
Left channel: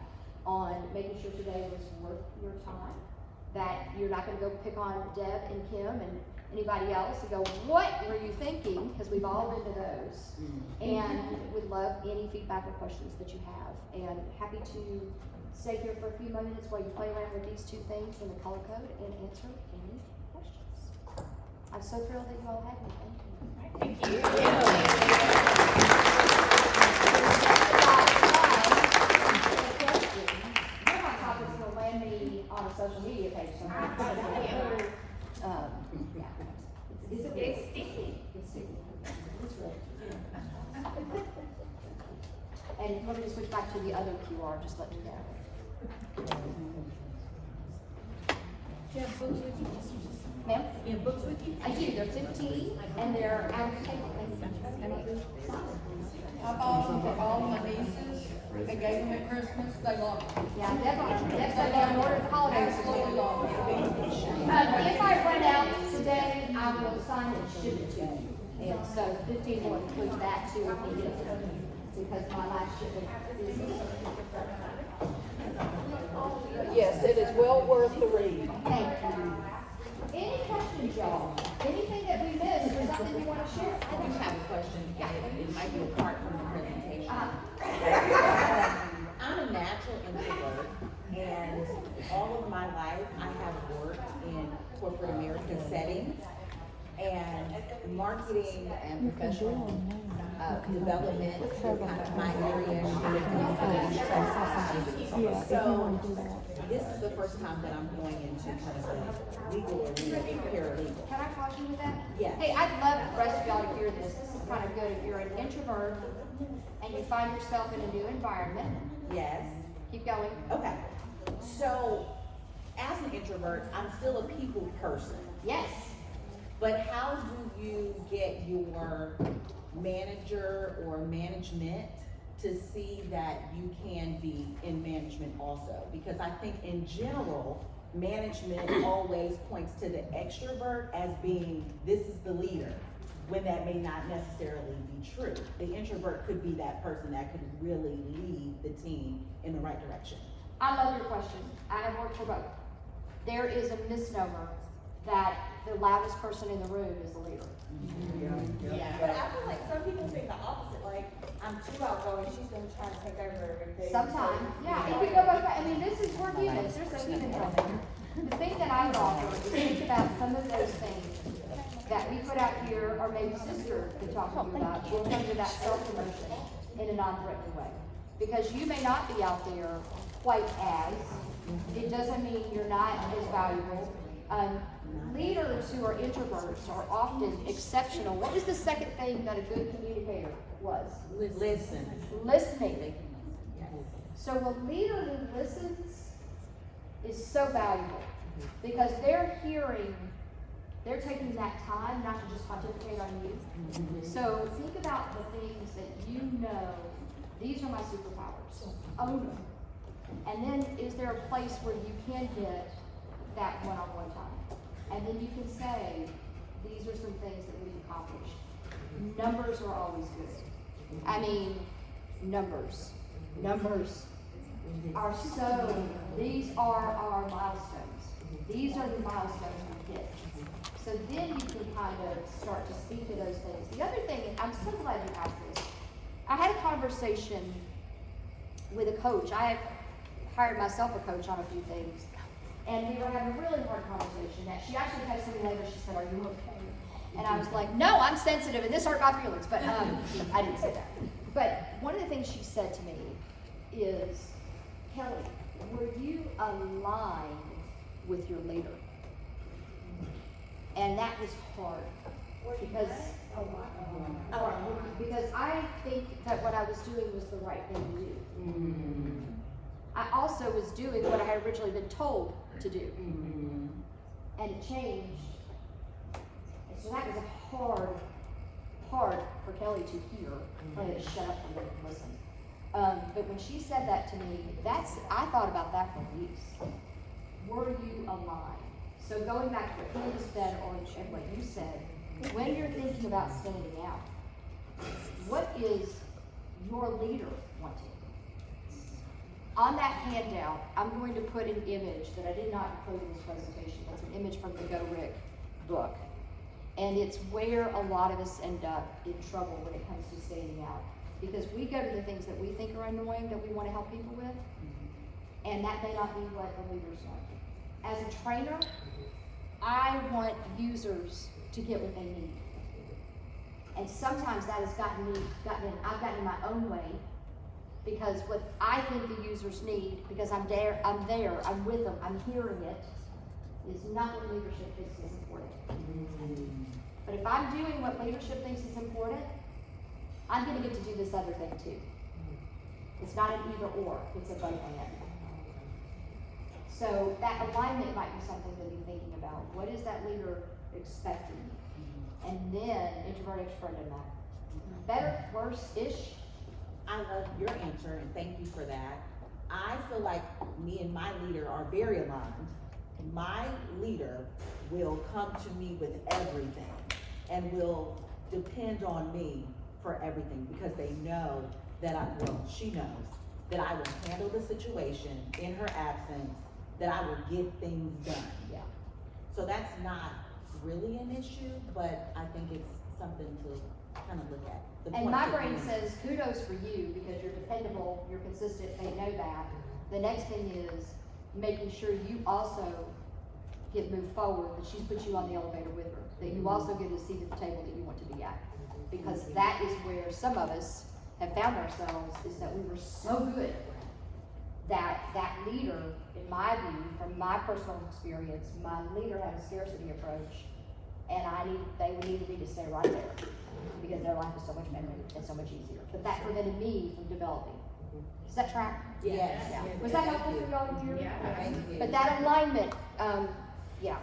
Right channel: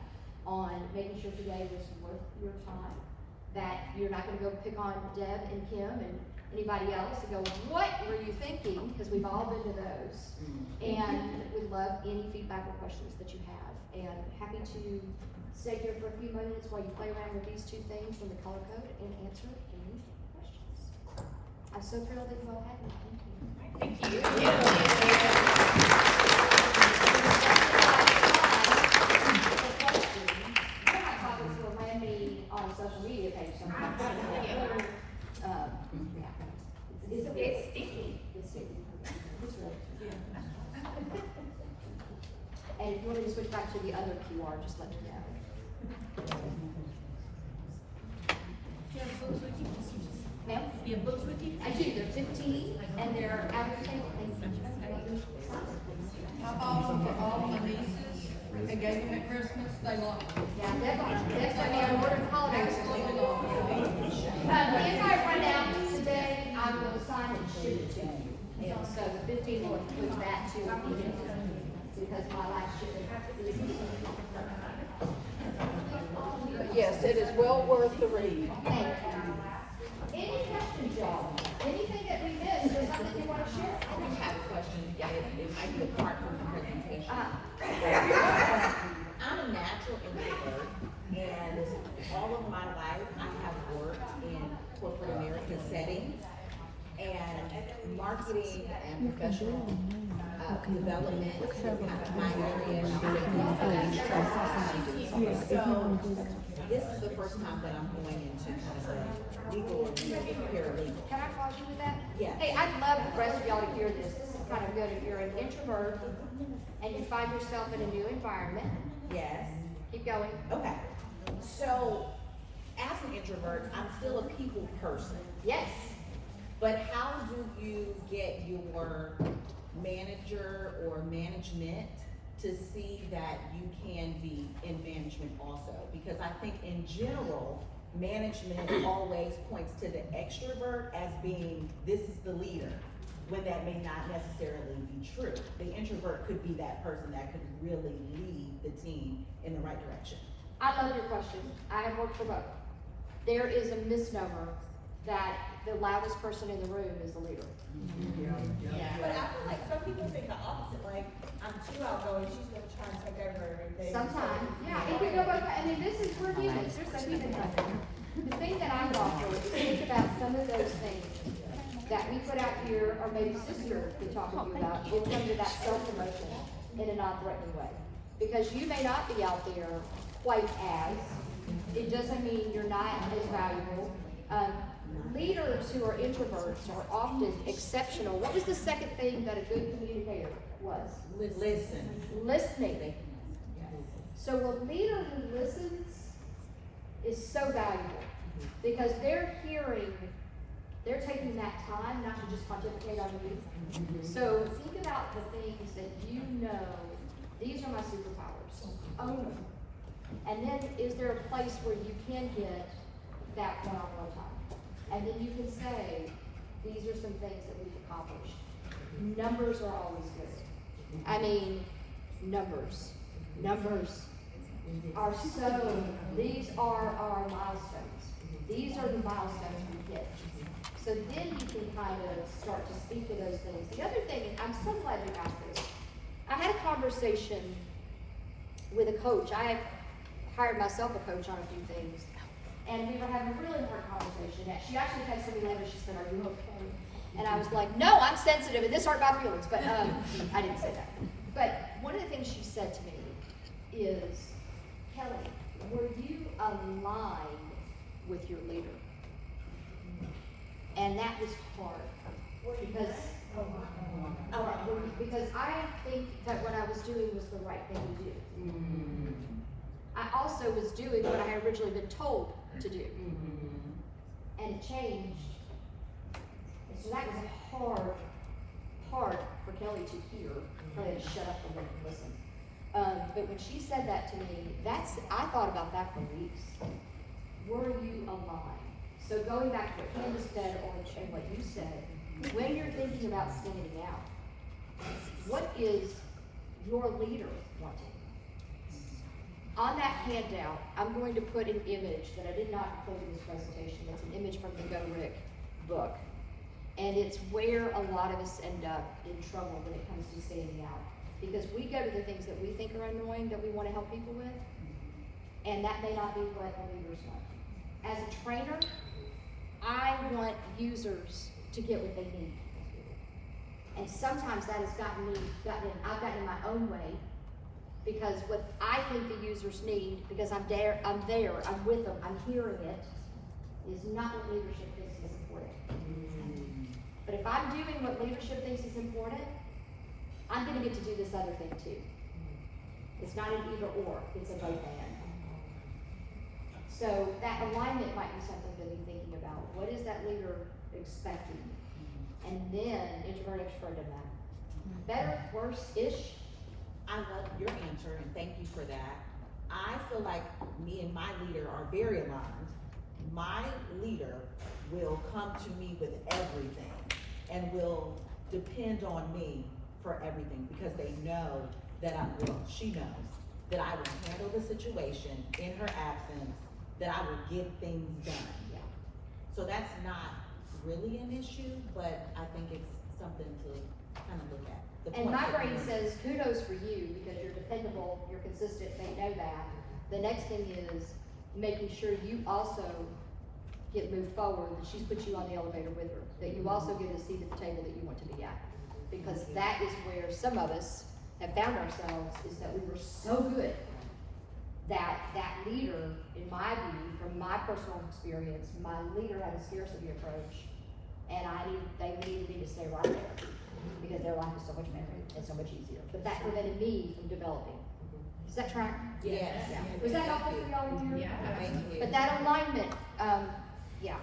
on making sure today was worth your time, that you're not gonna go pick on Deb and Kim and anybody else and go, what were you thinking? Because we've all been to those. And would love any feedback or questions that you have. And happy to stay here for a few minutes while you play around with these two things in the color code and answer any questions. I'm so thrilled that you all had me. Thank you. One of my topics will land me on a social media page sometime. It's sticky. It's sticky. It's really. And if you want me to switch back to the other QR, just let me know. Ma'am? You have books with you? I do, they're 15, and they're out of table. I bought them for all my nieces and gave them at Christmas. They love them. Yeah, definitely. Next time they order the holidays. Absolutely love them. If I run out today, I will sign and ship it to you. And so 15 will include that too if needed, because my last shipment is. Yes, it is well worth the read. Thank you. Any questions, y'all? Anything that we missed or something you want to share? I just have a question, it might be apart from the presentation. I'm a natural introvert, and all of my life I have worked in corporate America settings, and marketing and professional development is kind of my area. So this is the first time that I'm going into kind of a legal paralegal. Can I call you with that? Yes. Hey, I'd love the rest of y'all to hear this. This is kind of good. If you're an introvert and you find yourself in a new environment. Yes. Keep going. Okay. So, as an introvert, I'm still a people person. Yes. But how do you get your manager or management to see that you can be in management also? Because I think in general, management always points to the extrovert as being, this is the leader, when that may not necessarily be true. The introvert could be that person that could really lead the team in the right direction. I love your question. I have worked for both. There is a misnomer that the loudest person in the room is the leader. Yeah, but I feel like some people think the opposite, like, I'm too outgoing, she's gonna try and take over everything. Sometimes, yeah, it could go both ways. I mean, this is, we're humans, there's a human element. The thing that I offer is think about some of those things that we put out here, or maybe sister could talk to you about, in terms of that self-promotion in a non-threatening way. Because you may not be out there quite as, it doesn't mean you're not as valuable. Leaders who are introverts are often exceptional. What was the second thing that a good communicator was? Listen. Listening. So a leader who listens is is so valuable. Because they're taking that time not to just pontificate on you. So think about the things that you know, these are my superpowers, own them. And then is there a place where you can get that one-on-one time? And then you can say, these are some things that we've accomplished. Numbers are always good. I mean, numbers are so, these are our milestones. These are the milestones we hit. So then you can kind of start to speak to those things. The other thing, and I'm so glad you asked this. I had a conversation with a coach. I have hired myself a coach on a few things. And we were having a really hard conversation. She actually texted me later, she said, "Are you okay?" And I was like, "No, I'm sensitive and this hurt my feelings." But I didn't say that. But one of the things she said to me is, "Kelly, were you aligned with your leader?" And that was hard because I think that what I was doing was the right thing to do. I also was doing what I had originally been told to do. And it changed. And so that was hard for Kelly to hear. Kelly had to shut up a little and listen. But when she said that to me, I thought about that for weeks. Were you aligned? So going back to what Kim said and what you said, when you're thinking about standing out, what is your leader wanting? On that handout, I'm going to put an image that I did not include in this presentation. It's an image from the Go Rick book. And it's where a lot of us end up in trouble when it comes to standing out. Because we go to the things that we think are annoying that we want to help people with, and that may not be what the leaders want. As a trainer, I want users to get what they need. And sometimes that has I've gotten in my own way, because what I think the users need, because I'm there, I'm with them, I'm hearing it, is not what leadership thinks is important. But if I'm doing what leadership thinks is important, I'm gonna get to do this other thing too. It's not an either or, it's a both and. So that alignment might be something to be thinking about. What is that leader expecting? And then introvert, extrovert, and that. Better, worse-ish? I love your answer and thank you for that. I feel like me and my leader are very aligned. My leader will come to me with everything and will depend on me for everything, because they know that she knows that I will handle the situation in her absence, that I will get things done. Yeah. So that's not really an issue, but I think it's something to kind of look at. And my brain says kudos for you, because you're dependable, you're consistent, they know that. The next thing is making sure you also get moved forward, that she's put you on the elevator with her, that you also get a seat at the table that you want to be at. Because that is where some of us have found ourselves, is that we were so good that leader, in my view, from my personal experience, my leader had a scarcity approach, and they needed me to stay right there, because their life is so much better and so much easier. But that prevented me from developing. Does that track? Yes. Yeah. Was that helpful for y'all in here? Yeah. Thank you. But that alignment, yeah.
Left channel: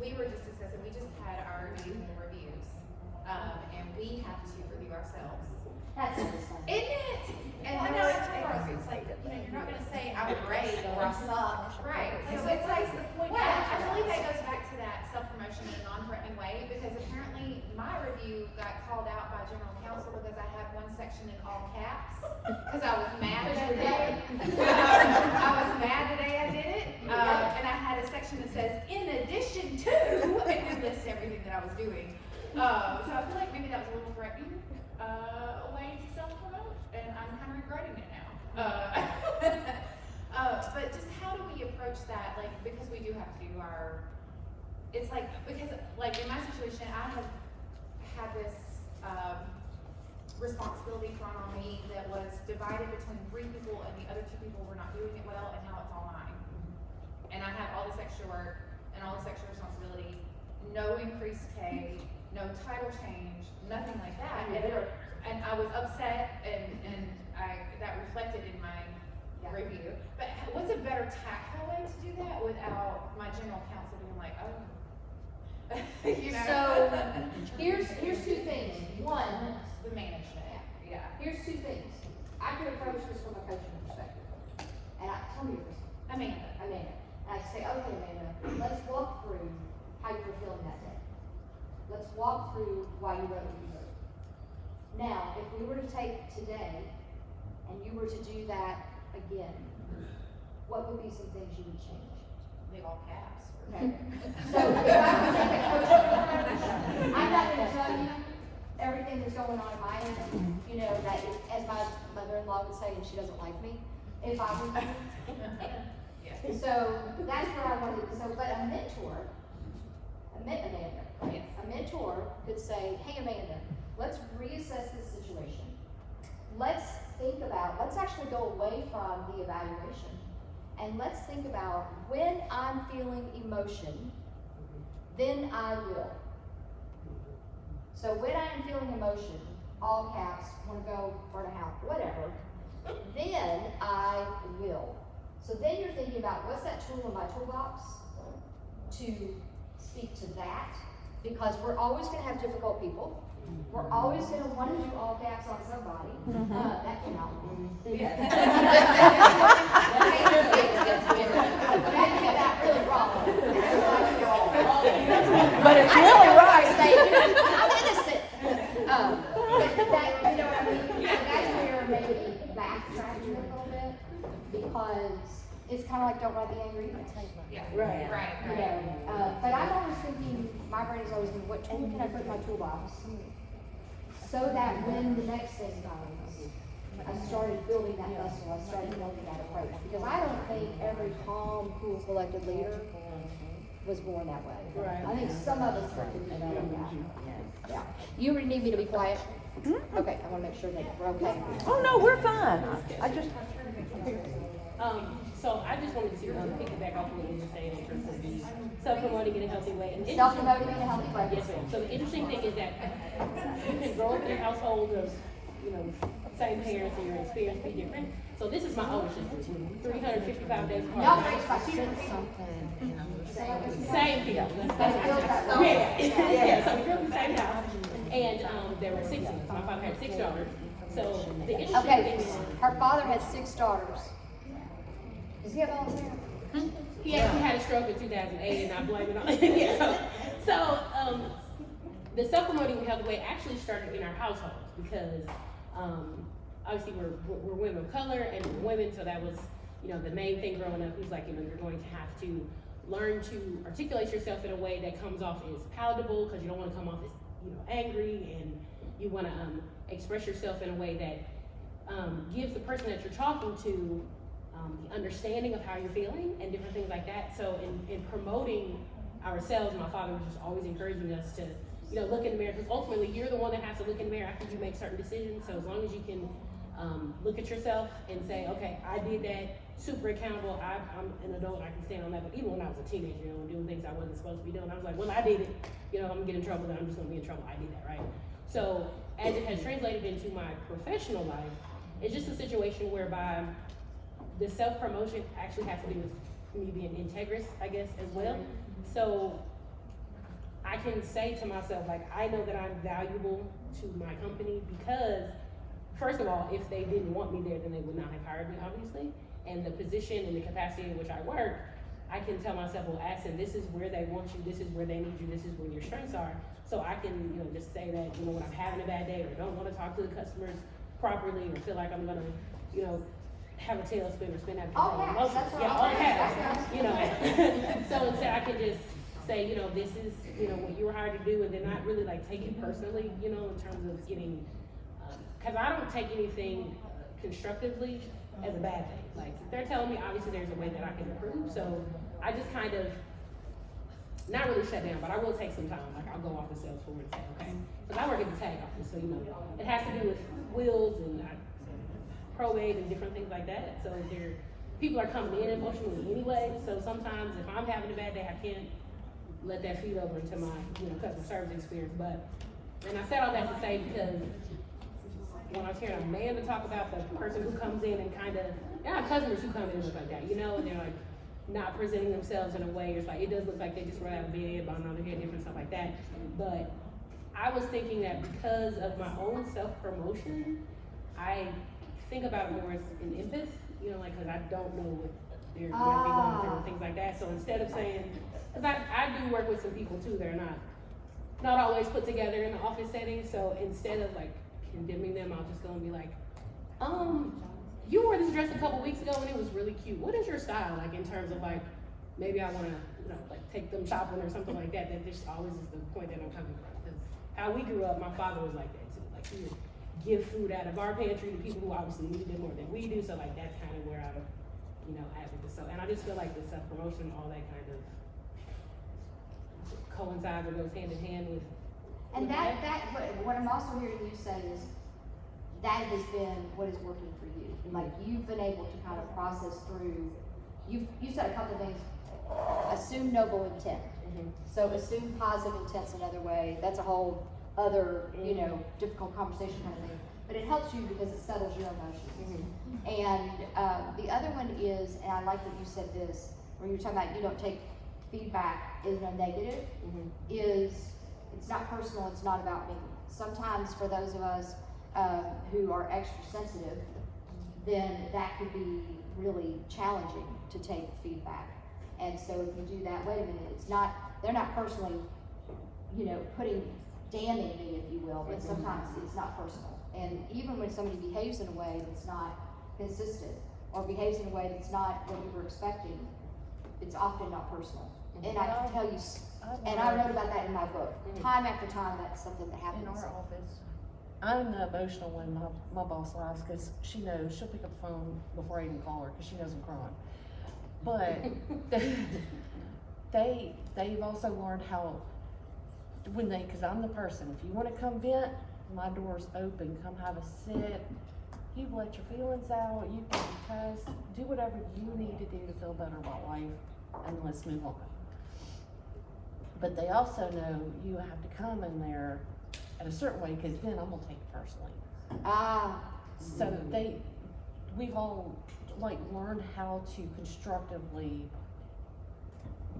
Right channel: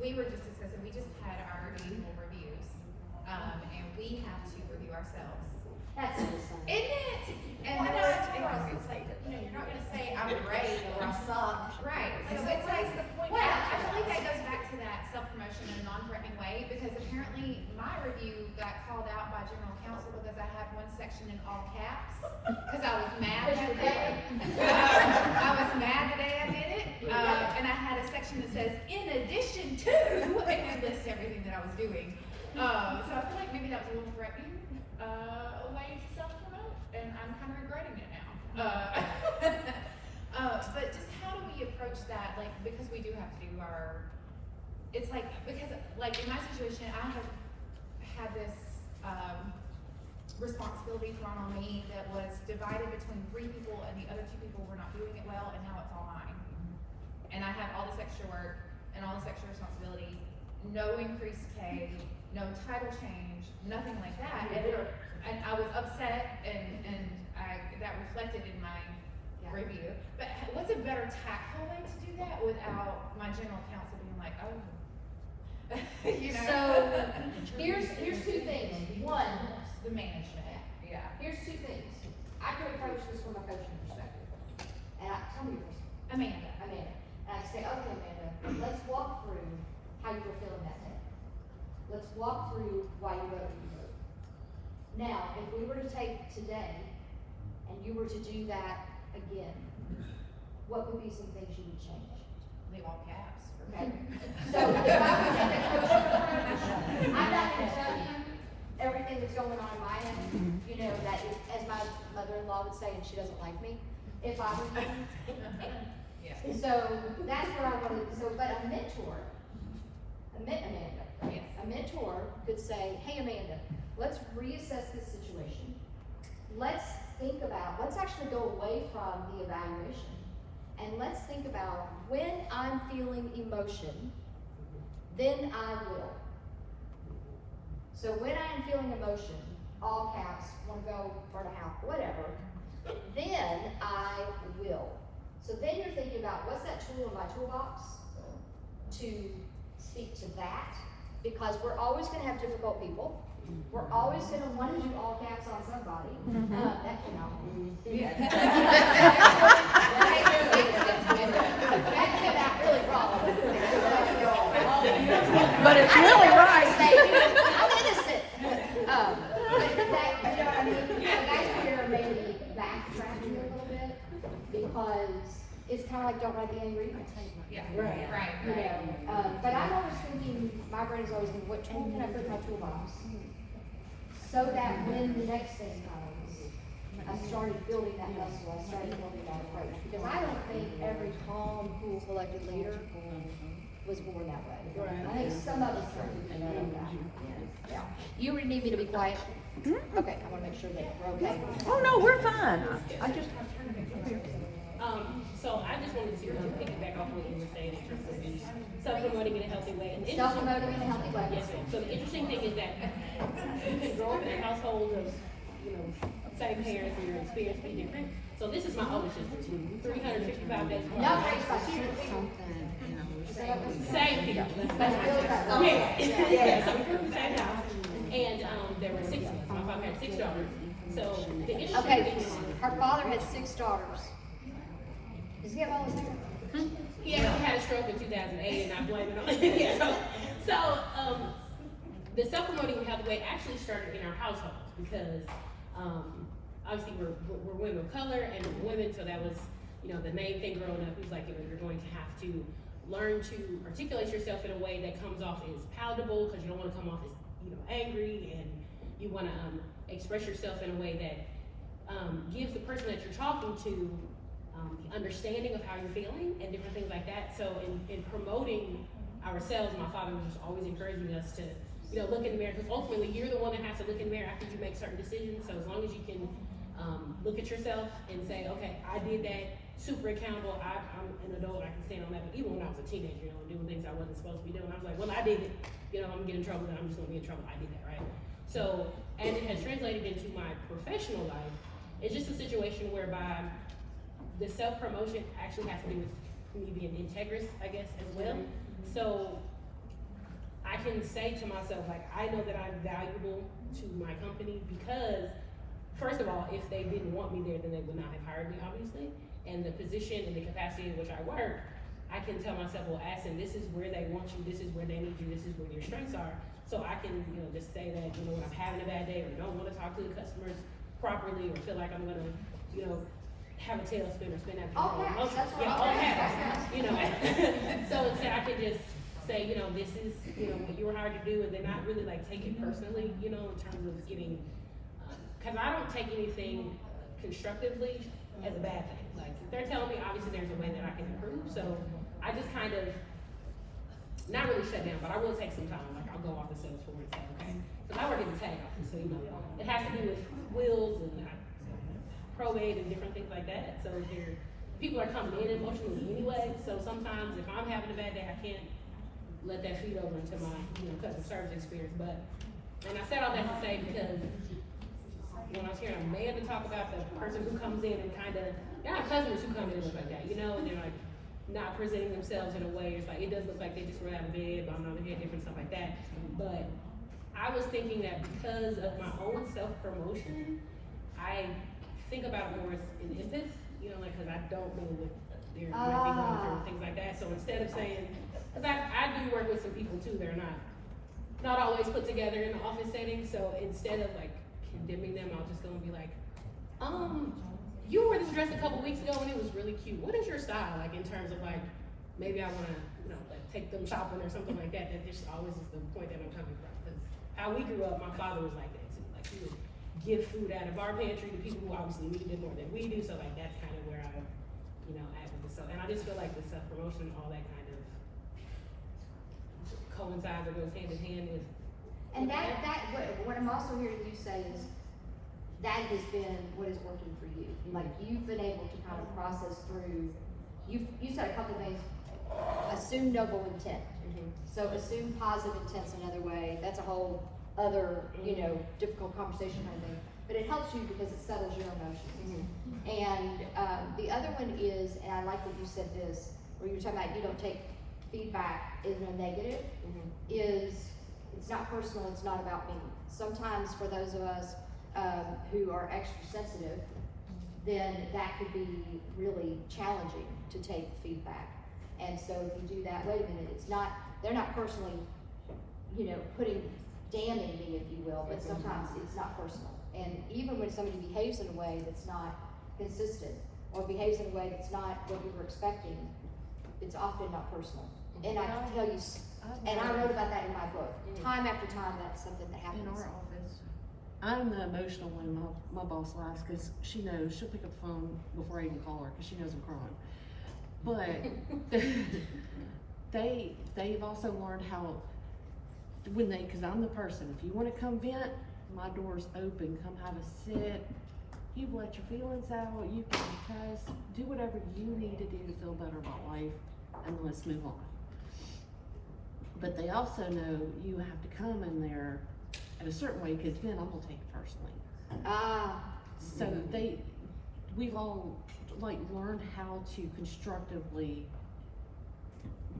We were just discussing, we just had our annual reviews, and we have to review ourselves. That's satisfying. Isn't it? And Well, I know it's it's hard, it's like, you're not gonna say I'm great or I suck. right. So So it's it's like, the point. well, I feel like that goes back to that self-promotion in a non-threatening way, because apparently my review got called out by general counsel because I had one section in all caps, because I was mad that day. I was mad the day I did it, and I had a section that says, "in addition to," and you list everything that I was doing. So I feel like maybe that was a little threatening, way to self-promote, and I'm kind of regretting it now. But just how do we approach that? Like, because we do have to do it's like, because like in my situation, I have had this, responsibility thrown on me that was divided between 3 people, and the other 2 people were not doing it well, and now it's all mine. And I have all this extra work and all this extra responsibility, no increased pay, no title change, nothing like that. And I was upset, and that reflected in my review. But what's a better tactful way way to do that without my general counsel being like, oh. You know? So, here's two things. One, The management, yeah. here's two things. I can approach this from a coaching perspective. And tell me yours. Amanda. Amanda. And I say, okay, Amanda, let's walk through how you were feeling that day. Let's walk through why you wrote what you wrote. Now, if we were to take today and you were to do that again, what would be some things you would change? The all caps. Okay. So if I were to take a coaching approach, I'm not gonna tell you everything that's going on my end, you know, that is, as my mother-in-law would say, and she doesn't like me, if I were Yeah. So that's what I wanted, but a mentor, Amanda, Yes. a mentor could say, hey Amanda, let's reassess this situation. Let's think about, let's actually go away from the evaluation. And let's think about when I'm feeling emotion, then I will. So when I am feeling emotion, all caps, wanna go burn a house, whatever, then I will. So then you're thinking about what's that tool in my toolbox to speak to that, because we're always gonna have difficult people. We're always gonna want to do all caps on somebody. That can help. That came out really wrong. I don't know what I say. I'm innocent. But that, you know what I mean? That's where maybe backtrack a little bit, because it's kind of like don't write the angry email. Yeah. Right. You know, but I'm always thinking, my brain is always thinking, what tool can I put in my toolbox? So that when the next thing comes, I started building that muscle, I started building that approach. Because I don't think every calm, cool, collected leader was born that way. Right. I think some of us are thinking that. Yeah. You would need me to be quiet? Okay, I wanna make sure that we're okay. Oh, no, we're fine. I just, So I just wanted to piggyback off what you were saying in terms of the self-promoting in a healthy way. And Self-promoting in a healthy way. Yes, ma'am. So the interesting thing is that you can grow up in a household of, same parents and your experience be different. So this is my older sister, 355 days apart. Not raised by children. Same here. But still that way. Yeah, so we grew up in the same house, and there were 6 of us. My father had 6 daughters. So the interesting thing Okay, is, her father had 6 daughters. Does he have all his hair? he actually had a stroke in 2008, and I blame it on So the self-promoting in a healthy way actually started in our household because obviously we're women of color and women, so that was the main thing growing up. He's like, you're going to have to learn to articulate yourself in a way that comes off as palatable, because you don't want to come off as angry, and you want to express yourself in a way that gives the person that you're talking to the understanding of how you're feeling and different things like that. So in promoting ourselves, my father was just always encouraging us to look in the mirror, because ultimately you're the one that has to look in the mirror after you make certain decisions. So as long as you can look at yourself and say, okay, I did that, super accountable, I'm an adult, I can stand on that. But even when I was a teenager, and doing things I wasn't supposed to be doing, I was like, well, I did it, I'm gonna get in trouble, then I'm just gonna be in trouble. I did that, right? So as it has translated into my professional life, it's just a situation whereby the self-promotion actually has to do with me being integrous, I guess, as well. So I can say to myself, like, I know that I'm valuable to my company because, first of all, if they didn't want me there, then they would not have hired me, obviously. And the position and the capacity in which I work, I can tell myself, well, Ashton, this is where they want you, this is where they need you, this is where your strengths are. So I can, just say that, when I'm having a bad day or don't want to talk to the customers properly or feel like I'm gonna, have a tailspin or spin out the All caps, that's what all all caps, caps. So instead I can just say, this is, what you were hired to do, and then not really like take it personally, in terms of getting, cause I don't take anything constructively as a bad thing. Like, if they're telling me, obviously there's a way that I can improve, so I just kind of, not really shut down, but I will take some time, like I'll go off the sales floor and say, okay, cause I work in the tag office, so it has to do with wills and probate and different things like that, so people are coming in emotionally anyway, so sometimes if I'm having a bad day, I can't let that feed over into my, customer service experience. And I said all that to say because when I was hearing Amanda talk about the person who comes in and kind of, there are customers who come in like that, and they're like not presenting themselves in a way, it's like, it does look like they just rolled out of bed, bombed on their head, different stuff like that. But I was thinking that because of my own self-promotion, I think about more in empath, you know, like, cause I don't know what they're gonna be going through and things like that. So instead of saying, cause I do work with some people too, they're not always put together in the office setting. So instead of like condemning them, I'll just go and be like, you wore this dress a couple weeks ago and it was really cute. What is your style? Like in terms of like, maybe I wanna, you know, like take them shopping or something like that. That just always is the point that I'm talking about. Cause how we grew up, my father was like that too. Like he would give food out of our pantry to people who obviously needed it more than we do. So like that's kind of where I'm, you know, at with this. So, and I just feel like the self-promotion, all that kind of coincides or goes hand in hand with. And what I'm also hearing you say is, that has been what is working for you. Like you've been able to kind of process through, you said a couple of things, assume noble intent. So assume positive intent's another way. That's a whole other, you know, difficult conversation kind of thing. But it helps you because it settles your emotions. And the other one is, and I like that you said this, where you were talking about you don't take feedback is no negative, is it's not personal, it's not about me. Sometimes for those of us who are extra sensitive, then that could be really challenging to take feedback. And so if you do that, wait a minute, they're not personally, you know, damning me, if you will, but sometimes it's not personal. And even when somebody behaves in a way that's not consistent, or behaves in a way that's not what you were expecting, it's often not personal. And I can tell you, and I wrote about that in my book. Time after time, that's something that happens. In our office, I'm the emotional one. My boss lies because she knows she'll pick up the phone before I even call her because she knows I'm crying. But they've also learned how because I'm the person. If you want to come vent, my door's open. Come have a sit. You let your feelings out. You can cuss. Do whatever you need to do to feel better about life, and let's move on. But they also know you have to come in there in a certain way because then I'm gonna take it personally. So we've all like learned how to constructively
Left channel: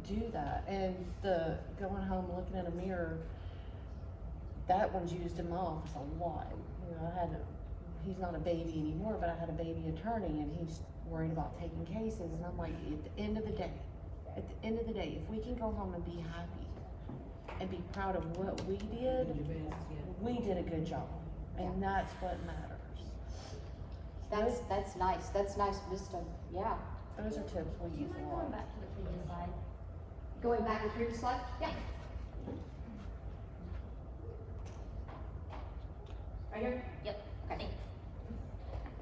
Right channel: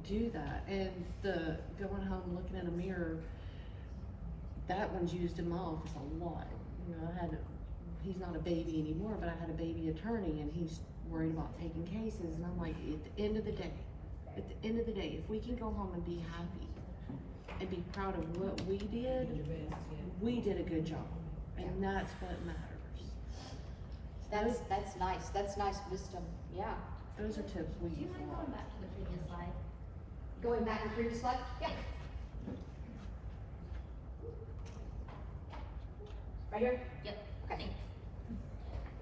do that. And the going home looking in a mirror, that one's used in my office a lot. You know, he's not a baby anymore, but I had a baby attorney and he's worried about taking cases, and I'm like, at the end of the day, if we can go home and be happy and be proud of what we did, we did a good job, and that's what matters. That's nice. That's nice wisdom. Yeah. Those are tips we use a lot. Back to the previous slide. Going back to the previous slide? Yeah. Right here? Yep. Okay.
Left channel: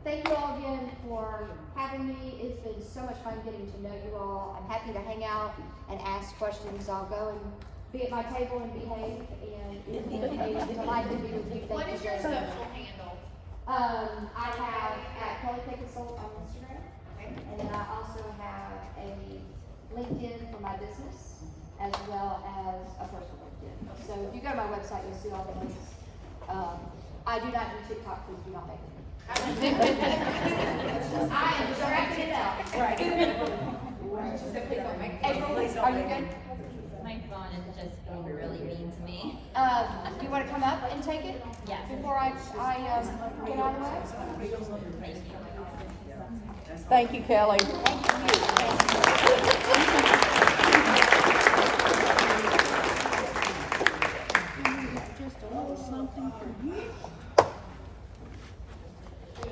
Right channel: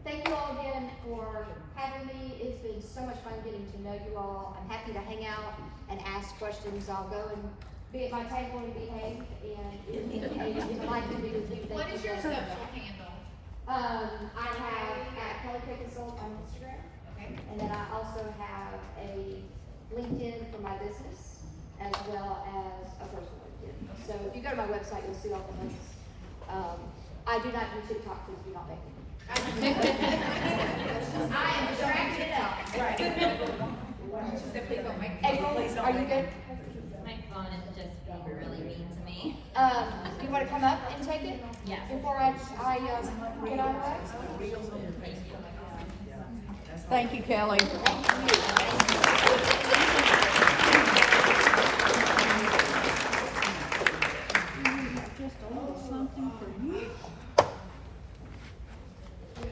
Thank you all again for having me. It's been so much fun getting to know you all. I'm happy to hang out and ask questions. I'll go and be at my table and behave, and if you like to be with me, What thank is you your very social much. handle? I have at Kelly K Consult on Instagram, Okay. and then I also have a LinkedIn for my business, as well as a personal LinkedIn. So if you go to my website, you'll see all the links. I do not do TikTok, please do not make me. I am dragging it out. Right. She said, please don't make me. April, are you good? My phone is just being really mean to me. You wanna come up and take it? Yes. Before I get on the way? Thank you, Kelly. Thank you.